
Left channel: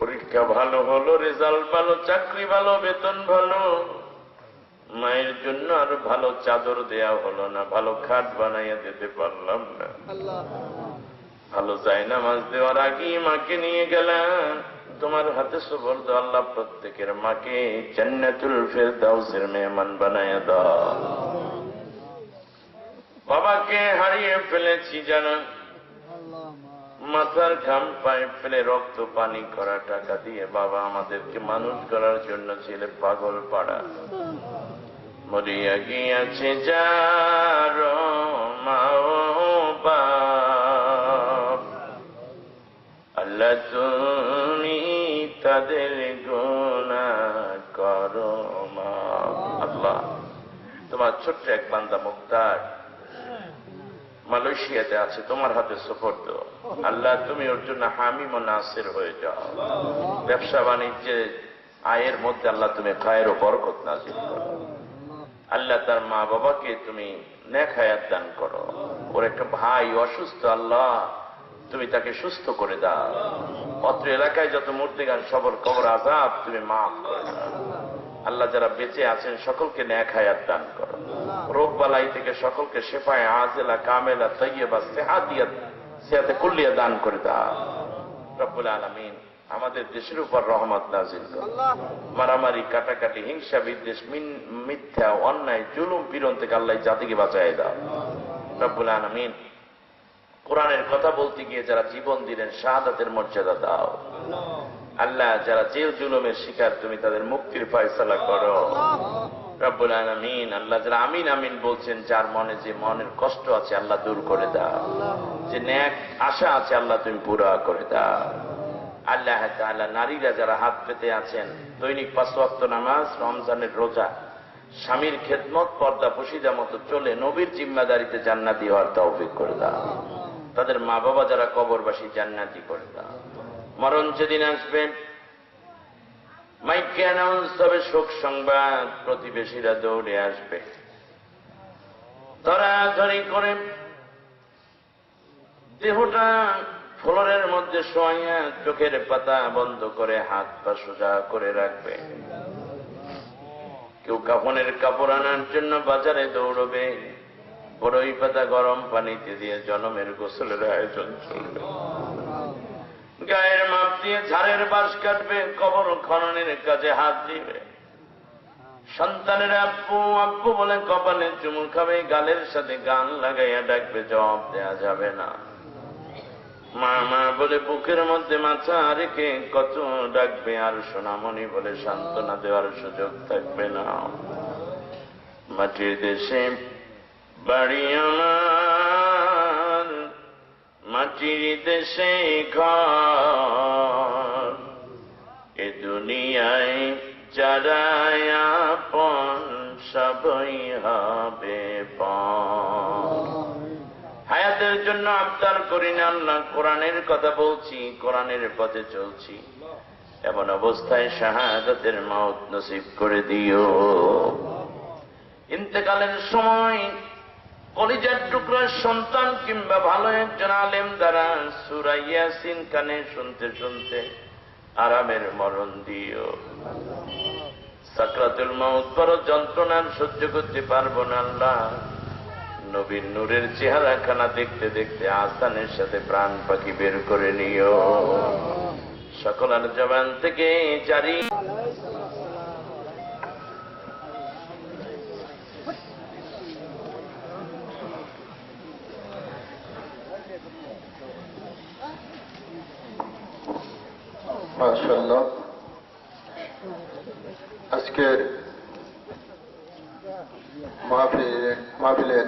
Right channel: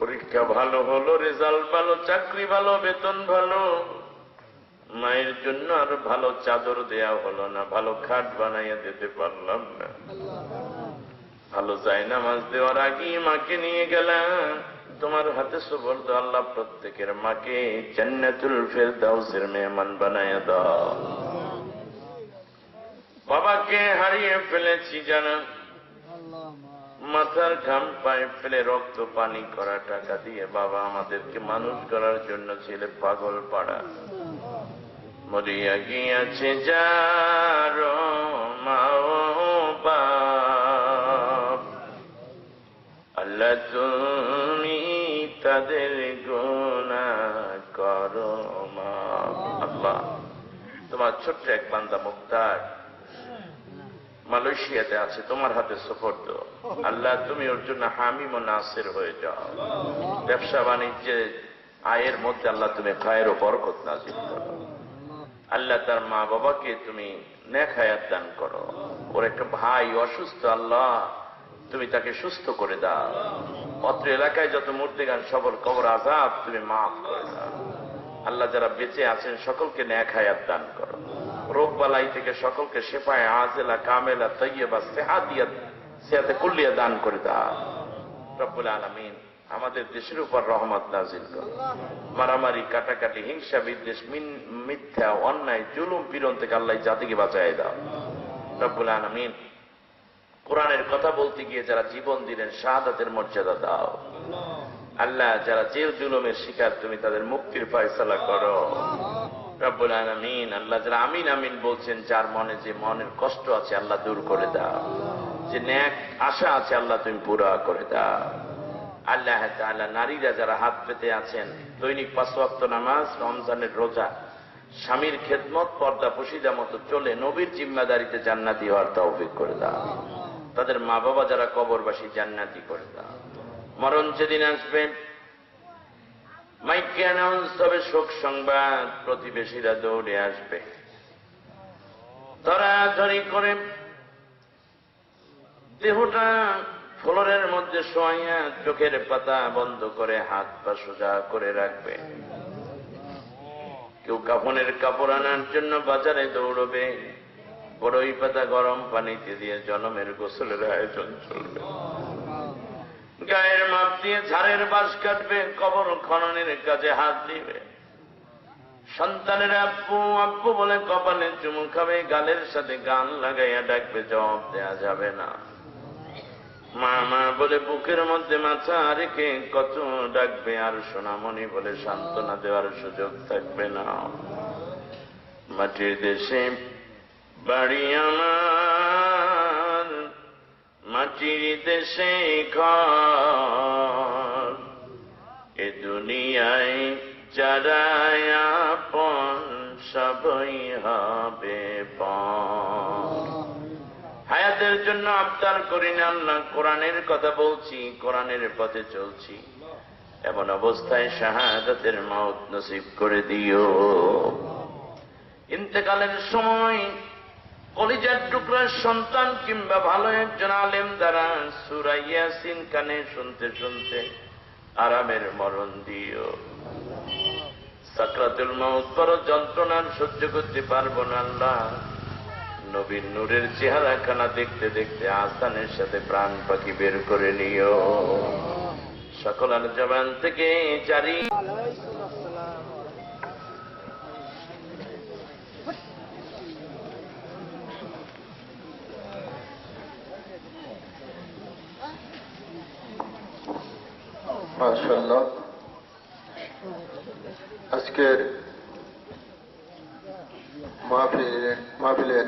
পরীক্ষা ভালো হলো, রেজাল্ট ভালো, চাকরি ভালো, বেতন ভালো, মায়ের জন্য আর ভালো চাদর দেয়া হলো না, ভালো খাট বানাইয়া দিতে পারলাম না। ভালো জায়নামাজ দেওয়ার আগেই মাকে নিয়ে গেলাম, তোমার হাতে সুবর্দ আল্লাহ প্রত্যেকের মাকে জান্নাতুল ফেরদাউসের মেহমান বানাইয়া দাও। বাবাকে হারিয়ে ফেলেছি জানা, মাথার ঘাম পায়ে ফেলে রক্ত পানি করা টাকা দিয়ে বাবা আমাদেরকে মানুষ করার জন্য ছেলে পাগল পাড়া। মরিয়া গিয়াছে যার মা ও বাপ, আল্লাহ তুমি তাদের গুনাহ করো মা। আল্লাহ, তোমার ছোট্ট এক বান্দা মুক্তার মালয়েশিয়াতে আছে, তোমার হাতে সুপর্দ। আল্লাহ তুমি ওর জন্য হামিম ও নাসির হয়ে যাও। ব্যবসা বাণিজ্যে আয়ের মধ্যে আল্লাহ তুমি খায়ের ও বরকত নাজিল করো। আল্লাহ তার মা বাবাকে তুমি নেক হায়াত দান করো। ওর একটা ভাই অসুস্থ, আল্লাহ তুমি তাকে সুস্থ করে দাও। অত্র এলাকায় যত মূর্তিগান সবর কবর আযাব তুমি মাফ করে দাও। আল্লাহ যারা বেঁচে আছেন সকলকে নেক হায়াত দান করো, রোগ বালাই থেকে সকলকে শেফায়ে আজিলা কামেলা তাইয়্যিবা সিহাতে কুল্লিয়া দান করে দাও রব্বুল আলামিন। আমাদের দেশের উপর রহমত নাজিল করো, মারামারি কাটাকাটি হিংসা বিদ্বেষ মিথ্যা অন্যায় জুলুম পীড়ন থেকে আল্লাহ জাতিকে বাঁচায় দাও রব্বুল আলামিন। কোরআনের কথা বলতে গিয়ে যারা জীবন দিলেন শাহাদাতের মর্যাদা দাও আল্লাহ। যারা জেল জুলুমের শিকার তুমি তাদের মুক্তির ফয়সালা করো রব্বুল আলামিন। আল্লাহ যারা আমিন আমিন বলছেন, যার মনে যে মনের কষ্ট আছে আল্লাহ দূর করে দাও, যে নেক আশা আছে আল্লাহ তুমি পুরা করে দাও আল্লাহ তাআলা। নারীরা যারা হাত পেতে আছেন, দৈনিক 5 ওয়াক্ত নামাজ, রমজানের রোজা, স্বামীর খেদমত, পর্দা পশিদা মতো চলে নবীর জিম্মাদারিতে জান্নাতি হওয়ার তৌফিক করে দাও। তাদের মা বাবা যারা কবরবাসী জান্নাতি করে দাও। মরণ যেদিন আসবে মাইকে অ্যানাউন্স হবে শোক সংবাদ, প্রতিবেশীরা দৌড়ে আসবে, ধরাধরি করে দেহটা ফ্লোরের মধ্যে শোয়া চোখের পাতা বন্ধ করে হাত পা সোজা করে রাখবে। কেউ কাফনের কাপড় আনার জন্য বাজারে দৌড়বে, বড়ই পাতা গরম পানিতে দিয়ে জনমের গোসলের আয়োজন চলবে। গায়ের মাপ দিয়ে ঝাড়ের বাঁশ কাটবে, কবর খননের কাজে হাত দিবে। সন্তানের আব্বু আব্বু বলে কপালে চুমু খাবে, গালের সাথে গান লাগাইয়া ডাকবে, জবাব দেয়া যাবে না। মা মা বলে বুকের মধ্যে মাথা রেখে কত ডাকবে, আর সোনামণি বলে সান্ত্বনা দেওয়ার সুযোগ থাকবে না। মাটির দেশে বাড়ি আমার, মাটির দেশে ঘর, এ দুনিয়ায় যারা আপন সবই হবে পর। হায়াতের জন্য আবদার করি না আল্লাহ, কোরআনের কথা বলছি, কোরআনের পথে চলছি, এমন অবস্থায় শাহাদাতের মওত নসিব করে দিও। ইন্তেকালের সময় কলিজার টুকরার সন্তান কিংবা ভালো একজন আলেম দ্বারা সূরা ইয়াসিন কানে শুনতে শুনতে আরামের মরণ দিও। সাকরাতুল মওত বড় যন্ত্রণার, সহ্য করতে পারবো না আল্লাহ। নবীর নূরের চেহারাখানা দেখতে দেখতে আসানের সাথে প্রাণ পাখি বের করে নিও। সকলের জবান থেকে জারি মাশাআল্লাহ। আজকের মাহফিলের